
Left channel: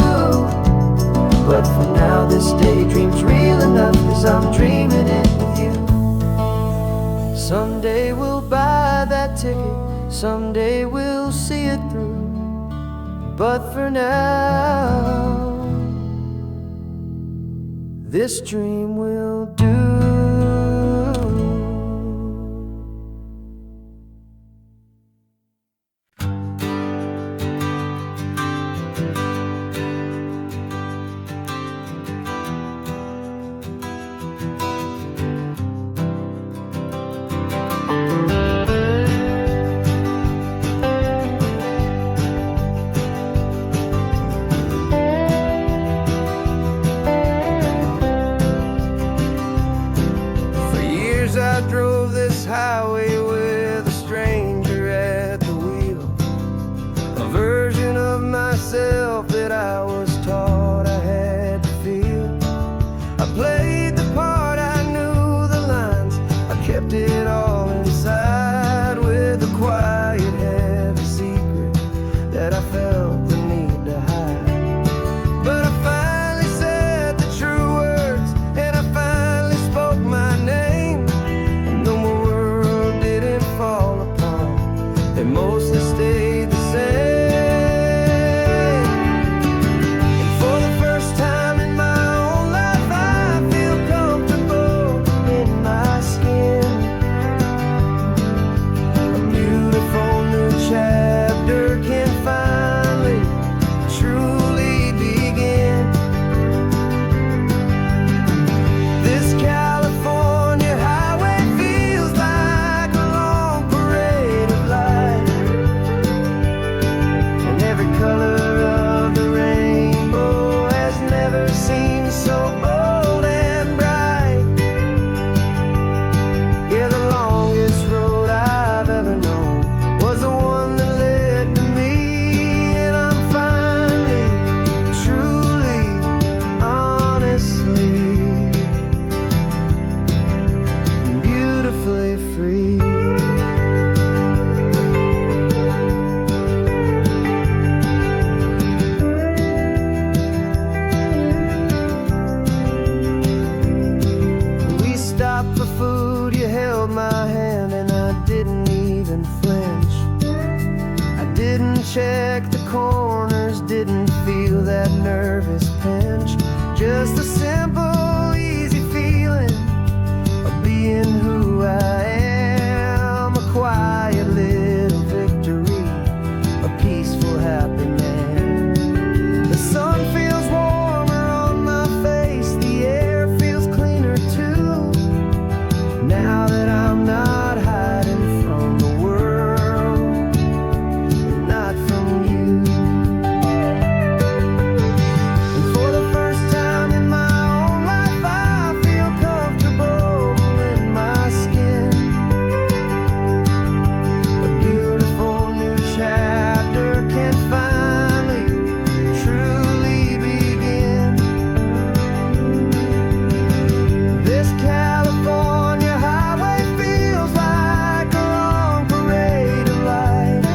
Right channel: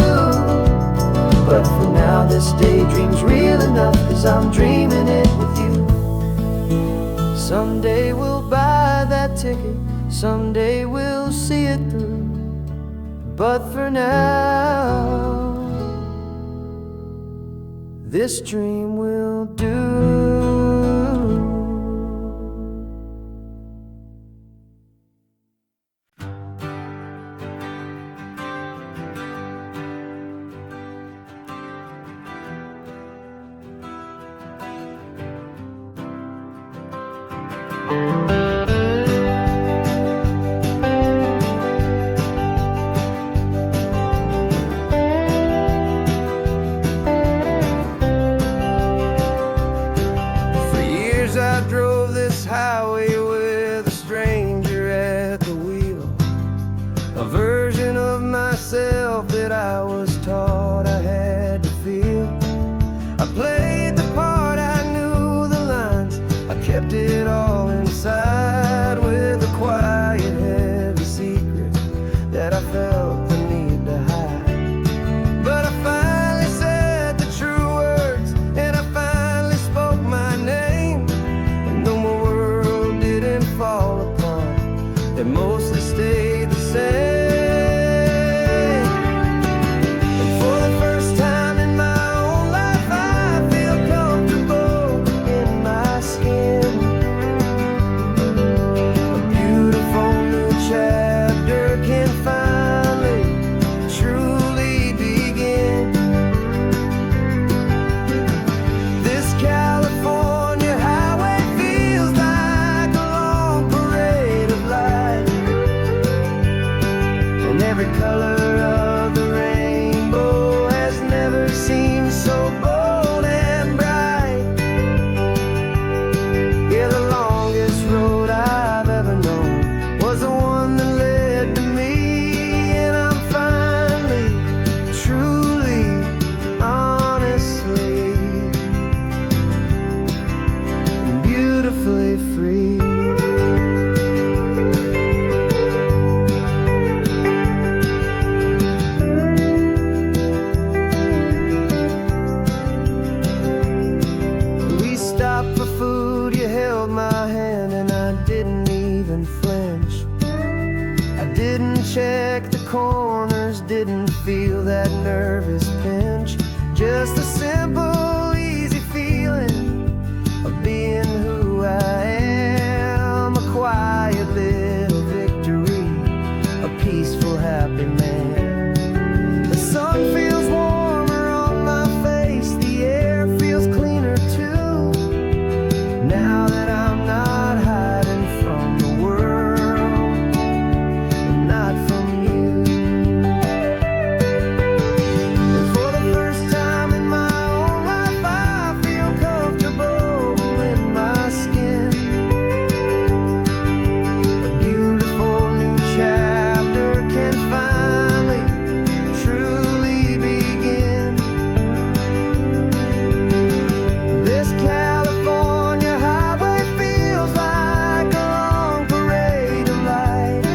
But for now this daydream's real enough, 'cause I'm dreaming it with you. Someday we'll buy that ticket, someday we'll see it through. But for now, this dream will do. For years I drove this highway with a stranger at the wheel, a version of myself that I was taught I had to feel. I played the part, I knew the lines, I kept it all inside with a quiet, heavy secret that I felt the need to hide. But I finally said the true words, and I finally spoke my name. And though my world didn't fall apart, it mostly stayed the same. And for the first time in my own life, I feel comfortable in my skin. A beautiful new chapter can finally truly begin. This California highway feels like a long parade of light, and every color of the rainbow has never seemed so bold and bright. Yeah, the longest road I've ever known was the one that led to me. And I'm finally, truly, honestly, and beautifully free. We stopped for food, you held my hand, and I didn't even flinch. I didn't check the corners, didn't feel that nervous pinch. Just a simple, easy feeling of being who I am. A quiet little victory, a peaceful, happy man. The sun feels warmer on my face, the air feels cleaner too, now that I'm not hiding from the world, and not from you. And for the first time in my own life, I feel comfortable in my skin. A beautiful new chapter can finally truly begin. This California highway feels like a long parade of light,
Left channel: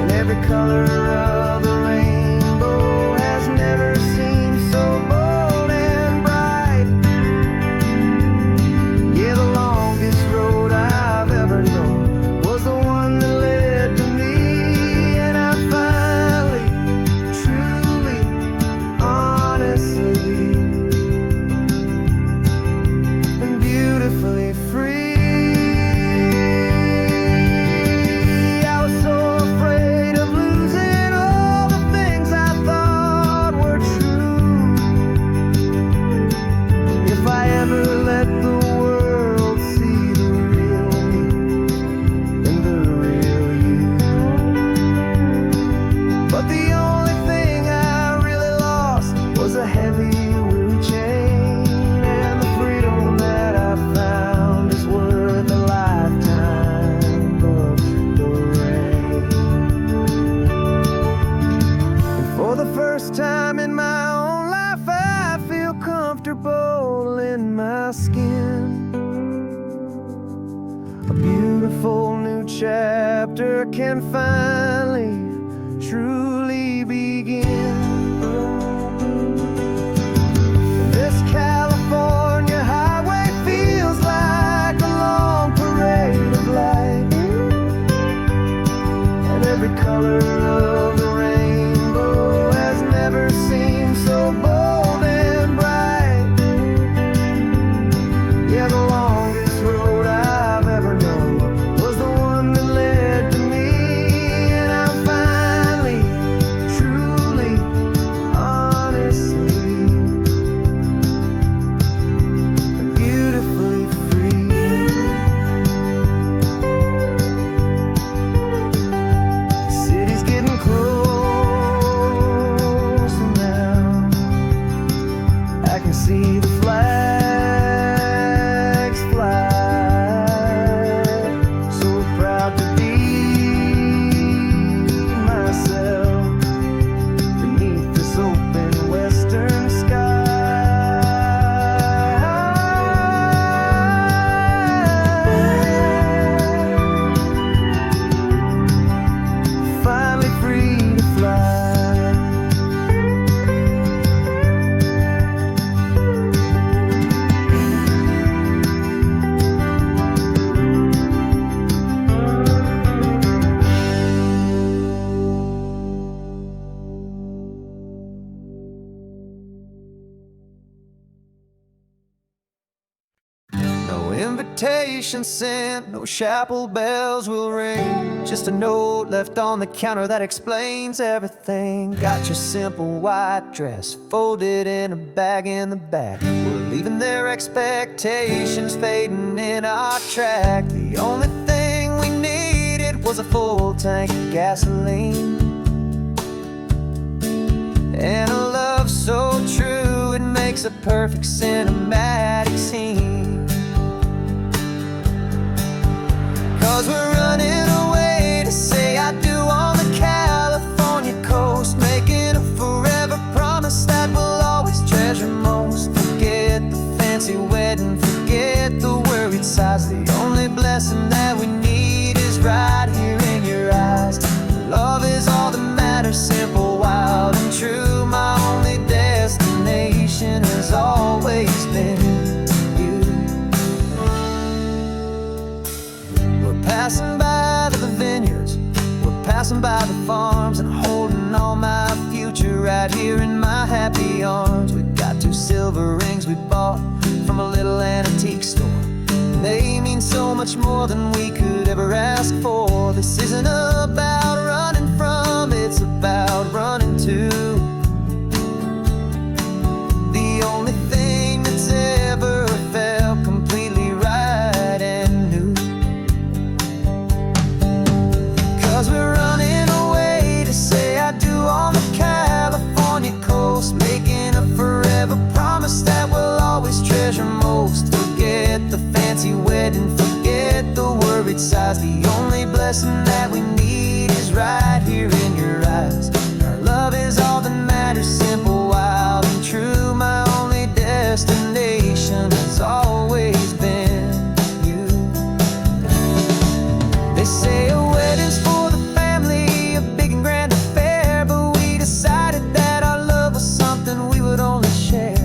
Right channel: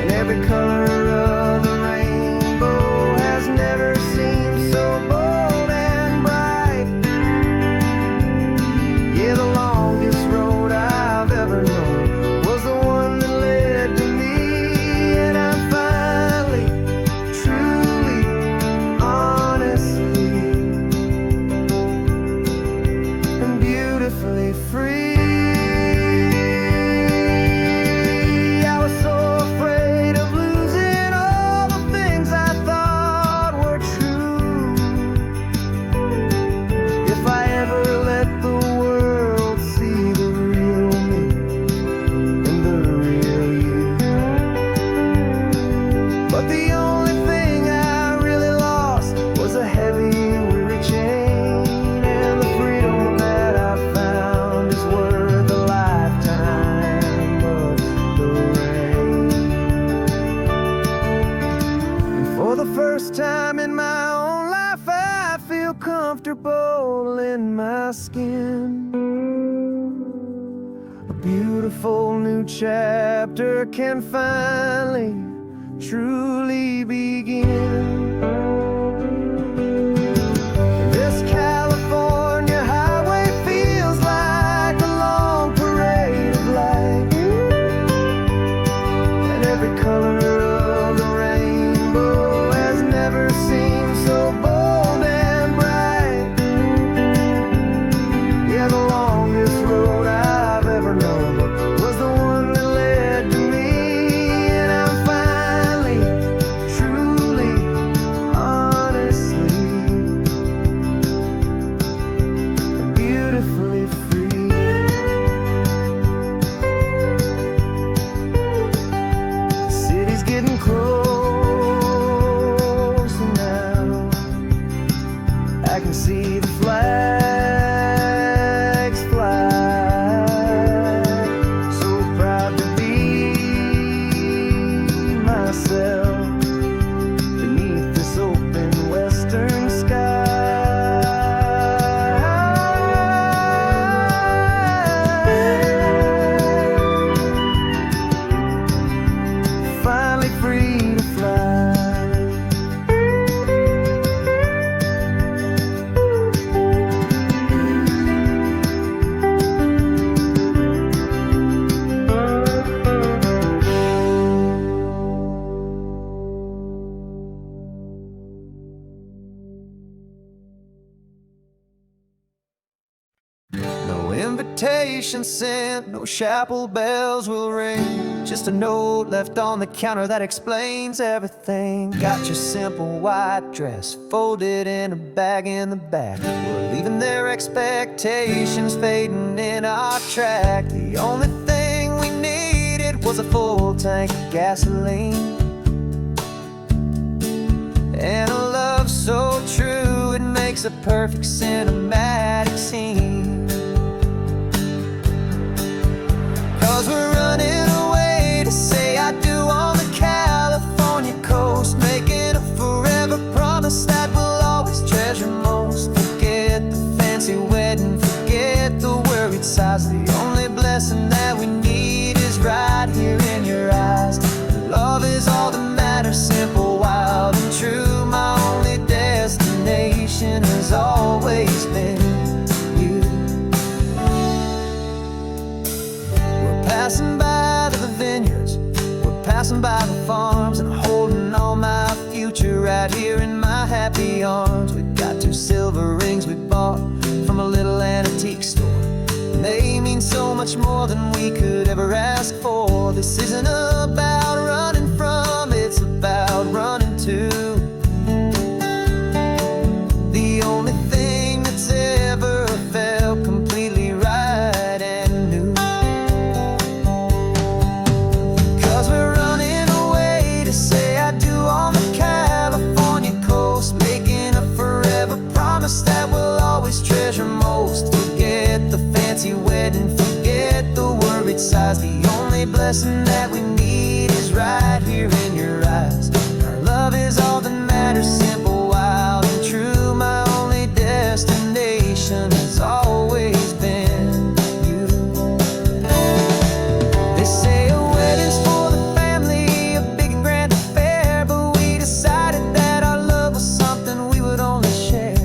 and every color of the rainbow has never seemed so bold and bright. Yeah, the longest road I've ever known was the one that led to me. And I'm finally, truly, honestly, and beautifully free. I was so afraid of losing all the things I thought were true. If I ever let the world see the real me and the real you. But the only thing I really lost was a heavy, weary chain, and the freedom that I found is worth a lifetime of the rain. And for the first time in my own life, I feel comfortable in my skin. beautiful new chapter can finally, truly begin. This California highway feels like a long parade of light, and every color of the rainbow has never seemed so bold and bright. Yeah, the longest road I've ever known was the one that led to me, and I'm finally, truly, honestly, and beautifully free. The city's getting closer now. I can see the flags fly. So proud to be myself beneath this open western sky. Finally free to fly. No invitation sent, no chapel bells will ring. Just a note left on the counter that explains everything. Got your simple white dress folded in a bag in the back. We're leaving their expectations fading in our track. The only thing we needed was a full tank of gasoline, and a love so true it makes a perfect cinematic scene. 'Cause we're running away to say I do on the California coast, making a forever promise that we'll always treasure most. Forget the fancy wedding, forget the worried sighs. The only blessing that we need is right here in your eyes. Love is all that matters, simple, wild, and true. My only destination has always been you. We're passing by the vineyards, we're passing by the farms, and holding on my future right here in my happy arms. We've got 2 silver rings we bought from a little antique store, and they mean so much more than we could ever ask for. This isn't about running from, it's about running to the only thing that's ever felt completely right and new. 'Cause we're running away to say I do on the California coast, making a forever promise that we'll always treasure most. Forget the fancy wedding, forget the worried sighs. The only blessing that we need is right here in your eyes. Our love is all that matters, simple, wild, and true. My only destination has always been you. They say a wedding's for the family, a big and grand affair, but we decided that our love was something we would only share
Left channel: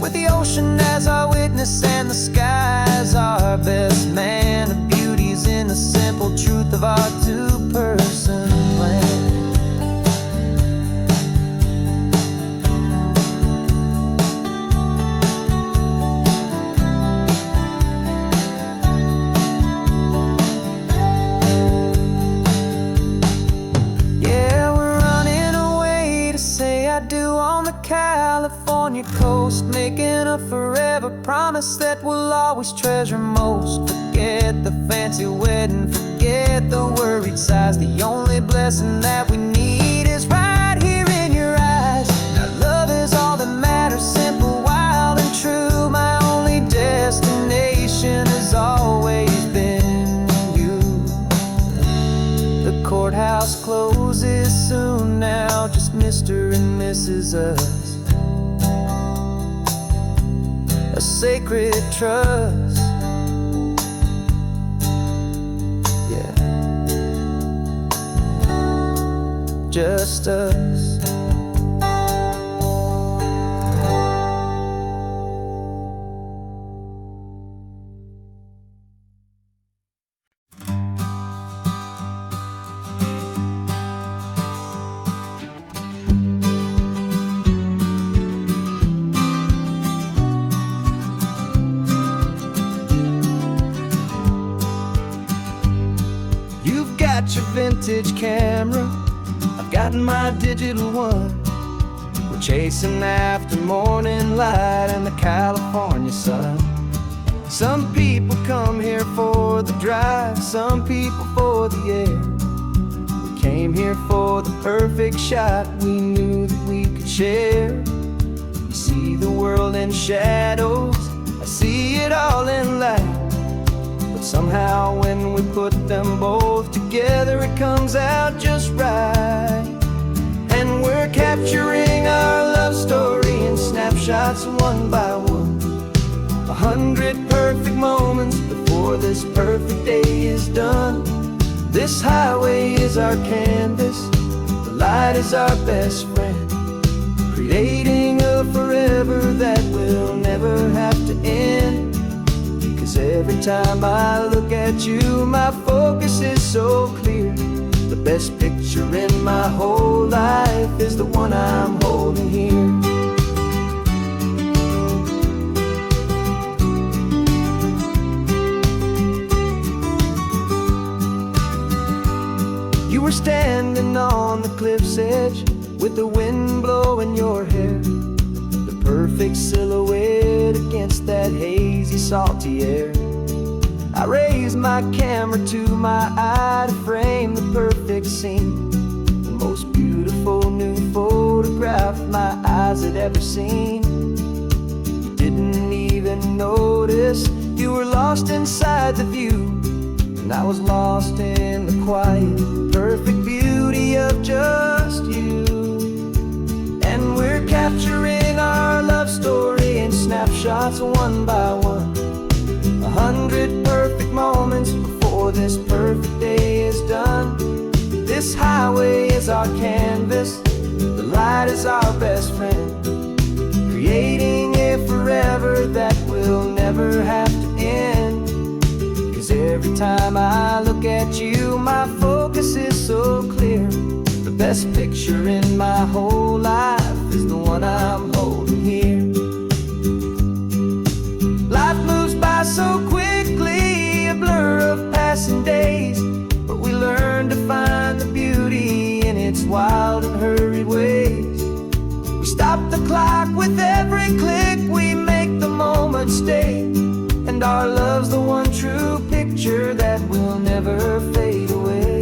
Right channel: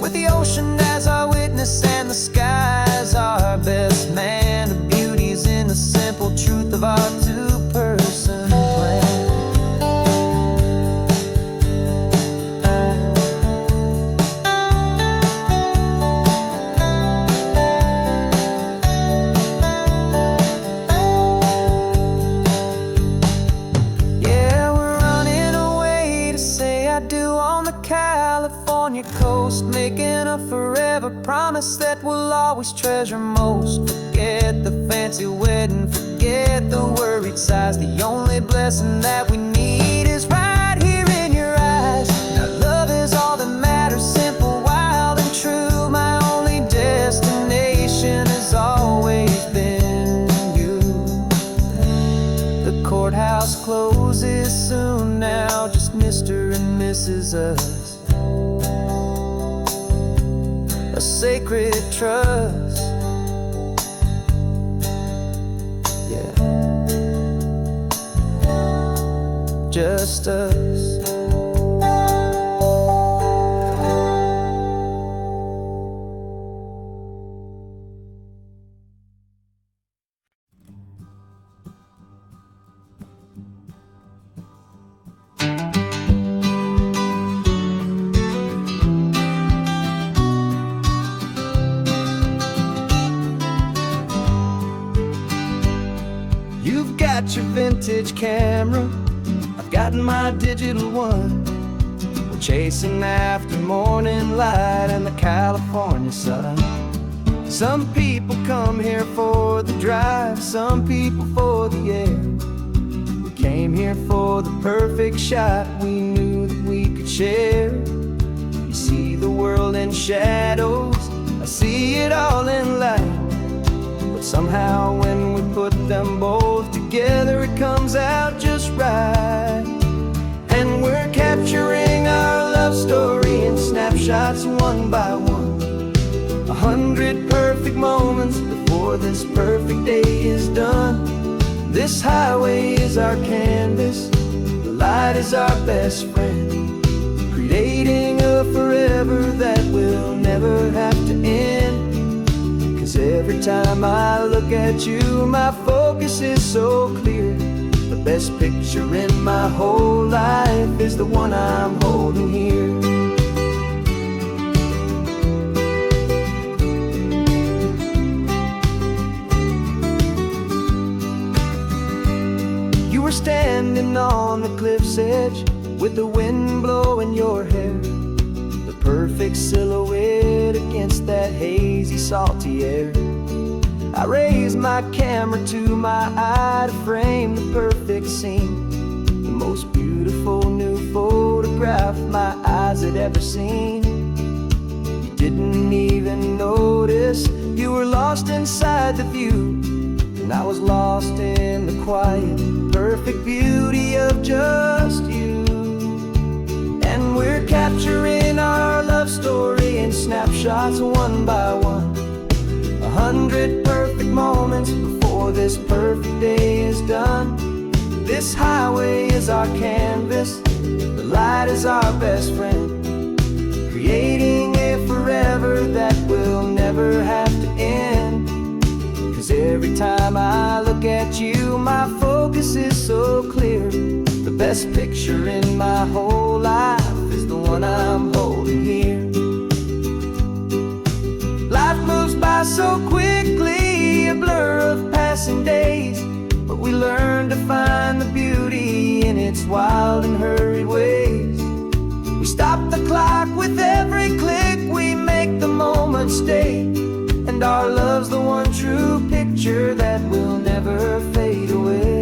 with the ocean as our witness and the sky as our best man. The beauty's in the simple truth of our 2-person plan. Yeah, we're running away to say I do on the California coast, making a forever promise that we'll always treasure most. Forget the fancy wedding, forget the worried sighs. The only blessing that we need is right here in your eyes. Now love is all that matters, simple, wild, and true. My only destination has always been you. The courthouse closes soon now, just Mr. and Mrs. Us. A sacred trust. just us. You've got your vintage camera, I've got my digital one. We're chasing after morning light and the California sun. Some people come here for the drive, some people for the air. We came here for the perfect shot we knew that we could share. You see the world in shadows, I see it all in light. But somehow when we put them both together, it comes out just right. And we're capturing our love story in snapshots one by one. 100 perfect moments before this perfect day is done. This highway is our canvas, the light is our best friend, creating a forever that will never have to end. 'Cause every time I look at you, my focus is so clear. The best picture in my whole life is the one I'm holding here. You were standing on the cliff's edge with the wind blowing your hair, the perfect silhouette against that hazy, salty air. I raised my camera to my eye to frame the perfect scene, the most beautiful new photograph my eyes had ever seen. You didn't even notice you were lost inside the view, and I was lost in the quiet, perfect beauty of just you. And we're capturing our love story in snapshots one by one. 100 perfect moments before this perfect day is done. This highway is our canvas, the light is our best friend, creating a forever that will never have to end. 'Cause every time I look at you, my focus is so clear. The best picture in my whole life is the one I'm holding here. Life moves by so quickly, a blur of passing days, but we learn to find the beauty in its wild and hurried ways. We stop the clock with every click, we make the moment stay, and our love's the one true picture that will never fade away.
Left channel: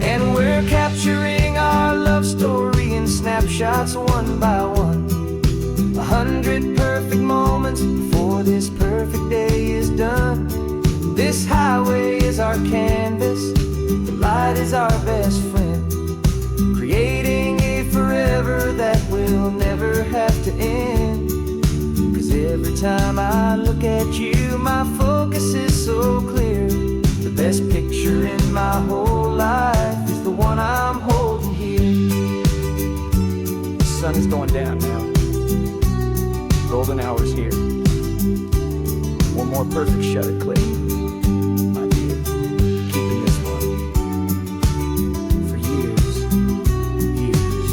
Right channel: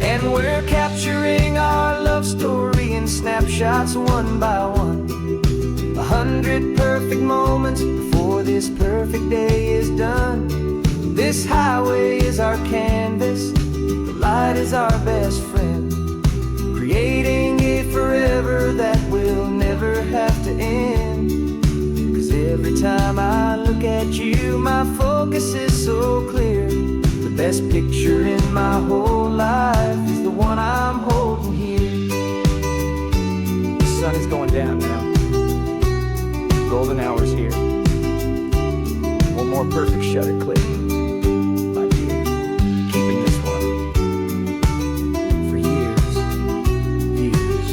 And we're capturing our love story in snapshots one by one. 100 perfect moments before this perfect day is done. This highway is our canvas, the light is our best friend, creating a forever that will never have to end. 'Cause every time I look at you, my focus is so clear. The best picture in my whole life is the one I'm holding here. The sun is going down now. Golden hour's here. One more perfect shutter click. Keeping this one for years, years.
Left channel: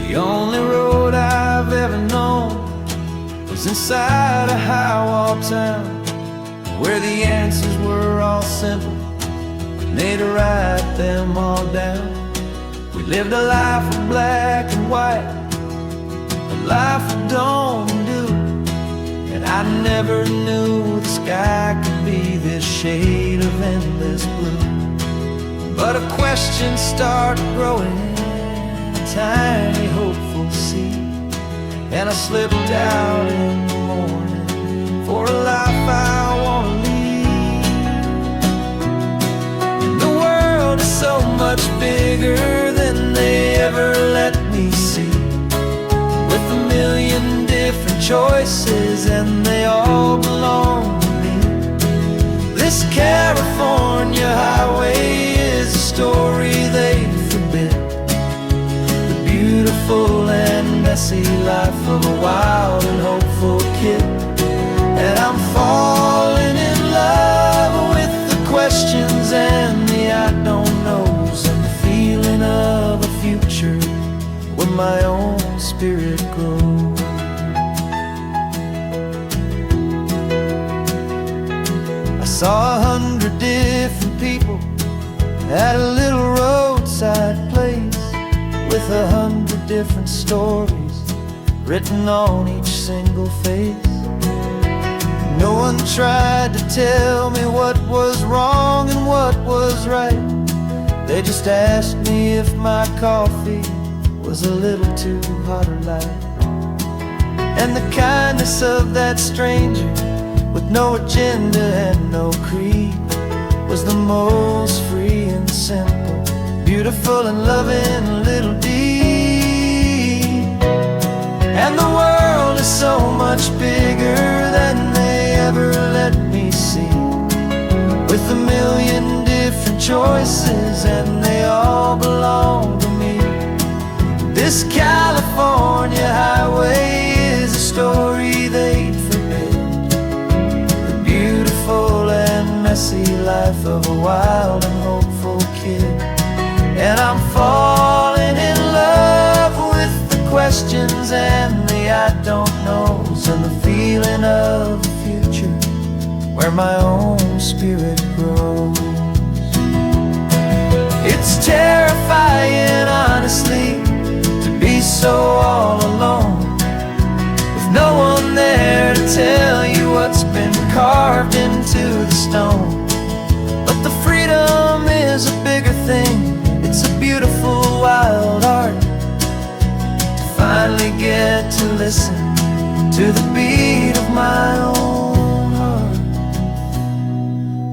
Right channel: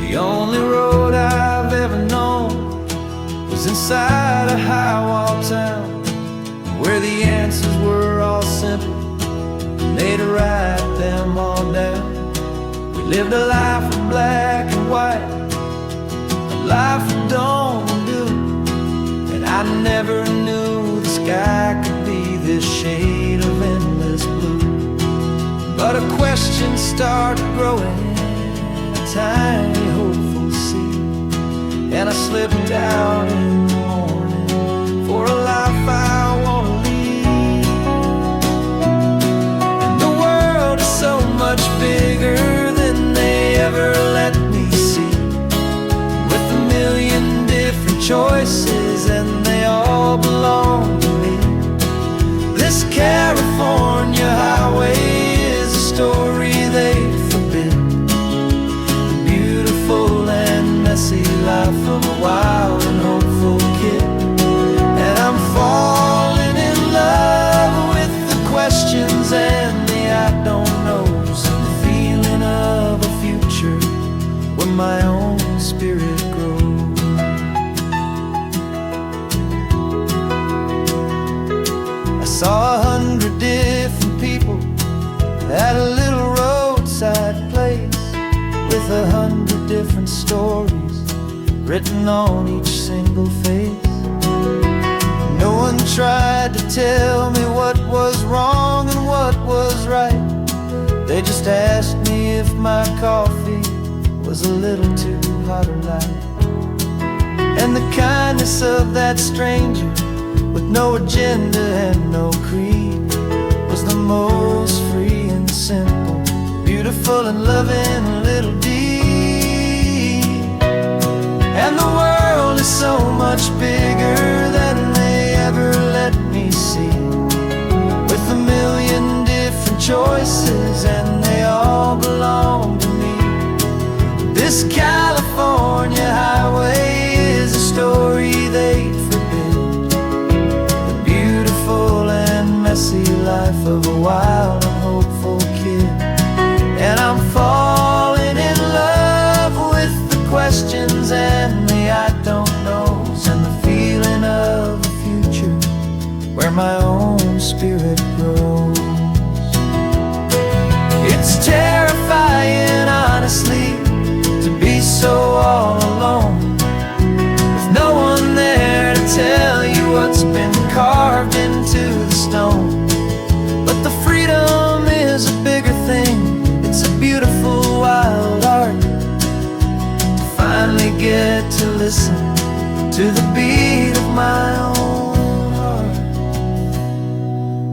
The only road I've ever known was inside a high-wall town, where the answers were all simple and they'd write them all down. We lived a life of black and white, a life of dawn and dew, and I never knew the sky could be this shade of endless blue. But a question started growing, a tiny hopeful seed, and I slipped out in the morning for a life I want to lead. And the world is so much bigger than they ever let me see, with a million different choices and they all belong to me. This California highway is a story they forbid, the beautiful and messy life of a wild and hopeful kid. And I'm falling in love with the questions and the I don't knows, and the feeling of a future where my own spirit grows. I saw 100 different people at a little roadside place, with 100 different stories written on each single face. No one tried to tell me what was wrong and what was right. They just asked me if my coffee was a little too hot or light. And the kindness of that stranger, with no agenda and no creed, was the most free and simple, beautiful and loving little deed. And the world is so much bigger than they ever let me see, with a million different choices and they all belong to me. This California highway is a story they'd forbid, the beautiful and messy life of a wild and hopeful kid. And I'm falling in love with the questions and the I don't knows, and the feeling of a future where my own spirit grows. It's terrifying, honestly, to be so all alone, with no one there to tell you what's been carved into the stone. But the freedom is a bigger thing, it's a beautiful wild art, to finally get to listen to the beat of my own heart.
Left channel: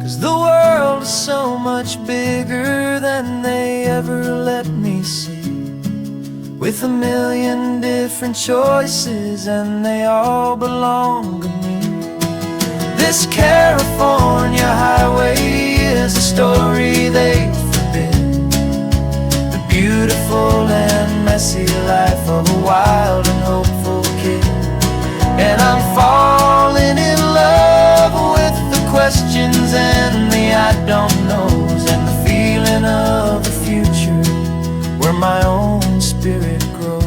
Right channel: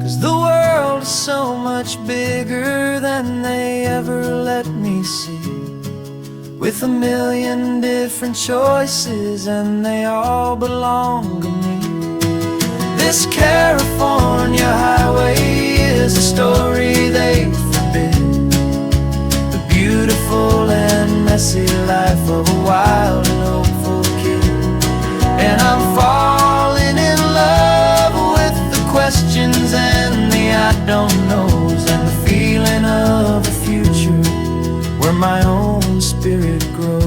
'Cause the world is so much bigger than they ever let me see, with a million different choices and they all belong to me. This California highway is a story they forbid, the beautiful and messy life of a wild and hopeful kid. And I'm falling in love with the questions and the I don't knows, and the feeling of a future where my own spirit grows.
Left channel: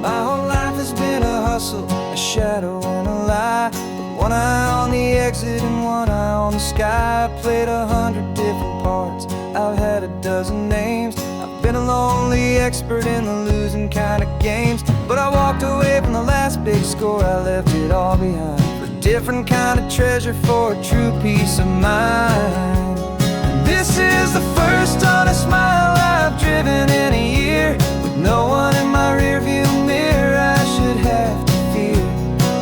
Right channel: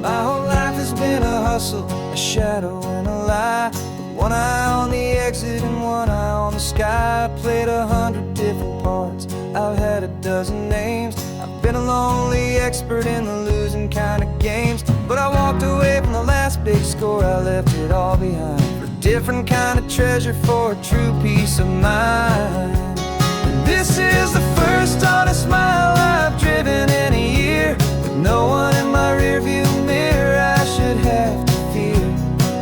My whole life has been a hustle, a shadow and a lie, with one eye on the exit and one eye on the sky. I played 100 different parts, I've had a dozen names. I've been a lonely expert in the losing kind of games, but I walked away from the last big score. I left it all behind for a different kind of treasure, for a true peace of mind. And this is the first honest mile I've driven in a year, with no one in my rearview mirror I should have to fear.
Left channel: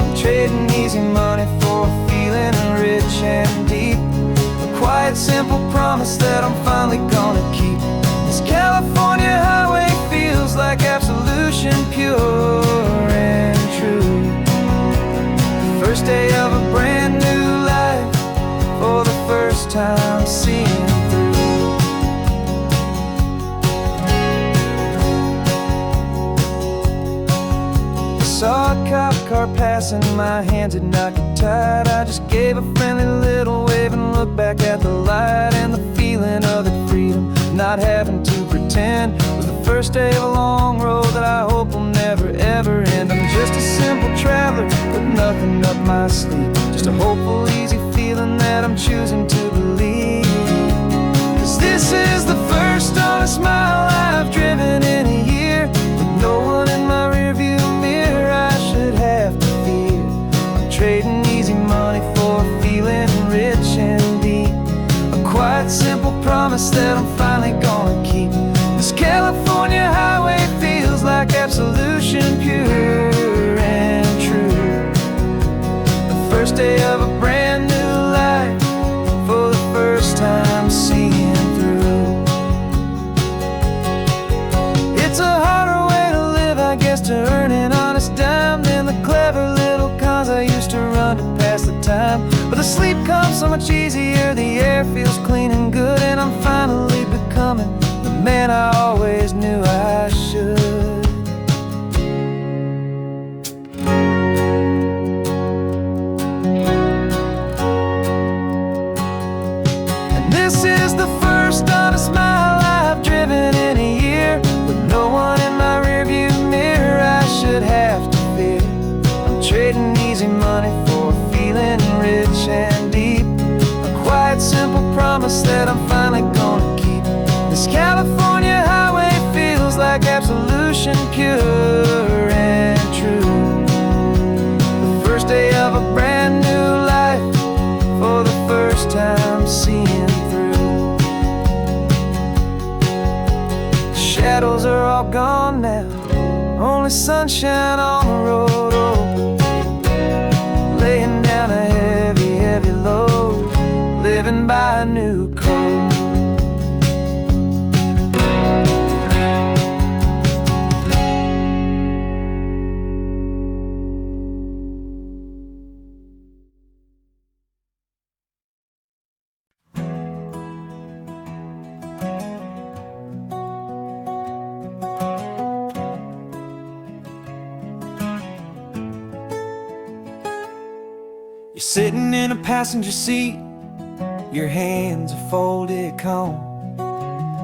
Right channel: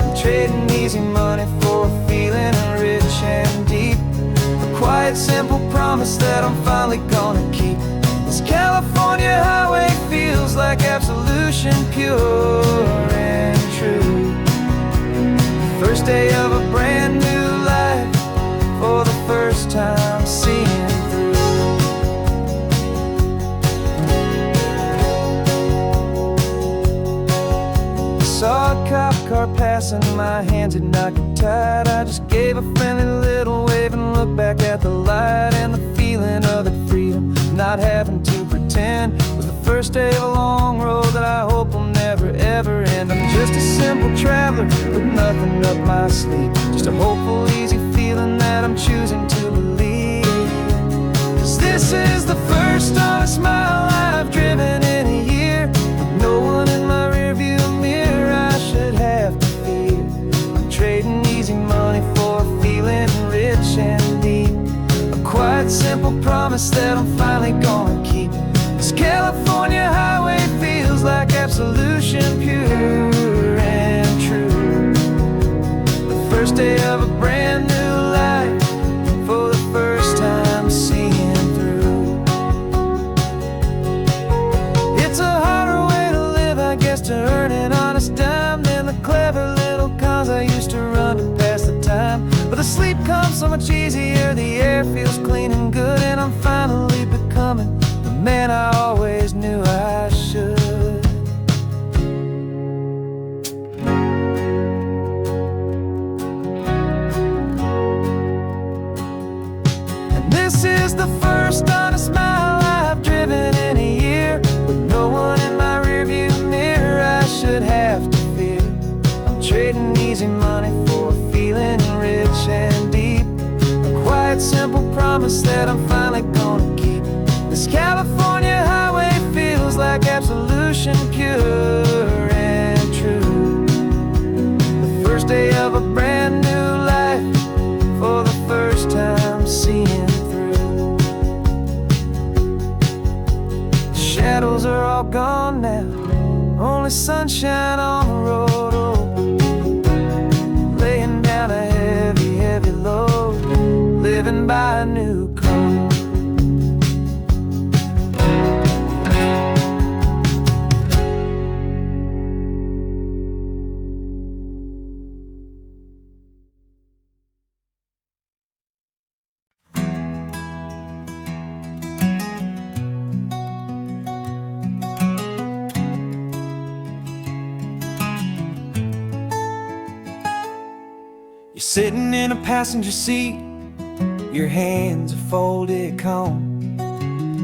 I'm trading easy money for a feeling rich and deep, a quiet, simple promise that I'm finally gonna keep. This California highway feels like absolution, pure and true. The first day of a brand new life, for the first time seeing through. Saw a cop car passing, my hands had not got tied. I just gave a friendly little wave and looked back at the light, and the feeling of the freedom, not having to pretend 10 was the first day of a long road that I hope will never ever end. I'm just a simple traveler with nothing up my sleeve, just a hopeful, easy feeling that I'm choosing to believe. 'Cause this is the first honest mile I've driven in a year, with no one in my rearview mirror I should have to fear. I'm trading easy money for a feeling rich and deep, a quiet, simple promise that I'm finally gonna keep. This California highway feels like absolution, pure and true. The first day of a brand new life, for the first time seeing through. It's a harder way to live, I guess, to earn an honest dime than the clever little cons I used to run to pass the time. But the sleep comes so much easier, the air feels clean and good, and I'm finally becoming the man I always knew I should. And this is the first honest mile I've driven in a year, with no one in my rearview mirror I should have to fear. I'm trading easy money for a feeling rich and deep, a quiet, simple promise that I'm finally gonna keep. This California highway feels like absolution, pure and true. The first day of a brand new life, for the first time seeing through. The shadows are all gone now, only sunshine on the road. Oh, laying down a heavy, heavy load, living by a new code. You're sitting in a passenger seat, your hands are folded calm.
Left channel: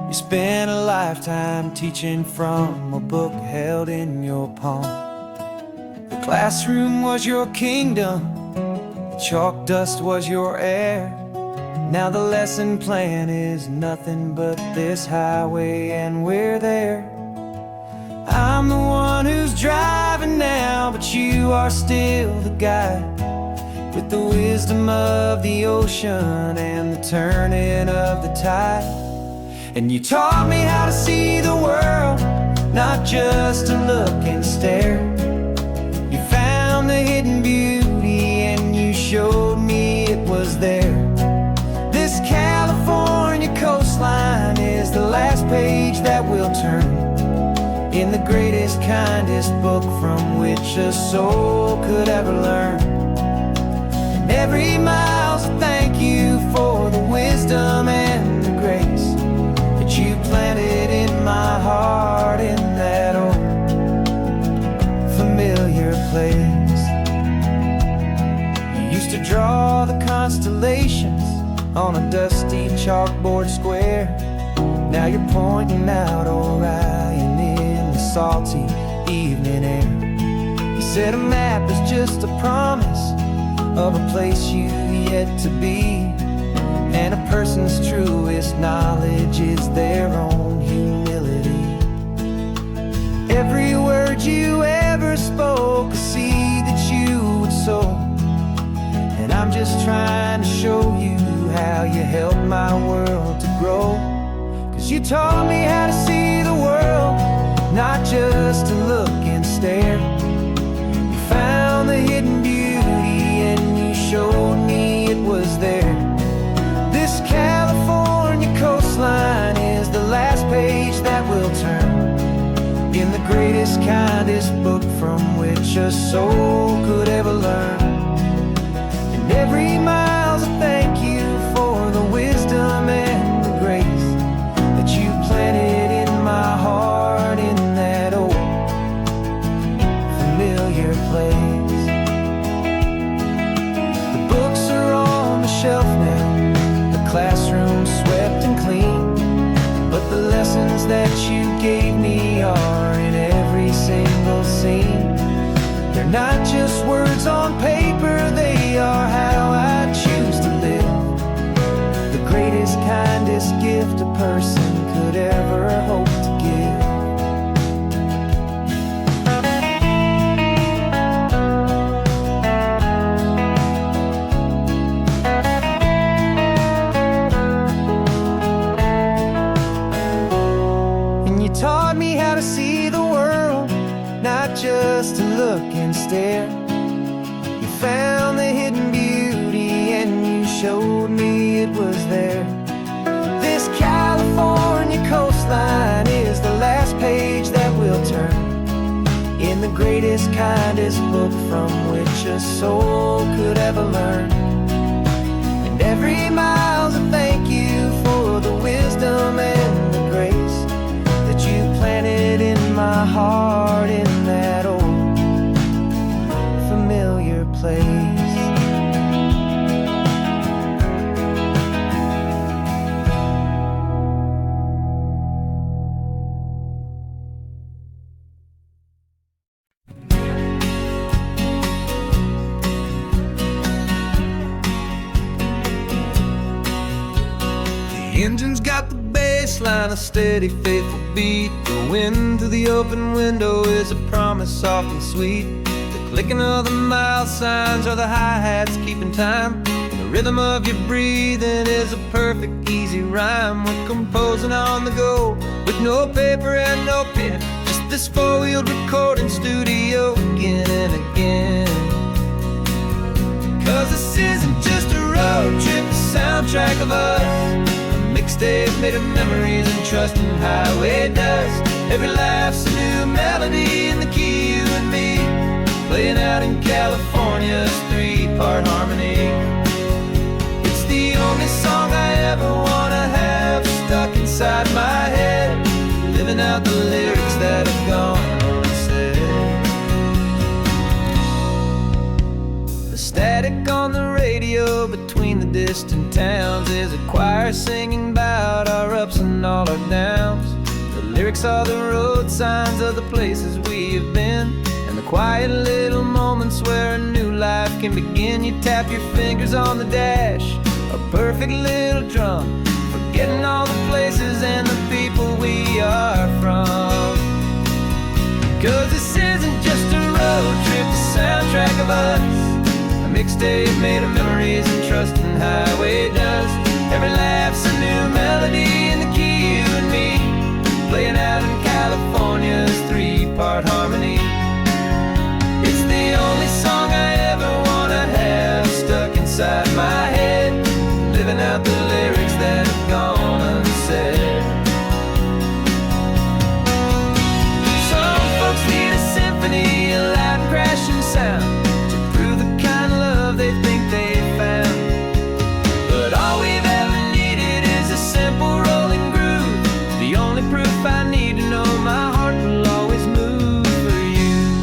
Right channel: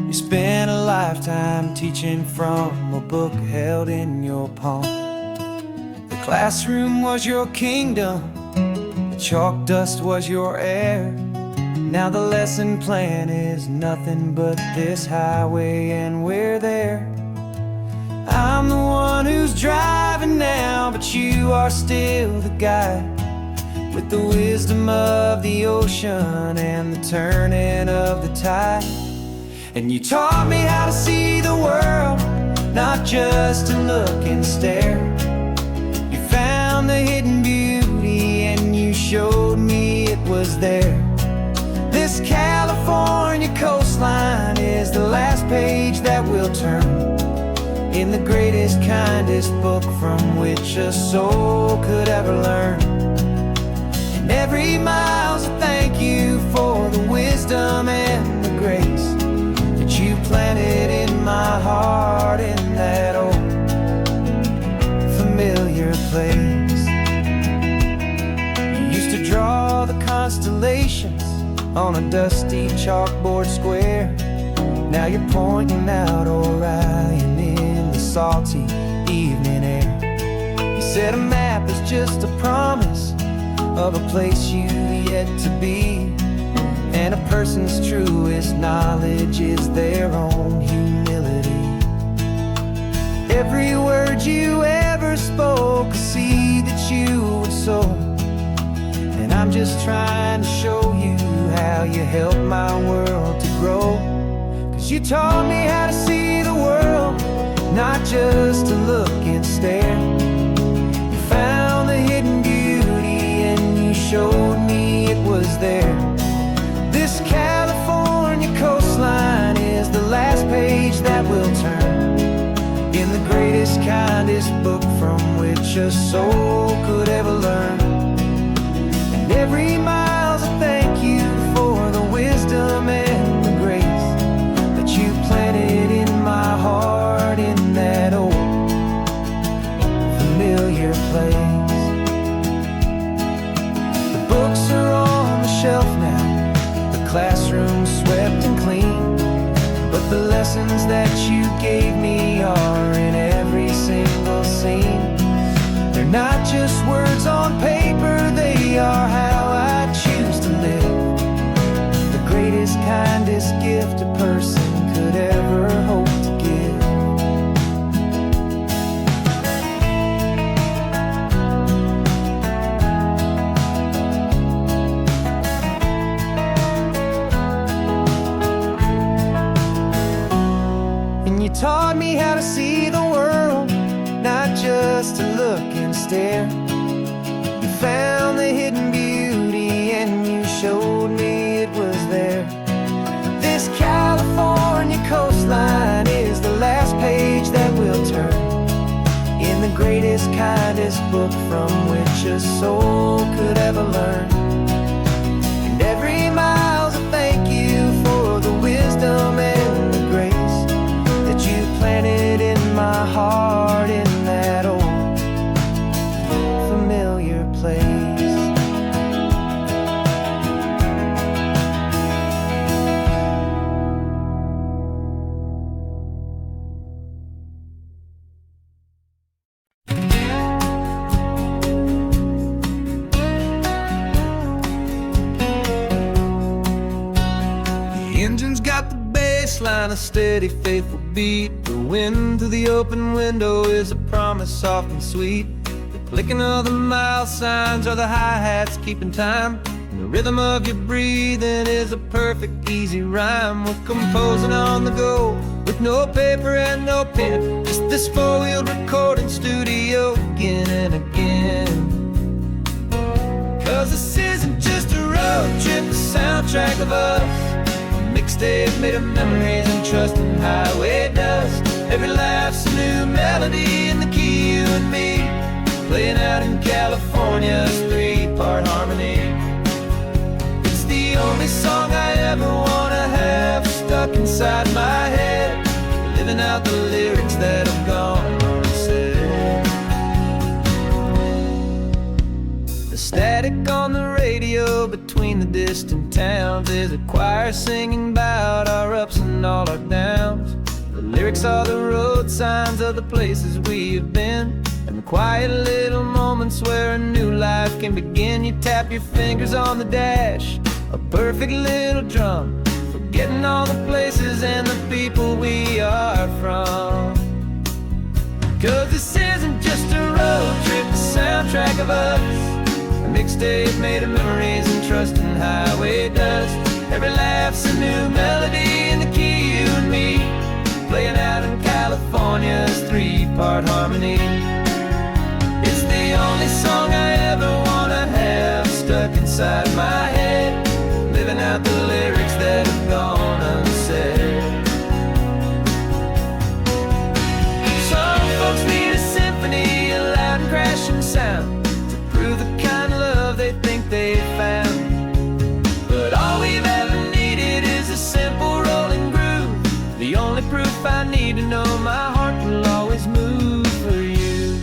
You spent a lifetime teaching from a book held in your palm. The classroom was your kingdom, the chalk dust was your air. Now the lesson plan is nothing but this highway, and we're there. I'm the one who's driving now, but you are still the guide, with the wisdom of the ocean and the turning of the tide. And you taught me how to see the world, not just to look and stare. You found the hidden beauty and you showed me it was there. This California coastline is the last page that we'll turn in the greatest, kindest book from which a soul could ever learn. Every mile's a thank you for the wisdom and the grace that you planted in my heart, in that old familiar place. You used to draw the constellations on a dusty chalkboard square. Now you're pointing out Orion in the salty evening air. You said a map is just a promise of a place you've yet to be, and a person's truest knowledge is their own humility. Every word you ever spoke, a seed that you would sow, and I'm just trying to show you how you helped my world to grow. 'Cause you taught me how to see the world, not just to look and stare. You found the hidden beauty and you showed me it was there. This California coastline is the last page that we'll turn in the greatest, kindest book from which a soul could ever learn. And every mile's a thank you for the wisdom and the grace that you planted in my heart, in that old familiar place. The books are on the shelf now, the classroom swept and clean, but the lessons that you gave me are in every single scene. They're not just words on paper, they are how I choose to live. The greatest, kindest gift a person could ever hope to give. And you taught me how to see the world, not just to look and stare. You found the hidden beauty and you showed me it was there. This California coastline is the last page that we'll turn in the greatest, kindest book from which a soul could ever learn. And every mile's a thank you for the wisdom and the grace that you planted in my heart in that old familiar place. The engine's got the bass line, a steady, faithful beat. The wind through the open window is a promise soft and sweet. The clicking of the mile signs are the hi-hats keeping time, and the rhythm of your breathing is a perfect, easy rhyme. We're composing on the go with no paper and no pen, just this four-wheeled recording studio again and again. 'Cause this isn't just a road trip, the soundtrack of us, a mixtape made of memories and trust in highway dust. Every laugh's a new melody in the key, you and me, playing out in California's three-part harmony. It's the only song I ever wanna have stuck inside my head, living out the lyrics that have gone unsaid. The static on the radio between the distant towns is a choir singing about our ups and all our downs. The lyrics are the road signs of the places we have been, and the quiet little moments where a new life can begin. You tap your fingers on the dash, a perfect little drum, forgetting all the places and the people we are from. 'Cause this isn't just a road trip, the soundtrack of us, a mixtape made of memories and trust in highway dust. Every laugh's a new melody in the key, you and me, playing out in California's three-part harmony. It's the only song I ever wanna have stuck inside my head, living out the lyrics that have gone unsaid. Some folks need a symphony, a loud and crashing sound, to prove the kind of love they think they found. But all we've ever needed is a simple rolling groove, the only proof I need to know my heart will always move for you.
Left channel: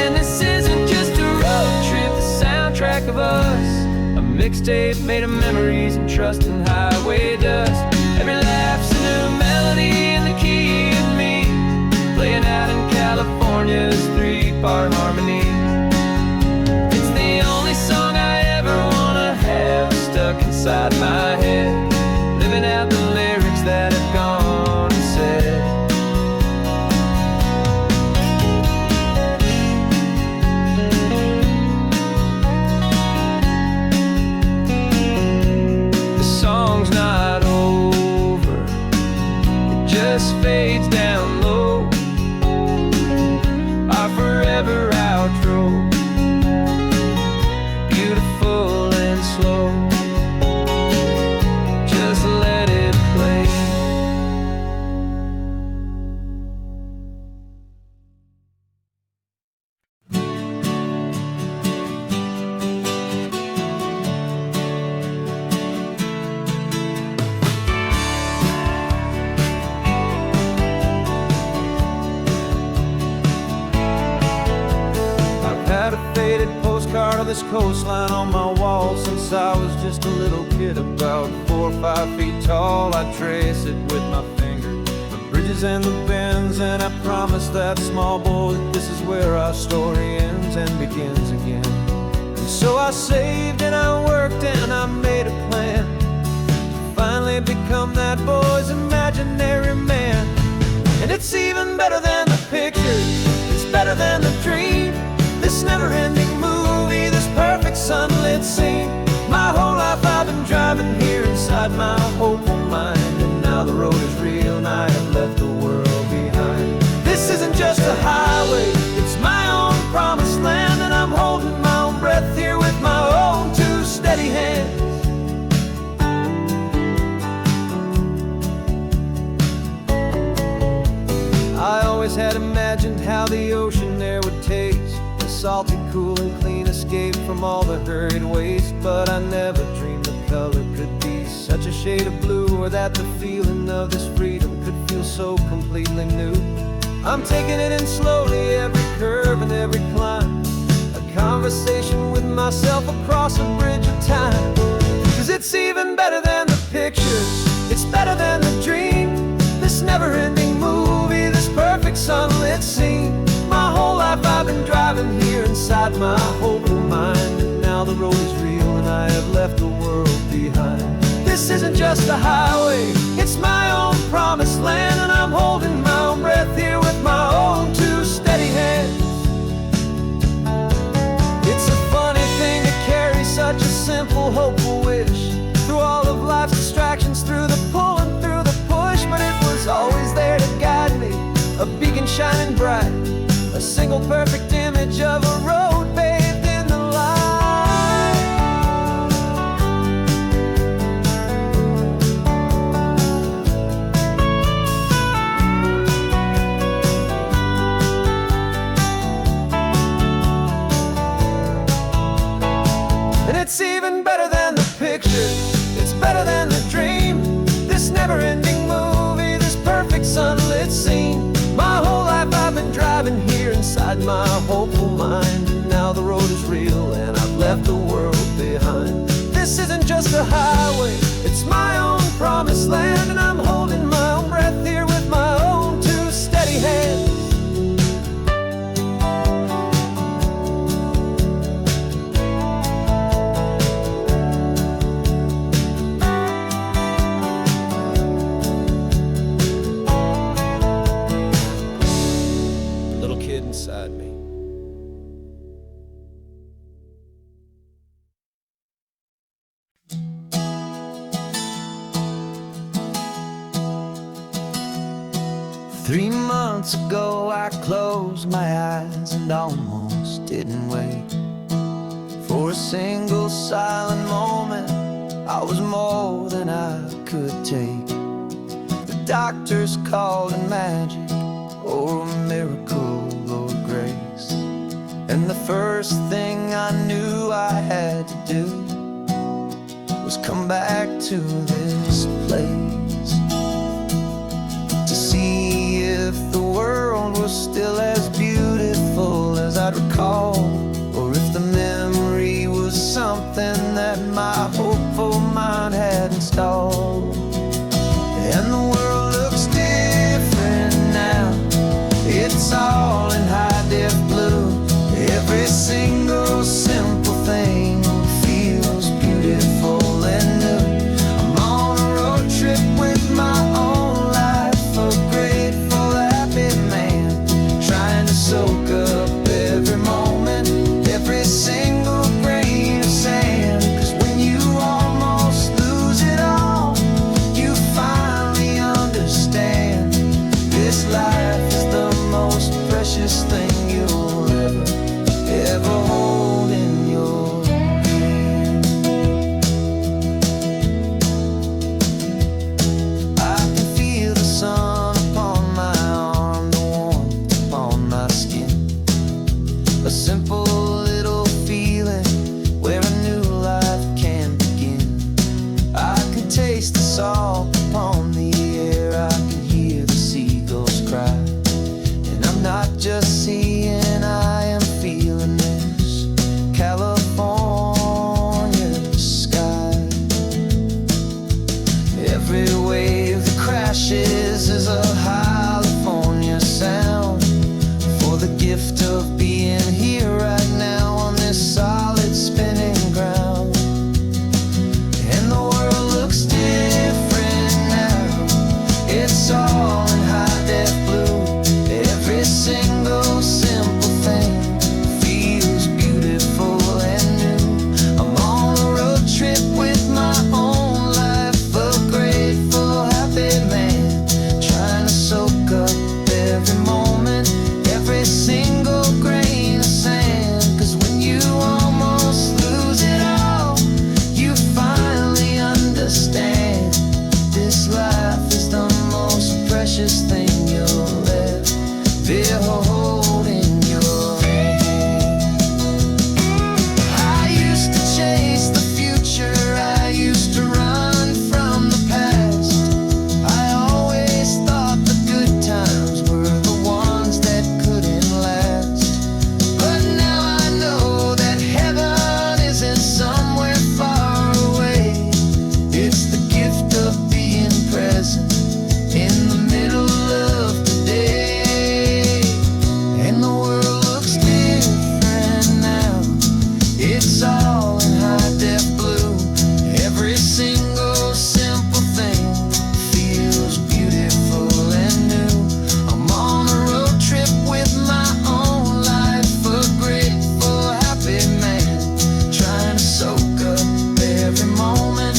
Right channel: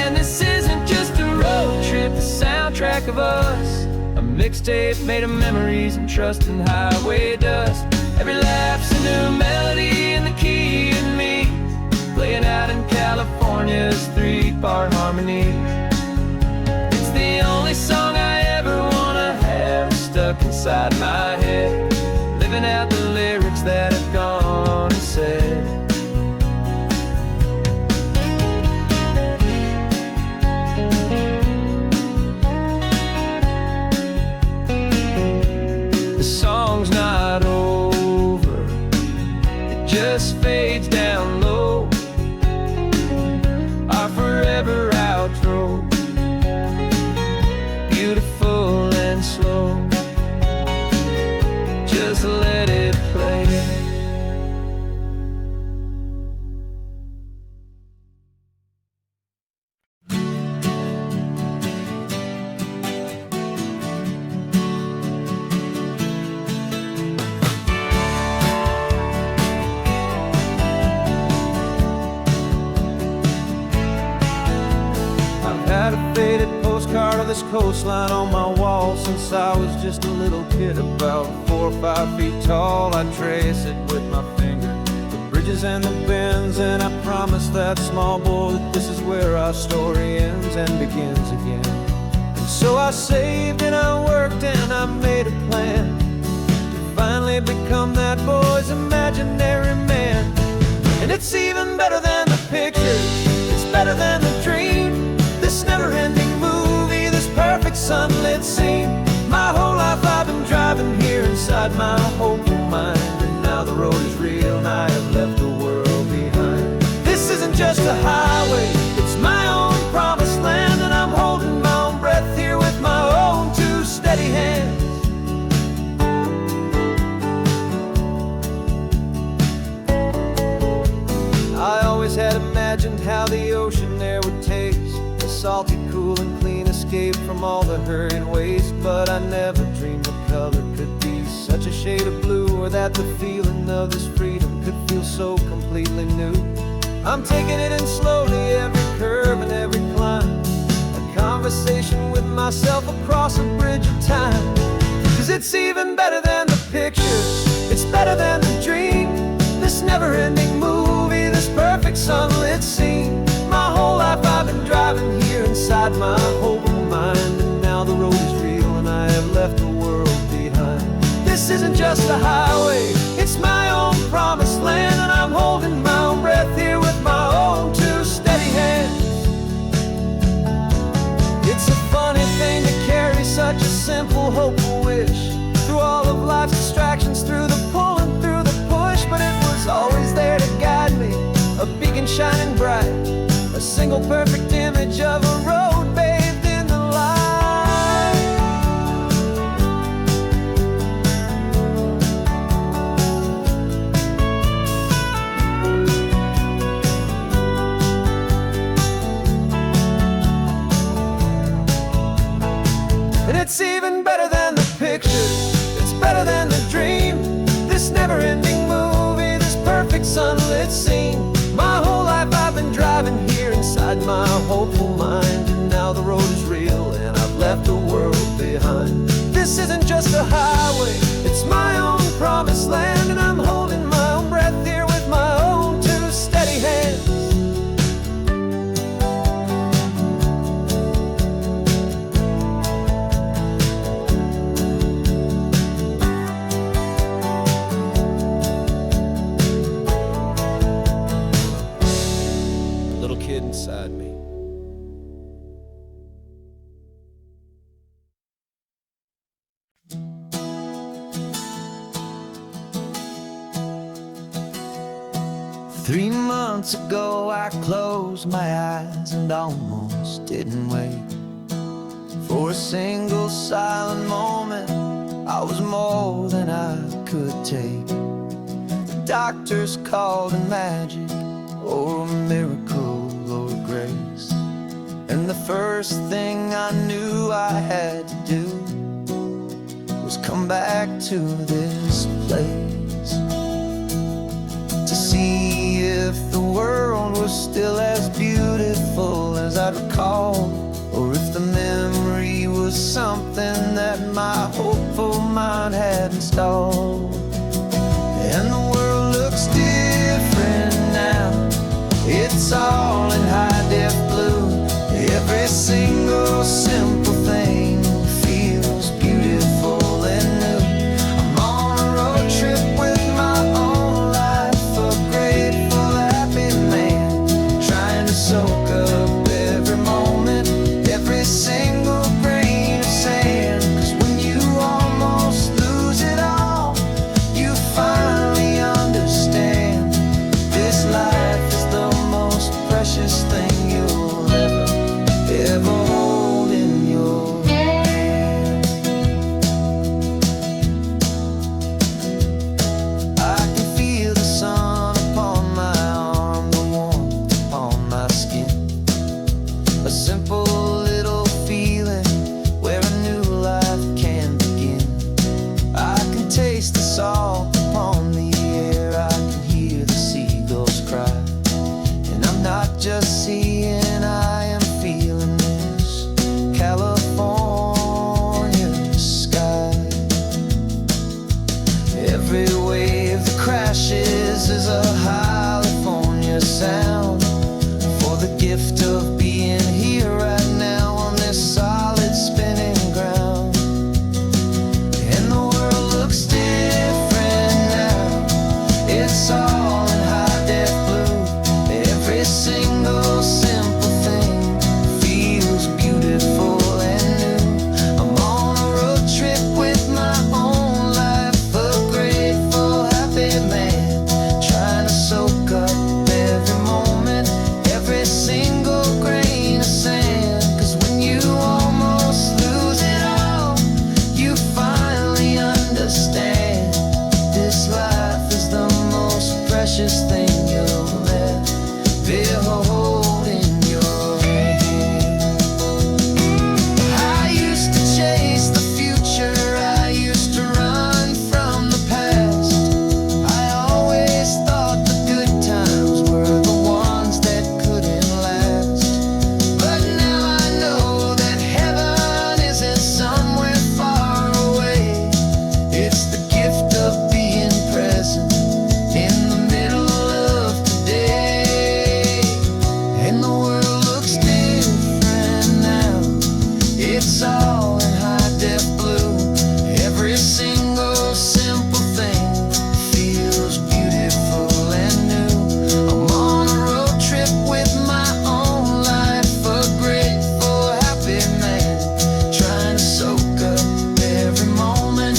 And this isn't just a road trip, the soundtrack of us, a mixtape made of memories and trust in highway dust. Every laugh's a new melody in the key and me, playing out in California's three-part harmony. It's the only song I ever wanna have stuck inside my head, living out the lyrics that have gone unsaid. The song's not over, it just fades down low, our forever outro, beautiful and slow. postcard of this coastline on my wall since I was just a little kid, about 4 or 5 feet tall. I trace it with my finger, the bridges and the bends, and I promise that small boy that this is where our story ends and begins again. And so I saved and I worked and I made a plan to finally become that boy's imaginary man. And it's even better than the pictures, it's better than the dream, this never-ending movie, this perfect sunlit scene. My whole life I've been driving here inside my hopeful mind, and now the road is real and I have left the world behind. This isn't just a highway, it's my own promised land, and I'm holding my own breath here with my own 2 steady hands. I always had imagined how the ocean there would taste, a salty, cool and clean escape from all the hurried waste. But I never dreamed the color could be such a shade of blue, or that the feeling of this freedom could feel so completely new. I'm taking it in slowly, every curve and every climb, a conversation with myself across a bridge of time. 'Cause it's even better than the pictures, it's better than the dream, this never-ending movie, this perfect sunlit scene. My whole life I've been driving here inside my hopeful mind, and now the road is real and I have left the world behind. This isn't just a highway, it's my own promised land, and I'm holding my own breath here with my own 2 steady hands. It's a funny thing to carry such a simple, hopeful wish through all of life's distractions, through the pull and through the push, but it was always there to guide me, a beacon shining bright, a single perfect image of a road bathed in the light. And it's even better than the pictures, it's better than the dream, this never-ending movie, this perfect sunlit scene. My whole life I've been driving here inside my hopeful mind, and now the road is real and I've left the world behind. This isn't just a highway, it's my own promised land, and I'm holding my own breath here with my own 2 steady hands. Little kid inside me. Three months ago I closed my eyes and almost didn't wake. For a single silent moment, I was more than I could take. The doctors called it magic, or a miracle, or grace. And the first thing I knew I had to do was come back to this place, to see if the world was still as beautiful as I'd recall, or if the memory was something that my hopeful mind had installed. And the world looks different now, it's all in high-def blue. Every single simple thing feels beautiful and new. I'm on a road trip with my own life, a grateful, happy man, trying to soak up every moment, every single grain of sand. 'Cause when you almost lose it all, you finally understand this life is the most precious thing you'll ever hold. gift of being here right now on this solid spinning ground. And the world looks different now. It's all in high def blue. Every single simple thing feels beautiful and new. I'm on a road trip with my own life, a grateful, happy man, trying to soak up every moment, every single grain of sand. 'Cause when you almost lose it all, you finally understand this life is the most precious thing you'll ever hold in your hand. I used to chase the future, I used to run from the past. I always thought the good times were the ones that couldn't last. But now I know that heaven isn't somewhere far away. It's the gift of being present in the middle of today. And the world looks different now. It's all in high def blue. Every single simple thing feels beautiful and new. I'm on a road trip with my own life, a grateful, happy man, trying to soak up every moment,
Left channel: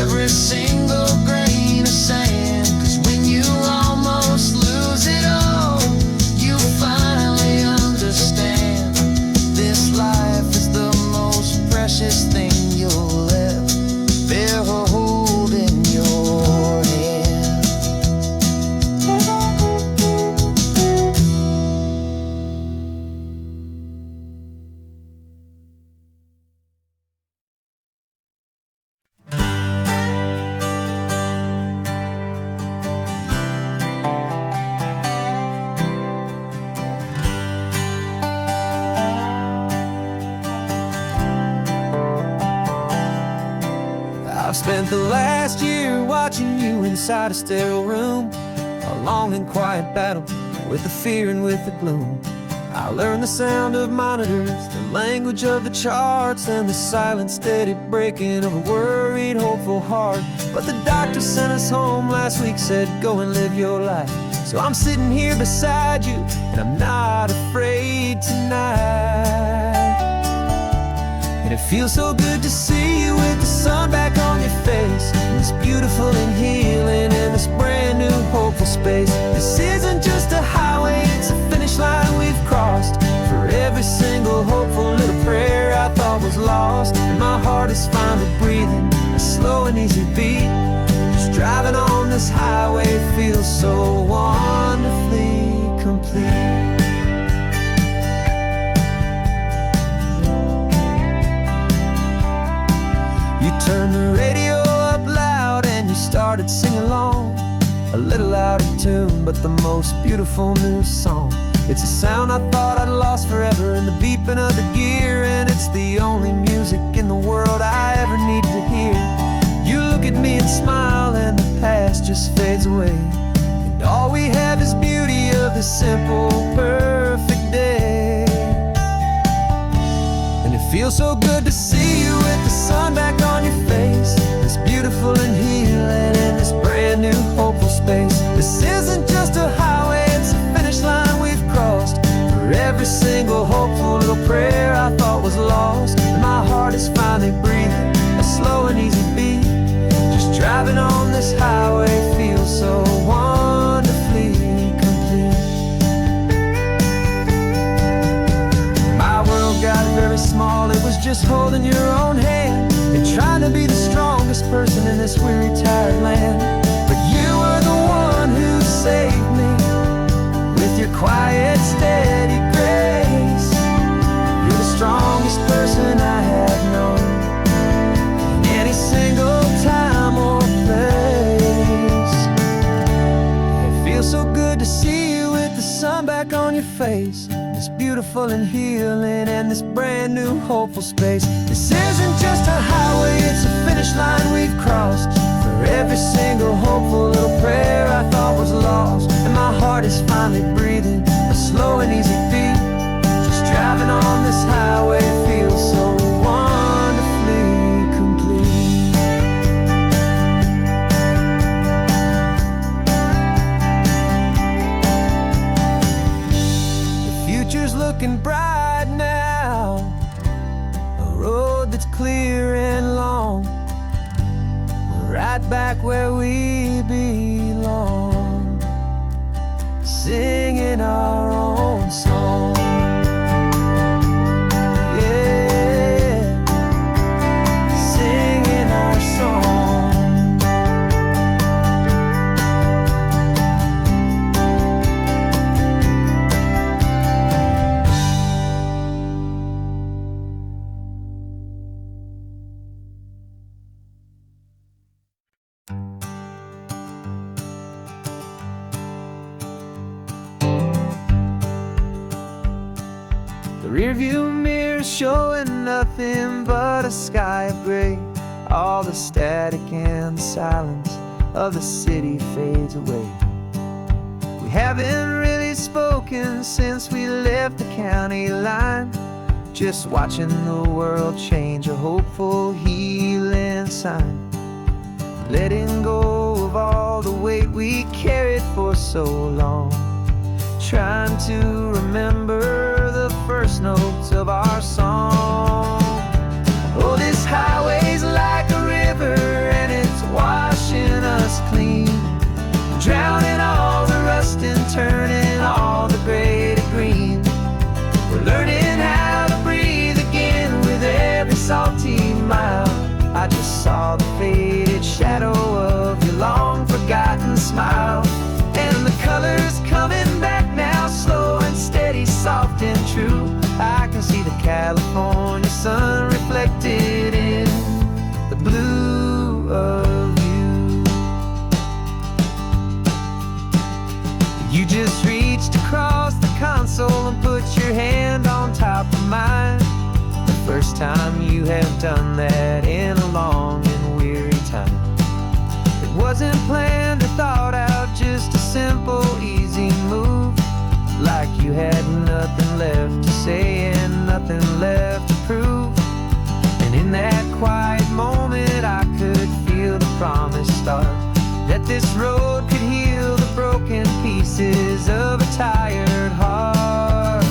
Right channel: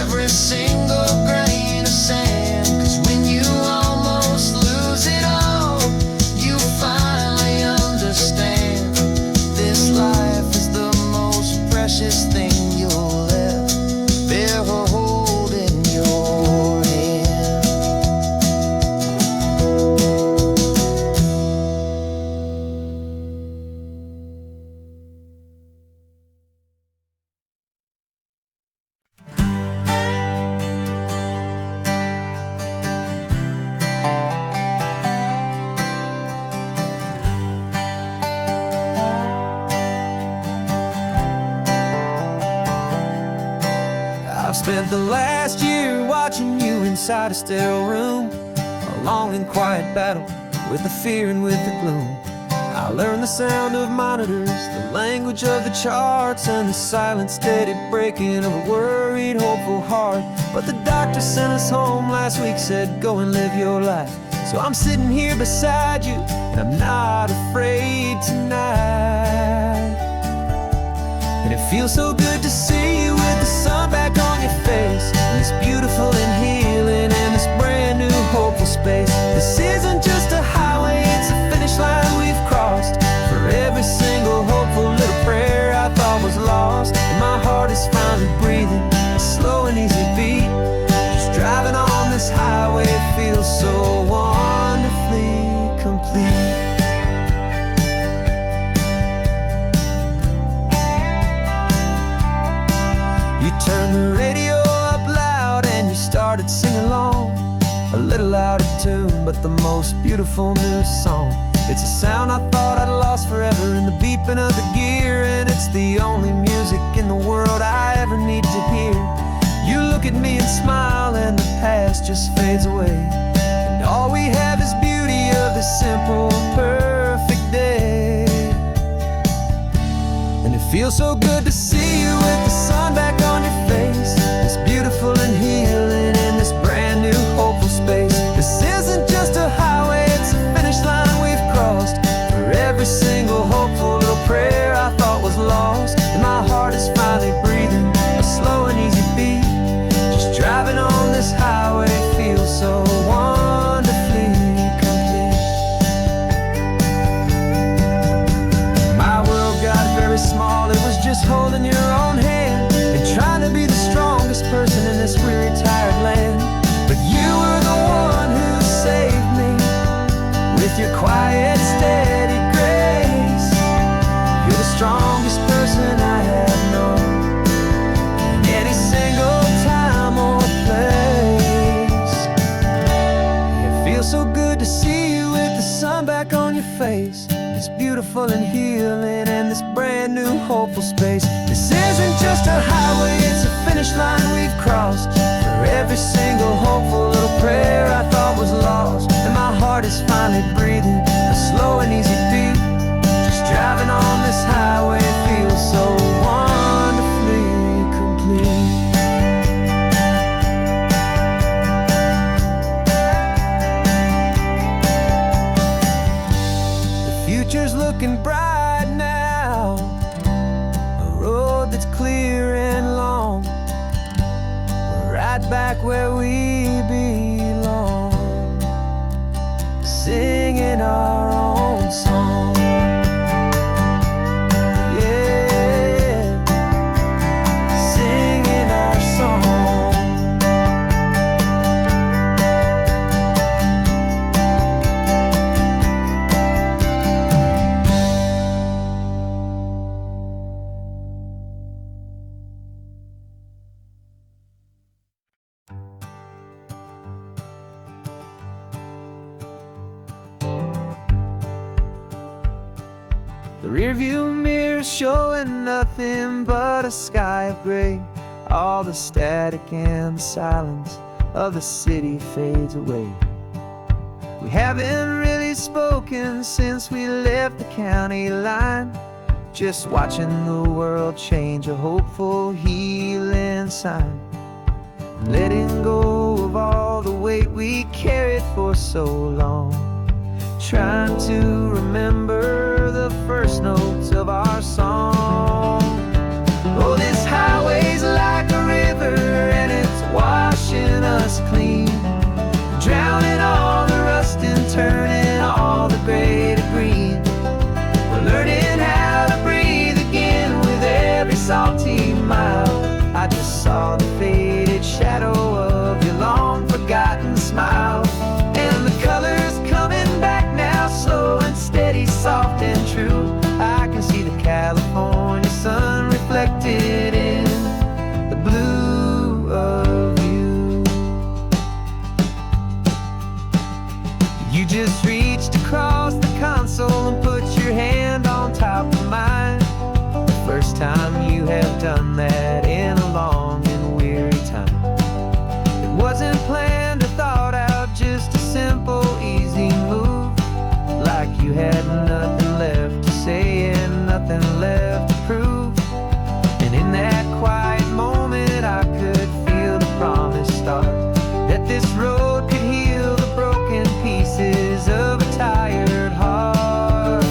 every single grain of sand. 'Cause when you almost lose it all, you finally understand this life is the most precious thing you'll ever hold in your hand. I've spent the last year watching you inside a sterile room, a long and quiet battle with the fear and with the gloom. I learned the sound of monitors, the language of the charts, and the silent, steady breaking of a worried, hopeful heart. But the doctor sent us home last week, said, go and live your life. So I'm sitting here beside you, and I'm not afraid tonight. And it feels so good to see you with the sun back on your face, and this beautiful and healing in this brand new hopeful space. This isn't just a highway, it's a finish line we've crossed. For every single hopeful little prayer I thought was lost, and my heart is finally breathing a slow and easy beat. Just driving on this highway feels so wonderfully complete. You turned the radio up loud and you started singing along, a little out of tune, but the most beautiful new song. It's a sound I thought I'd lost forever in the beeping of the gear, and it's the only music in the world I ever need to hear. You look at me and smile and the past just fades away, and all we have is beauty of this simple, perfect day. And it feels so good to see you with the sun back on your face, this beautiful and healing in this brand new hopeful space. This isn't just a highway, it's a finish line we've crossed. For every single hopeful little prayer I thought was lost, and my heart is finally breathing a slow and easy beat. Just driving on this highway feels so wonderfully complete. My world got very small, it was just holding your own hand and trying to be the strongest person in this weary, tired land. But you were the one who saved me with your quiet, steady grace. You're the strongest person I have known in any single time or place. It feels so good to see you with the sun back on your face, this beautiful and healing and this brand new hopeful space. This isn't just a highway, it's a finish line we've crossed. For every single hopeful little prayer I thought was lost, and my heart is finally breathing a slow and easy beat. Driving on this highway feels so wonderfully complete. The future's looking bright now, a road that's clear and long. We're right back where we belong, singing our own song. The rearview mirror's showing nothing but a sky of gray. All the static and the silence of the city fades away. We haven't really spoken since we left the county line, just watching the world change, a hopeful healing sign. Letting go of all the weight we carried for so long, trying to remember the first notes of our song. Oh, this highway's like a river and it's washing us clean, drowning all the rust and turning all the gray to green. We're learning how to breathe again with every salty mile. I just saw the faded shadow of your long forgotten smile, and the colors coming back now, slow and steady, soft and true. I can see the California sun reflected in the blue of you. You just reached across the console and put your hand on top of mine. The first time you have done that in a long and weary time. It wasn't planned or thought out, just a simple, easy move. Like you had nothing left to say and nothing left to prove. And in that quiet moment I could feel the promise start, that this road could heal the broken pieces of a tired heart.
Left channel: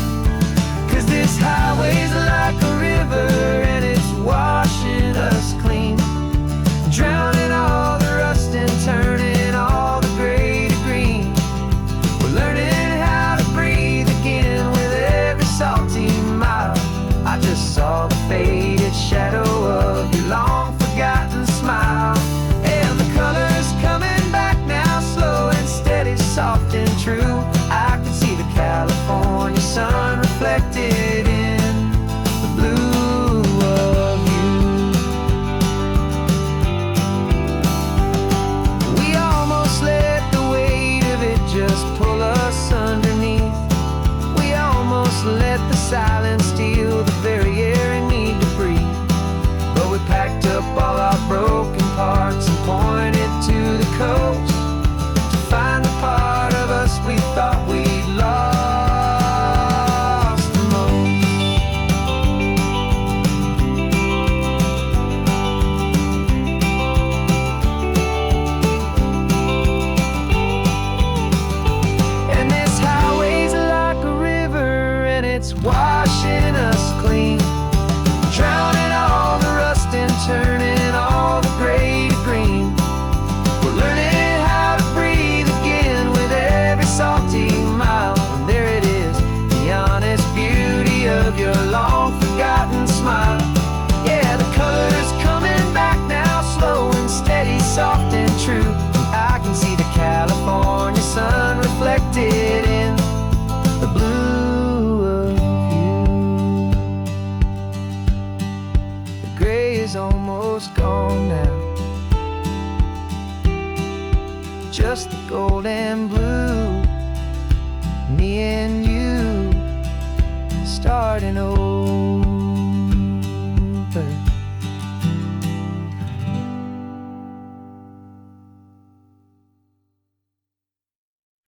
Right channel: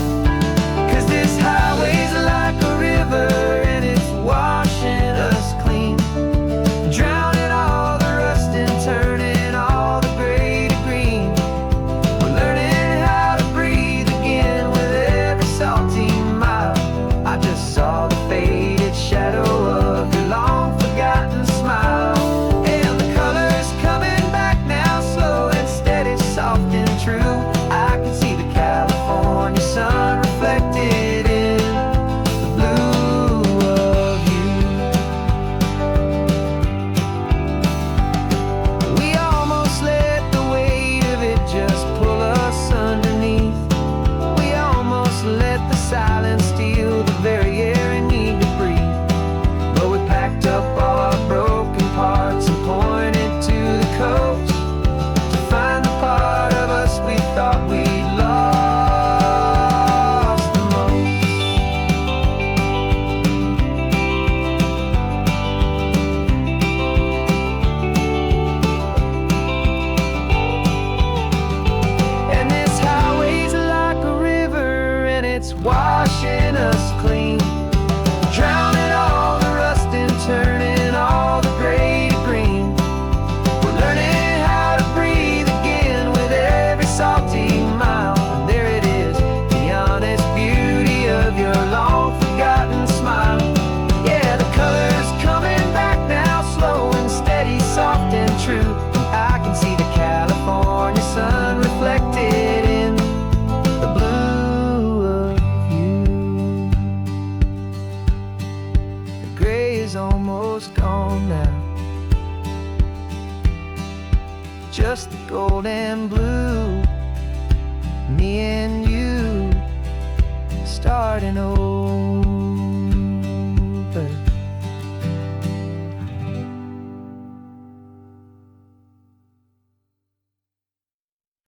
'Cause this highway's like a river and it's washing us clean, drowning all the rust and turning all the gray to green. We're learning how to breathe again with every salty mile. I just saw the faded shadow of your long forgotten smile, and the colors coming back now, slow and steady, soft and true. I can see the California sun reflected in the blue of you. We almost let the weight of it just pull us underneath. We almost let the silence steal the very air we need to breathe. But we packed up all our broken parts and pointed to the coast to find the part of us we thought we'd lost the most. And this highway's like a river and it's washing us clean, drowning all the rust and turning all the gray to green. We're learning how to breathe again with every salty mile. And there it is, the honest beauty of your long forgotten smile. Yeah, the colors coming back now, slow and steady, soft and true. I can see the California sun reflected in the blue of you. The gray is almost gone now, just the gold and blue. Me and you starting over.